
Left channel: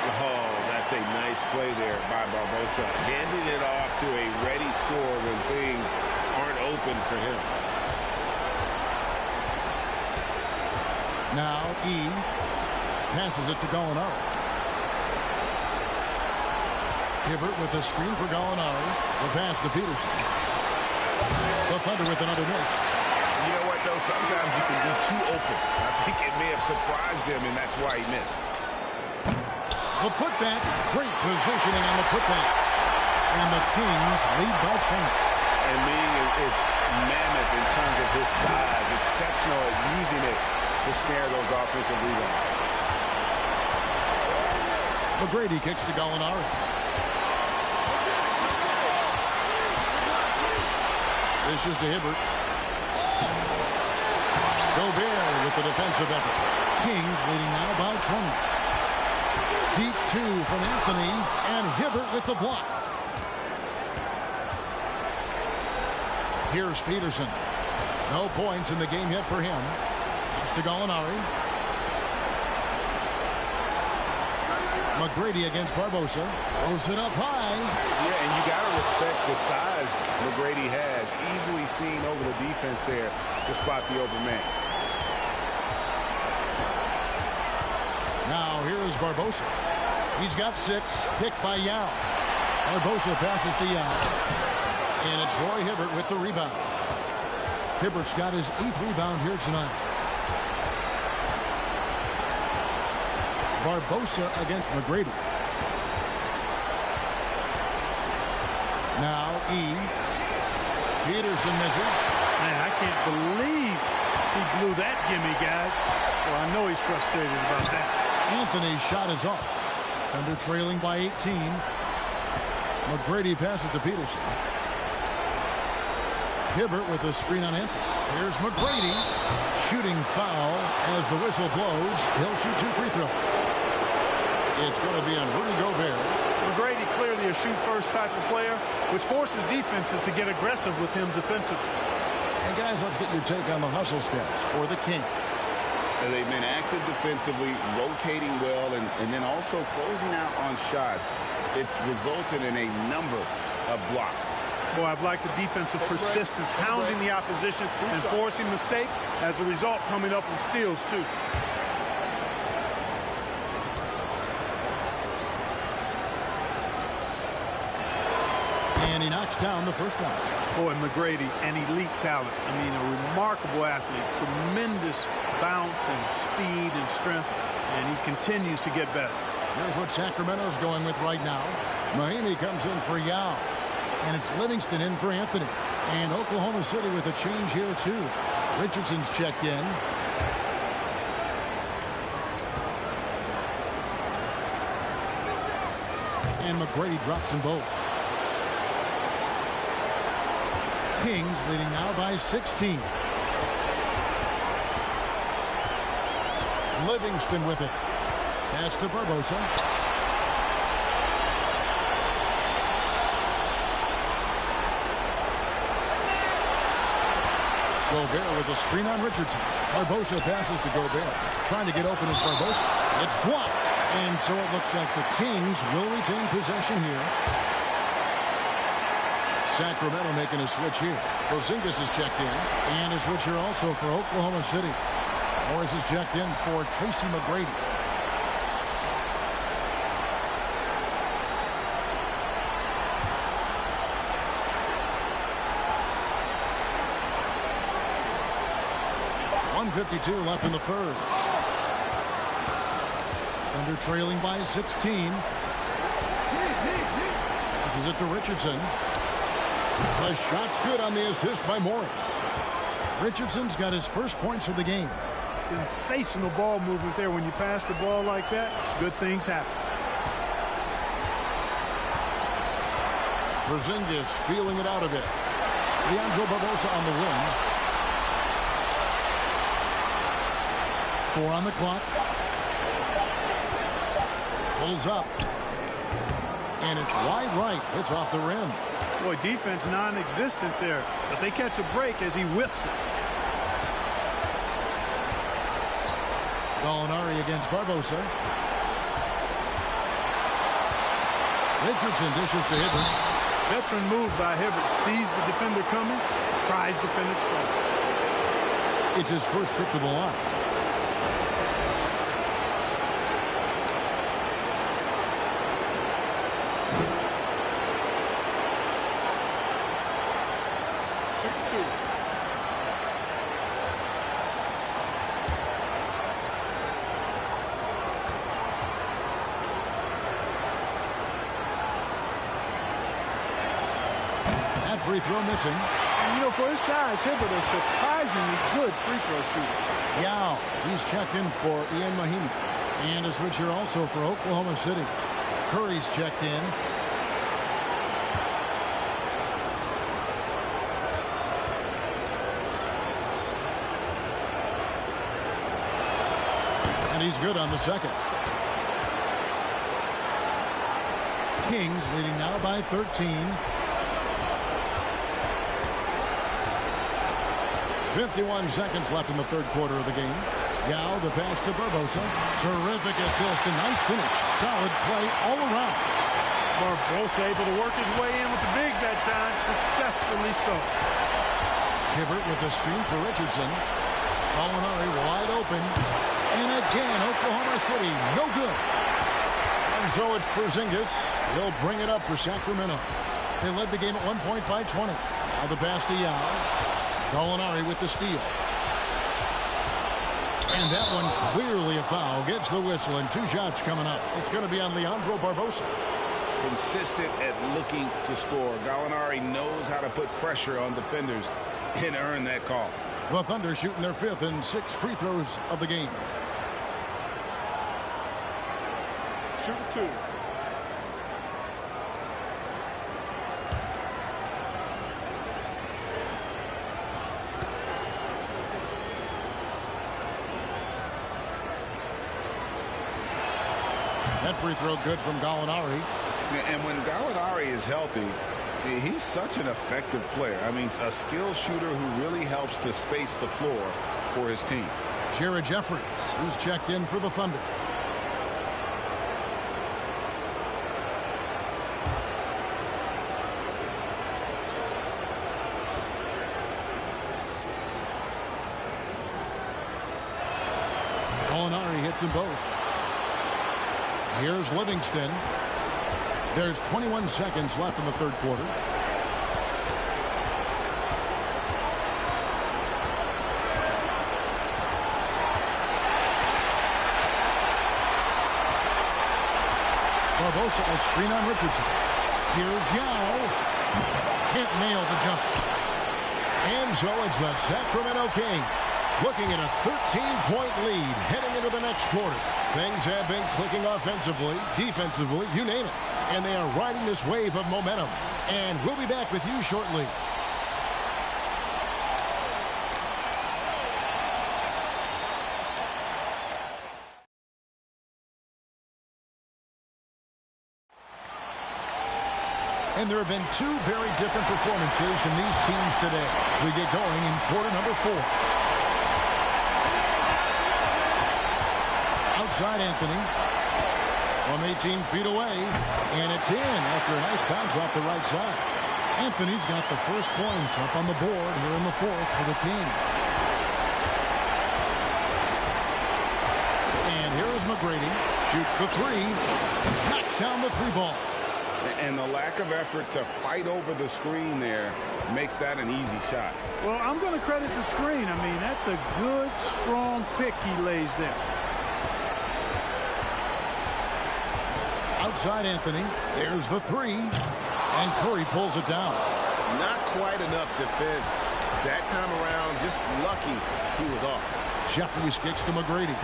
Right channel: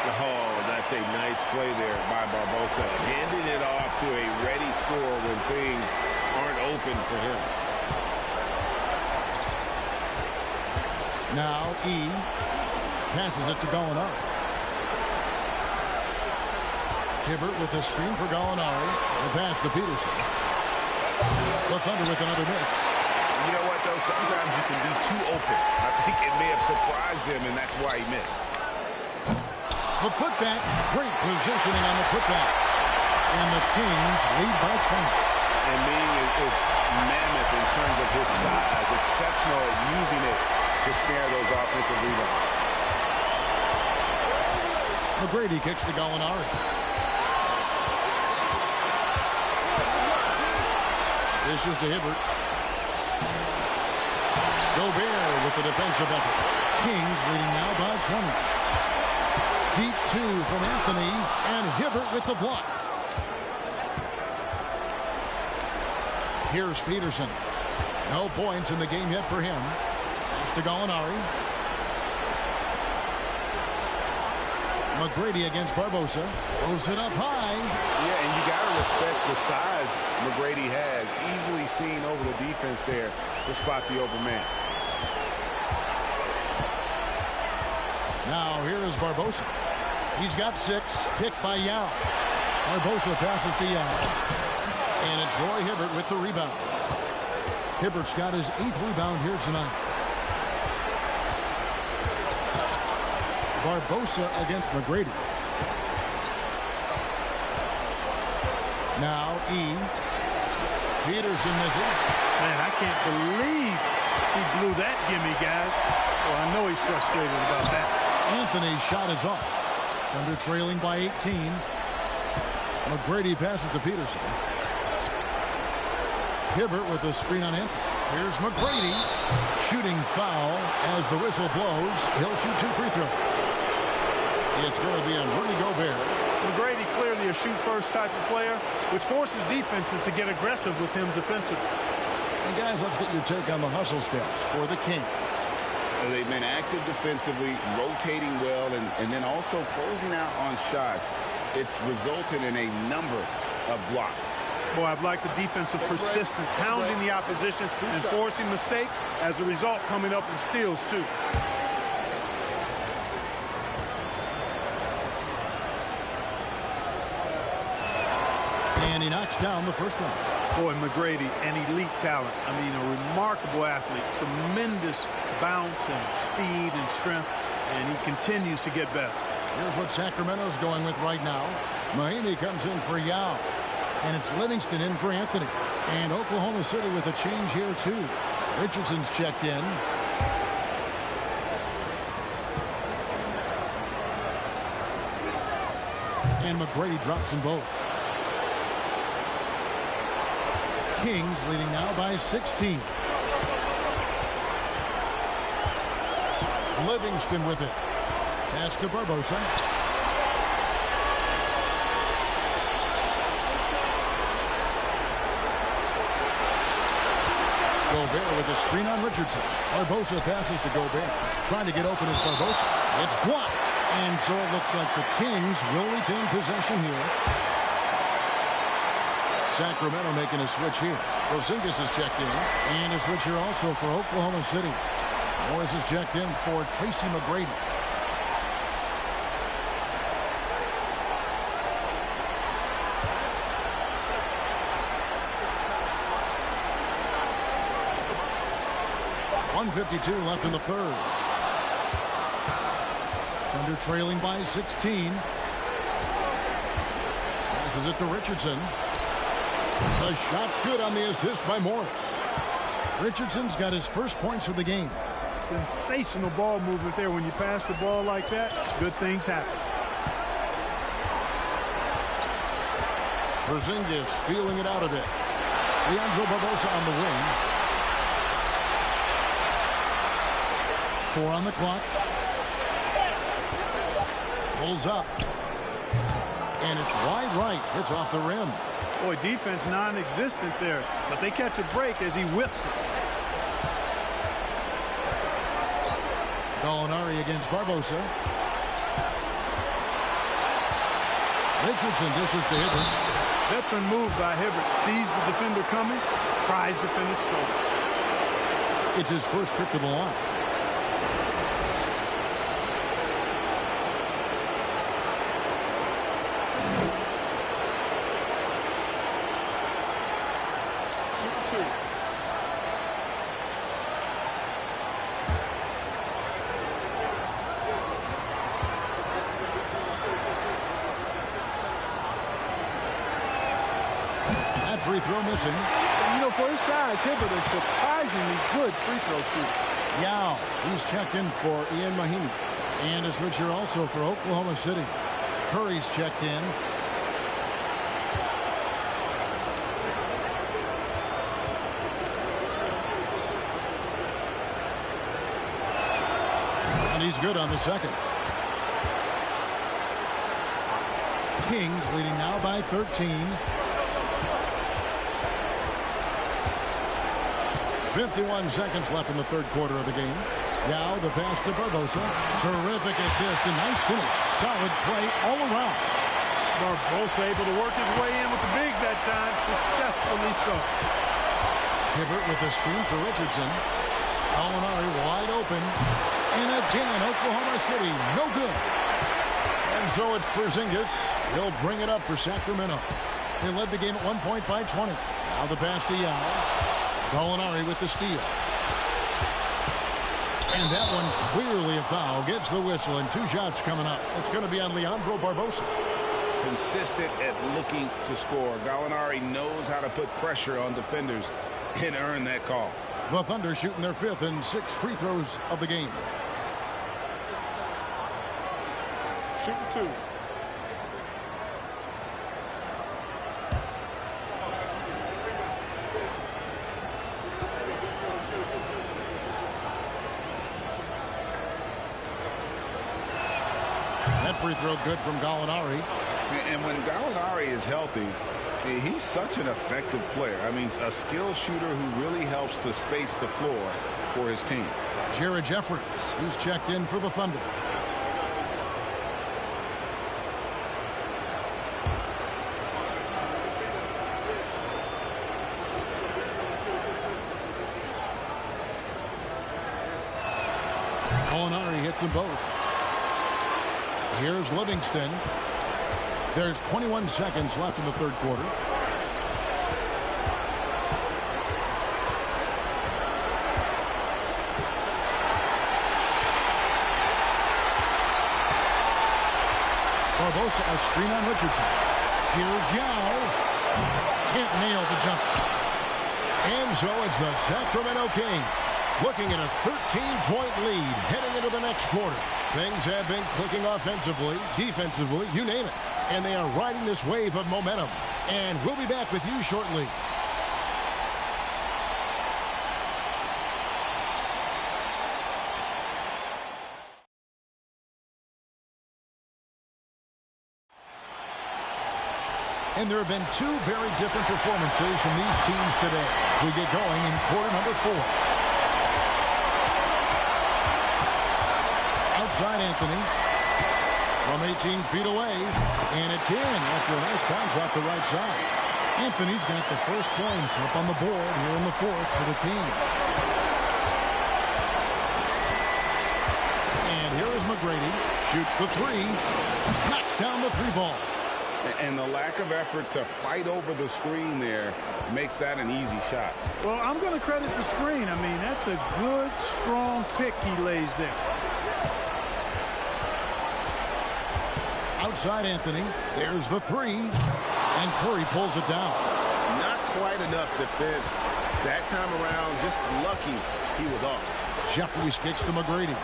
Oh, that's a nice play there by Barbosa. Handing it off to a ready scorer when things aren't open for him. Now E passes it to Gallinari. Hibbert with a screen for Gallinari. The pass to Peterson. The Thunder with another miss. You know what, though? Sometimes you can be too open. I think it may have surprised him, and that's why he missed. The putback. Great positioning on the putback. And the Kings lead by 20. And Ming is mammoth in terms of his size. Exceptional at using it to snare those offensive rebounds. McGrady kicks to Gallinari. This is to Hibbert. Gobert with the defensive effort. Kings leading now by 20. Deep 2 from Anthony, and Hibbert with the block. Here's Peterson. No points in the game yet for him. Pass to Gallinari. McGrady against Barbosa. Throws it up high. Yeah, and you got to respect the size McGrady has. Easily seen over the defense there to spot the open man. Now here is Barbosa. He's got 6. Picked by Yao. Barbosa passes to Yao. And it's Roy Hibbert with the rebound. Hibbert's got his 8th rebound here tonight. Barbosa against McGrady. Now E. Peterson misses. Man, I can't believe he blew that gimme, guys. Well, I know he's frustrated about that. Anthony's shot is off. Thunder trailing by 18. McGrady passes to Peterson. Hibbert with a screen on Anthony. Here's McGrady. Shooting foul as the whistle blows. He'll shoot 2 free throws. It's going to be on Rudy Gobert. McGrady clearly a shoot-first type of player, which forces defenses to get aggressive with him defensively. And guys, let's get your take on the hustle stats for the Kings. They've been active defensively, rotating well, and then also closing out on shots. It's resulted in a number of blocks. Boy, I've liked the defensive persistence, hounding the opposition and forcing mistakes. As a result, coming up with steals, too. And he knocks down the first one. Boy, McGrady, an elite talent. I mean, a remarkable athlete. Tremendous bounce and speed and strength. And he continues to get better. Here's what Sacramento's going with right now. Mahimi comes in for Yao. And it's Livingston in for Anthony. And Oklahoma City with a change here, too. Richardson's checked in. And McGrady drops them both. Kings leading now by 16. Livingston with it. Pass to Barbosa. Gobert with a screen on Richardson. Barbosa passes to Gobert. Trying to get open is Barbosa. It's blocked. And so it looks like the Kings will retain possession here. Sacramento making a switch here. Porzingis is checked in. And a switch here also for Oklahoma City. Morris is checked in for Tracy McGrady. .152 left in the third. Thunder trailing by 16. Passes it to Richardson. The shot's good on the assist by Morris. Richardson's got his first points of the game. Sensational ball movement there. When you pass the ball like that, good things happen. Porzingis feeling it out a bit. Leandro Barbosa on the wing. 4 on the clock. Pulls up. And it's wide right. Hits off the rim. Boy, defense non-existent there. But they catch a break as he whiffs it. Gallinari against Barbosa. Richardson dishes to Hibbert. Veteran move by Hibbert. Sees the defender coming. Tries to finish strong. It's his first trip to the line. Shooting 2. That free throw missing. And, you know, for his size, Hibbert is surprisingly good free throw shooter. Yao, he's checked in for Ian Mahinmi. And a switcher also for Oklahoma City. Curry's checked in. And he's good on the second. Kings leading now by 13. 51 seconds left in the third quarter of the game. Yao, the pass to Barbosa. Terrific assist and nice finish. Solid play all around. Barbosa able to work his way in with the bigs that time. Successfully so. Hibbert with a screen for Richardson. Gallinari wide open. And again, Oklahoma City, no good. And so it's Porzingis. He'll bring it up for Sacramento. They led the game at 1 point by 20. Now the pass to Yao. Gallinari with the steal. And that one clearly a foul. Gets the whistle and 2 shots coming up. It's going to be on Leandro Barbosa. Consistent at looking to score. Gallinari knows how to put pressure on defenders and earn that call. The Thunder shooting their 5th and 6th free throws of the game. Shooting 2. That free throw good from Gallinari. And when Gallinari is healthy, he's such an effective player. I mean, a skilled shooter who really helps to space the floor for his team. Jared Jeffries, who's checked in for the Thunder. Gallinari hits them both. Here's Livingston. There's 21 seconds left in the third quarter. Barbosa, a screen on Richardson. Here's Yao. Can't nail the jump. And so it's the Sacramento Kings looking at a 13-point lead heading into the next quarter. Things have been clicking offensively, defensively, you name it. And they are riding this wave of momentum. And we'll be back with you shortly. And there have been 2 very different performances from these teams today as we get going in quarter number 4. Outside Anthony from 18 feet away, and it's in after a nice bounce off the right side. Anthony's got the first points up on the board here in the 4th for the Kings. And here is McGrady. Shoots the 3. Knocks down the 3 ball. And the lack of effort to fight over the screen there makes that an easy shot. Well, I'm going to credit the screen. I mean, that's a good, strong pick he lays there. Outside Anthony. There's the 3. And Curry pulls it down. Not quite enough defense that time around. Just lucky he was off. Jeffries kicks to McGrady.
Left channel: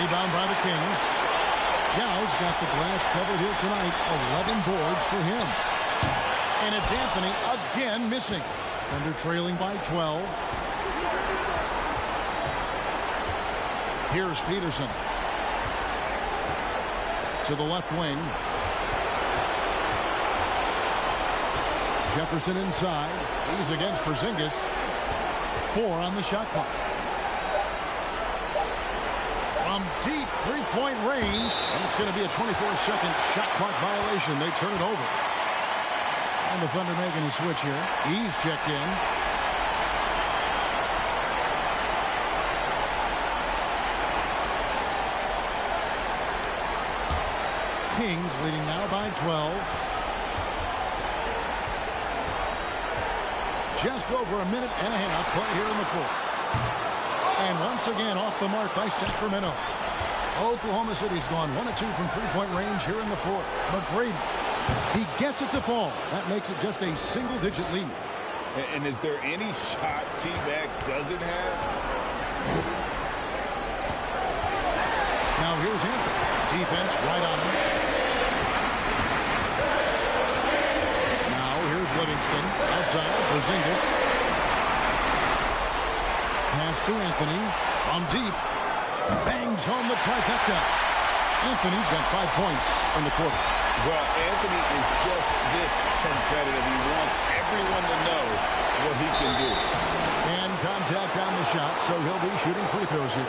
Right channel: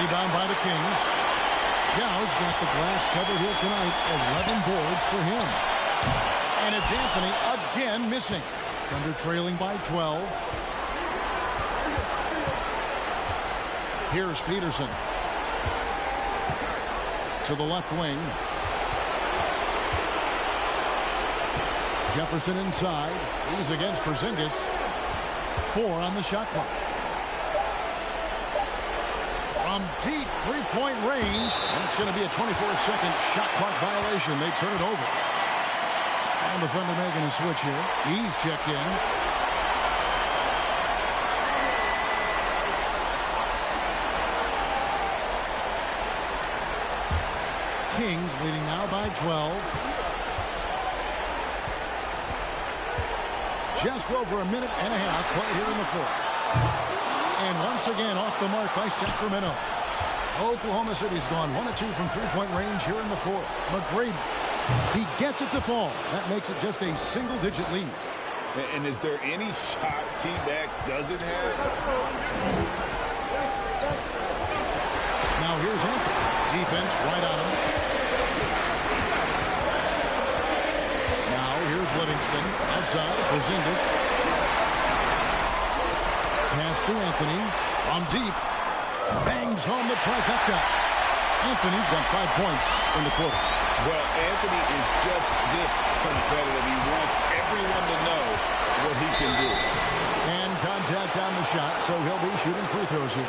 Rebound by the Kings. Yao's got the glass covered here tonight. 11 boards for him. And it's Anthony again missing. Thunder trailing by 12. Here's Peterson. To the left wing. Jefferson inside. He's against Porzingis. 4 on the shot clock. From deep three-point range. And it's going to be a 24-second shot clock violation. They turn it over. And the Thunder making a switch here. He's checked in. Kings leading now by 12. Just over a minute and a half play here in the fourth. And once again off the mark by Sacramento. Oklahoma City's gone 1 of 2 from three-point range here in the fourth. McGrady, he gets it to fall. That makes it just a single-digit lead. And is there any shot T-Mac doesn't have? Now here's Anthony. Defense right on him. Now here's Livingston. Outside, Porzingis. Pass to Anthony. From deep. Bangs home the trifecta. Anthony's got 5 points in the quarter. Well, Anthony is just this competitive. He wants everyone to know what he can do. And contact on the shot, so he'll be shooting free throws here.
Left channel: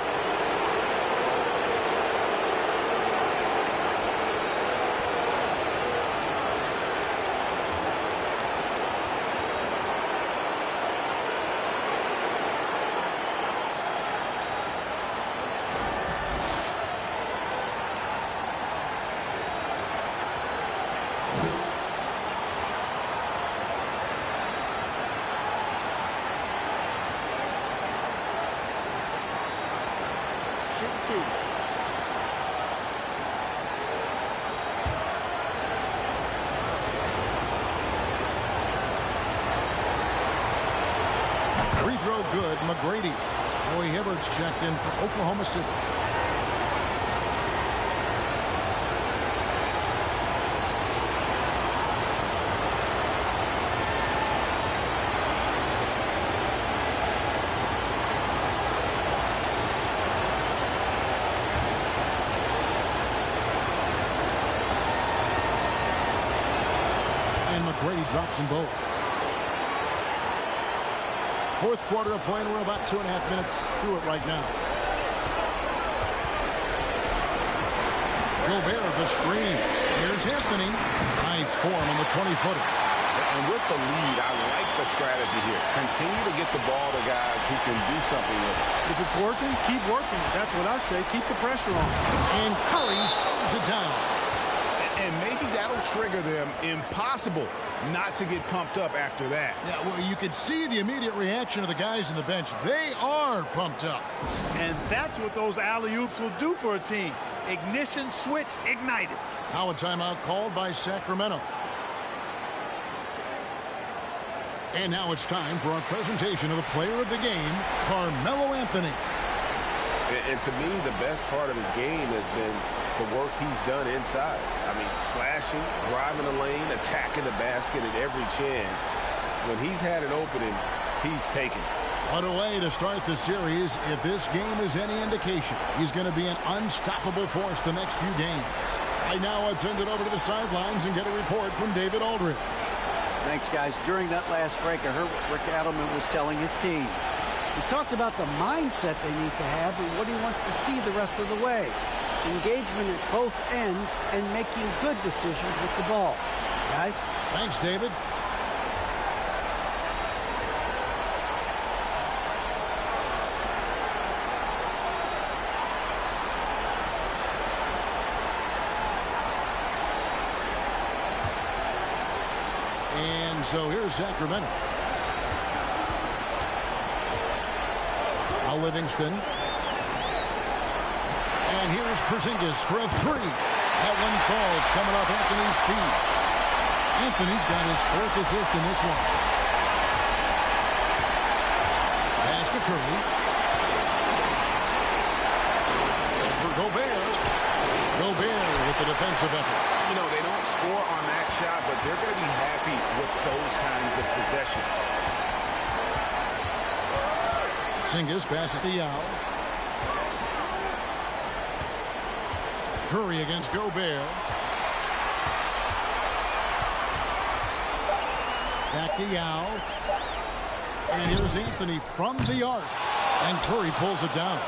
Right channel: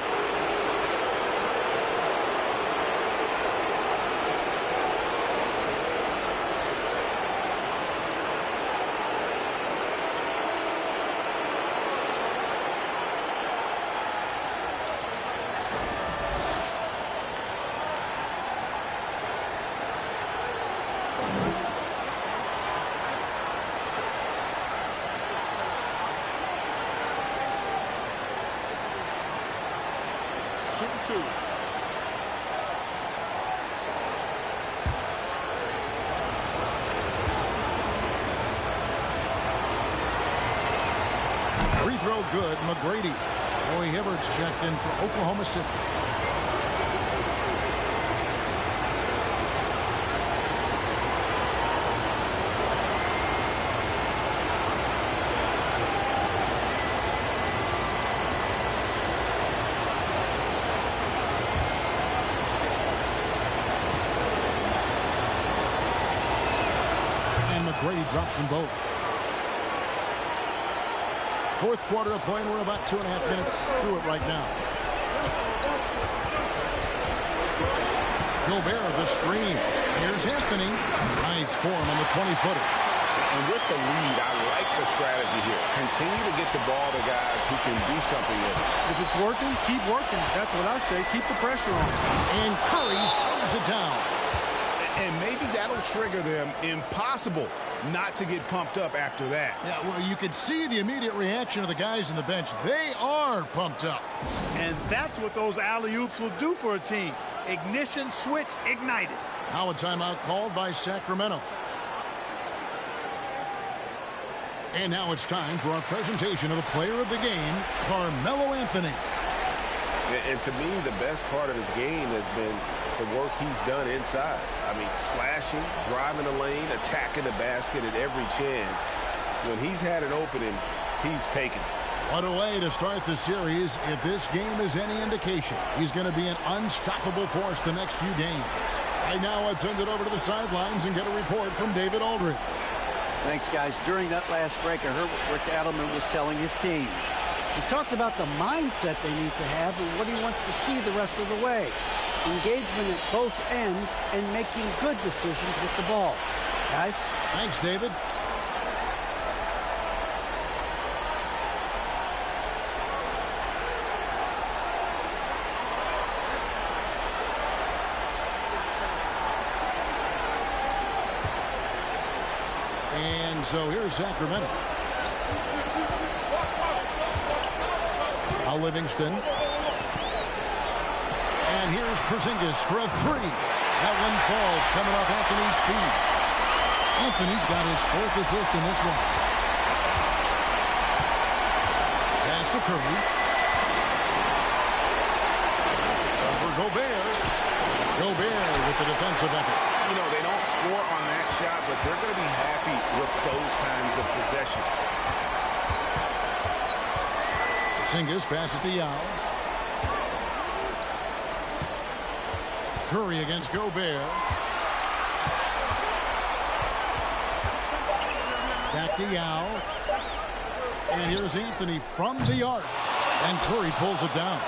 Shooting 2. Free throw good. McGrady. Roy Hibbert's checked in for Oklahoma City. And McGrady drops them both. Fourth quarter of play, and we're about 2.5 minutes through it right now. Gobert the screen. Here's Anthony. Nice form on the 20-footer. And with the lead, I like the strategy here. Continue to get the ball to guys who can do something with it. If it's working, keep working it. That's what I say. Keep the pressure on. And Curry throws it down. And maybe that'll trigger them. Impossible not to get pumped up after that. Yeah, well, you could see the immediate reaction of the guys in the bench. They are pumped up. And that's what those alley-oops will do for a team. Ignition, switch, ignited. Now a timeout called by Sacramento. And now it's time for our presentation of the player of the game, Carmelo Anthony. And to me, the best part of his game has been the work he's done inside. I mean, slashing, driving the lane, attacking the basket at every chance. When he's had an opening, he's taken it. What a way to start the series. If this game is any indication, he's going to be an unstoppable force the next few games. Right now, let's send it over to the sidelines and get a report from David Aldridge. Thanks, guys. During that last break, I heard what Rick Adelman was telling his team. He talked about the mindset they need to have and what he wants to see the rest of the way. Engagement at both ends and making good decisions with the ball. Guys? Thanks, David. And so here's Sacramento. Now Livingston. And here's Porzingis for a three. That one falls coming off Anthony's feet. Anthony's got his 4th assist in this one. Pass to Curry. Over Gobert. Gobert with the defensive effort. You know, they don't score on that shot, but they're going to be happy with those kinds of possessions. Porzingis passes to Yao. Curry against Gobert. Back to Yao. And here's Anthony from the arc. And Curry pulls it down.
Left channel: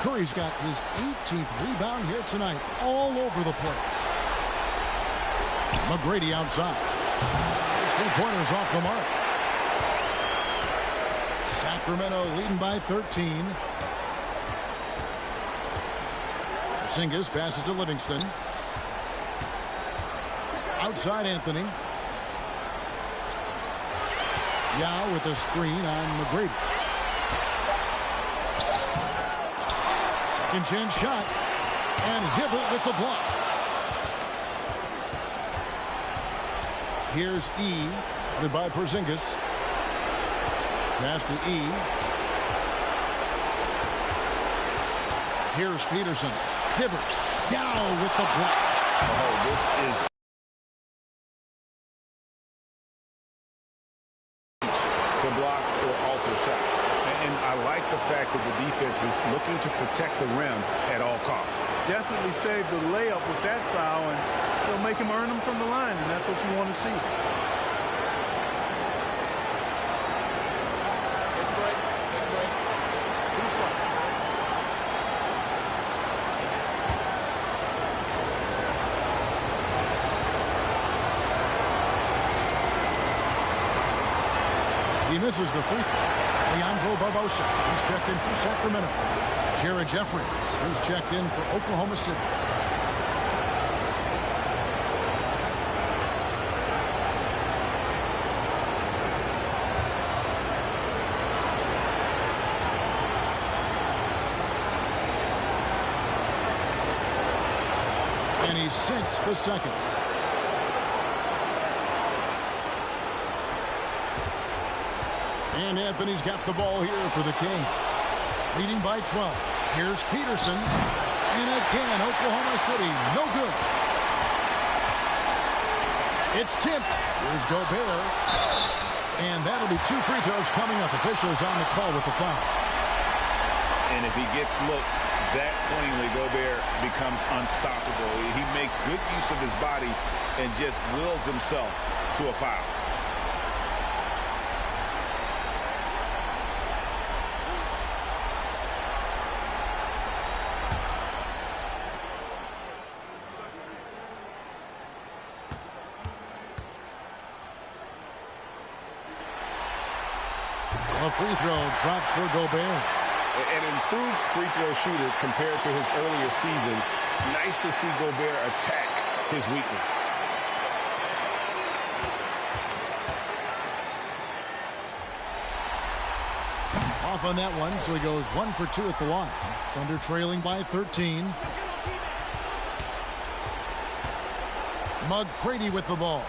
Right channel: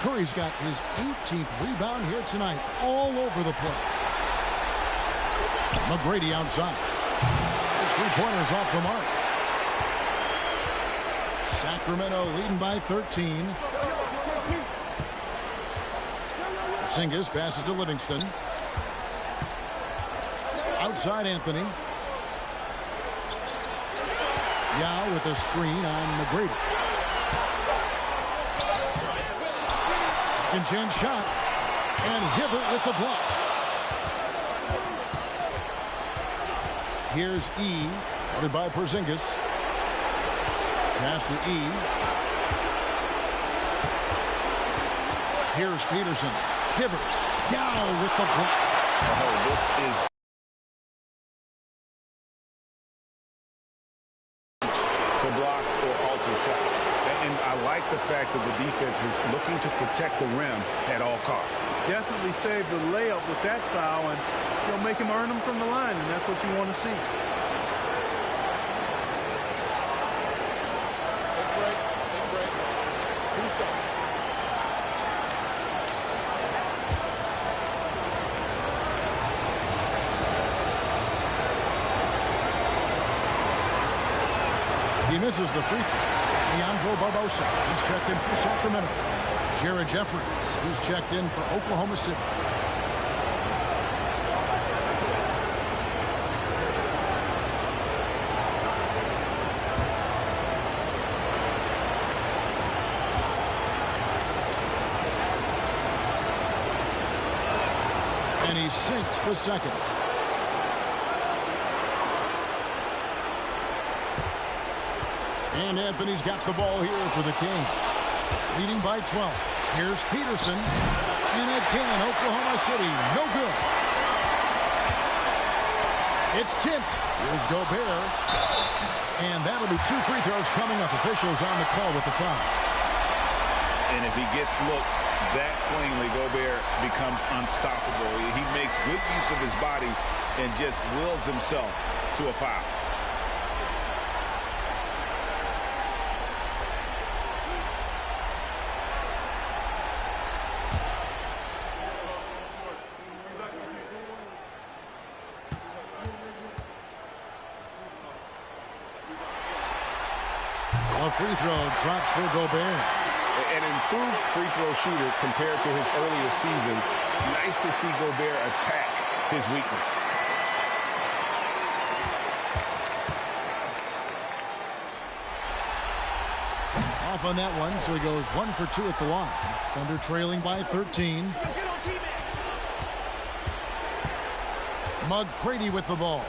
Curry's got his 18th rebound here tonight, all over the place. McGrady outside. His three-pointers off the mark. Sacramento leading by 13. Porzingis passes to Livingston. Outside Anthony. Yao with a screen on McGrady. Second chance shot. And Hibbert with the block. Here's E. Guarded by Porzingis. Pass to E. Here's Peterson. Hibbert. Yao with the block. Oh, this is to block or alter shots. And I like the fact that the defense is looking to protect the rim at all costs. Definitely saved the layup with that foul, and he'll make him earn them from the line, and that's what you want to see. Take a break. Take a break. 2 shots. He misses the free throw. Leandro Barbosa, he's checked in for Sacramento. Jared Jeffries, he's checked in for Oklahoma City. And he sinks the second. And Anthony's got the ball here for the Kings. Leading by 12. Here's Peterson. And again, Oklahoma City, no good. It's tipped. Here's Gobert. And that'll be 2 free throws coming up. Officials on the call with the foul. And if he gets looks that cleanly, Gobert becomes unstoppable. He makes good use of his body and just wills himself to a foul. A free throw drops for Gobert. An improved free throw shooter compared to his earlier seasons. Nice to see Gobert attack his weakness. Off on that one, so he goes 1 for 2 at the line. Thunder trailing by 13. McGrady with the ball.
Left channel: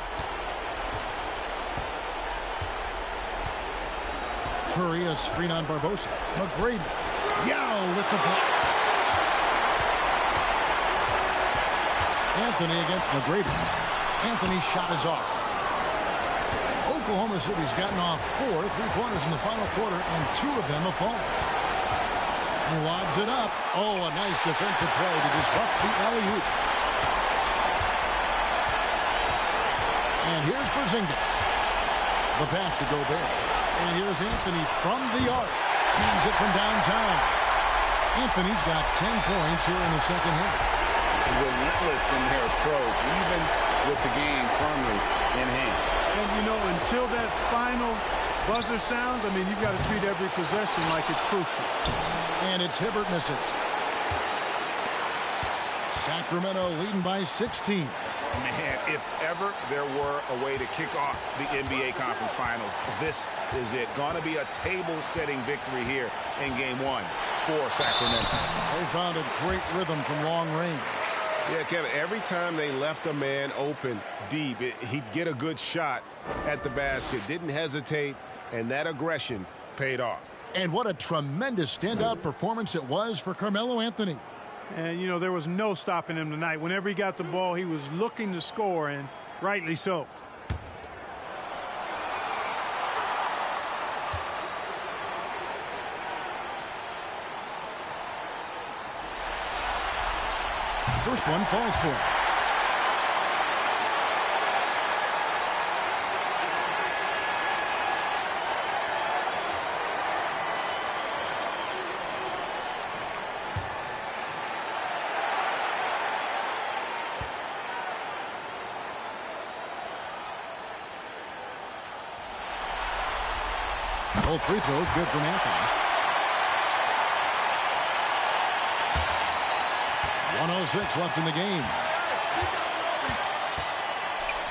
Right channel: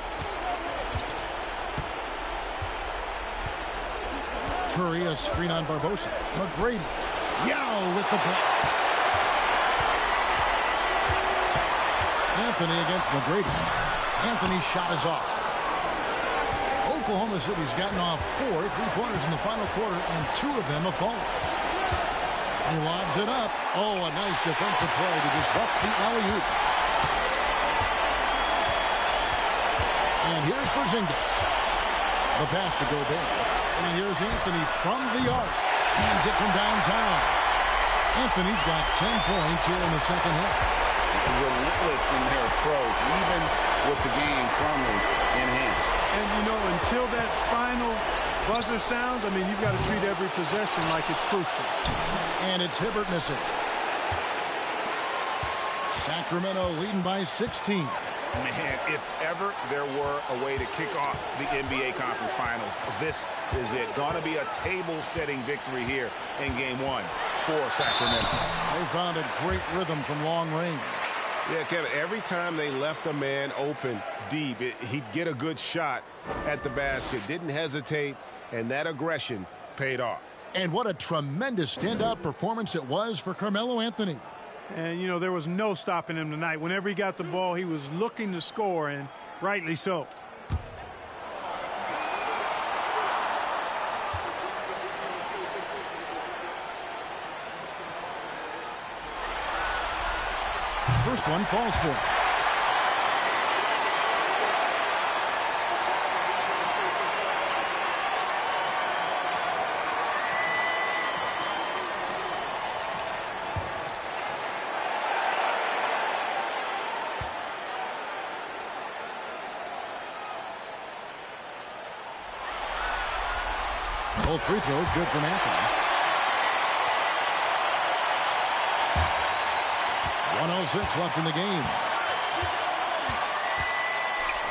Curry, a screen on Barbosa. McGrady. Yao with the block. Anthony against McGrady. Anthony's shot is off. Oklahoma City's gotten off 4 3-pointers in the final quarter, and 2 of them have fallen. He lobs it up. Oh, a nice defensive play to disrupt the alley-oop. And here's Porzingis. The pass to Gobert. And here's Anthony from the arc. Cans it from downtown. Anthony's got 10 points here in the second half. Relentless in their approach, even with the game firmly in hand. And, you know, until that final buzzer sounds, I mean, you've got to treat every possession like it's crucial. And it's Hibbert missing. Sacramento leading by 16. Man, if ever there were a way to kick off the NBA Conference Finals, this is it. Going to be a table-setting victory here in Game 1 for Sacramento. They found a great rhythm from long range. Yeah, Kevin, every time they left a man open deep, he'd get a good shot at the basket. Didn't hesitate, and that aggression paid off. And what a tremendous standout performance it was for Carmelo Anthony. And, you know, there was no stopping him tonight. Whenever he got the ball, he was looking to score, and rightly so. first one falls for him. Both free throws good from Anthony. 1:06 left in the game.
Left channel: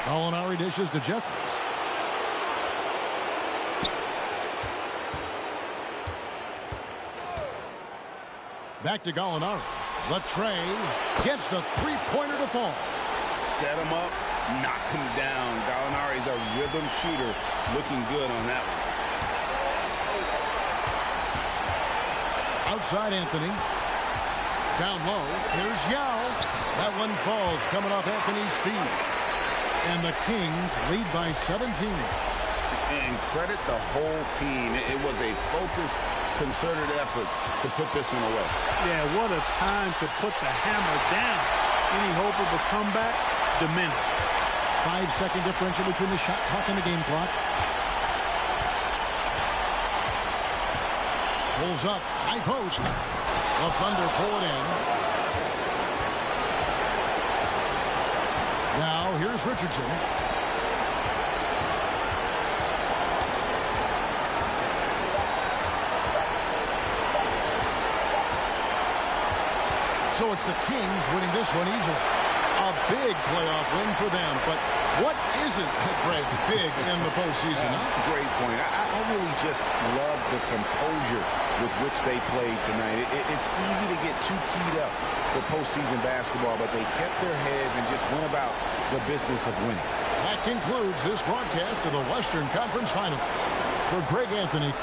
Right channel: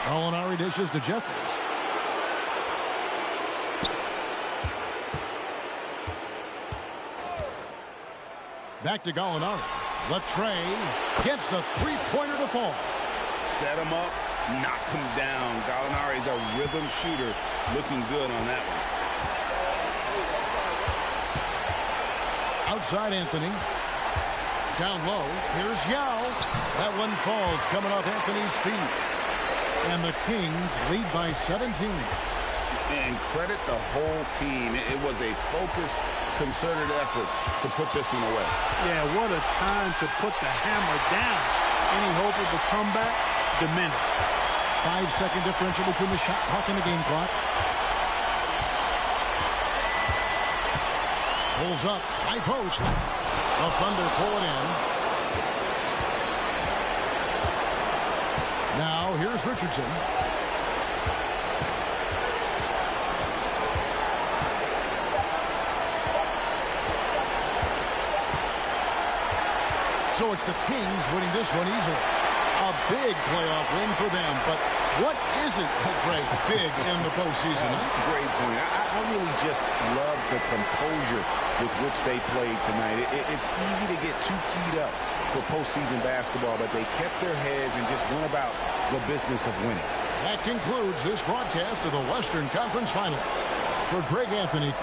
Gallinari dishes to Jeffries. Back to Gallinari. The tray gets the three-pointer to fall. Set him up, knock him down. Gallinari's a rhythm shooter, looking good on that one. Outside Anthony. Down low. Here's Yao. That one falls coming off Anthony's feet. And the Kings lead by 17. And credit the whole team. It was a focused, concerted effort to put this one away. Yeah, what a time to put the hammer down. Any hope of a comeback diminished. 5-second differential between the shot clock and the game clock. Pulls up, high post. The Thunder pull it in. Now here's Richardson. So it's the Kings winning this one easily. A big playoff win for them, but what isn't Greg big in the postseason? Huh? Great point. I really just love the composure with which they played tonight. It's easy to get too keyed up for postseason basketball, but they kept their heads and just went about the business of winning. That concludes this broadcast of the Western Conference Finals. For Greg Anthony.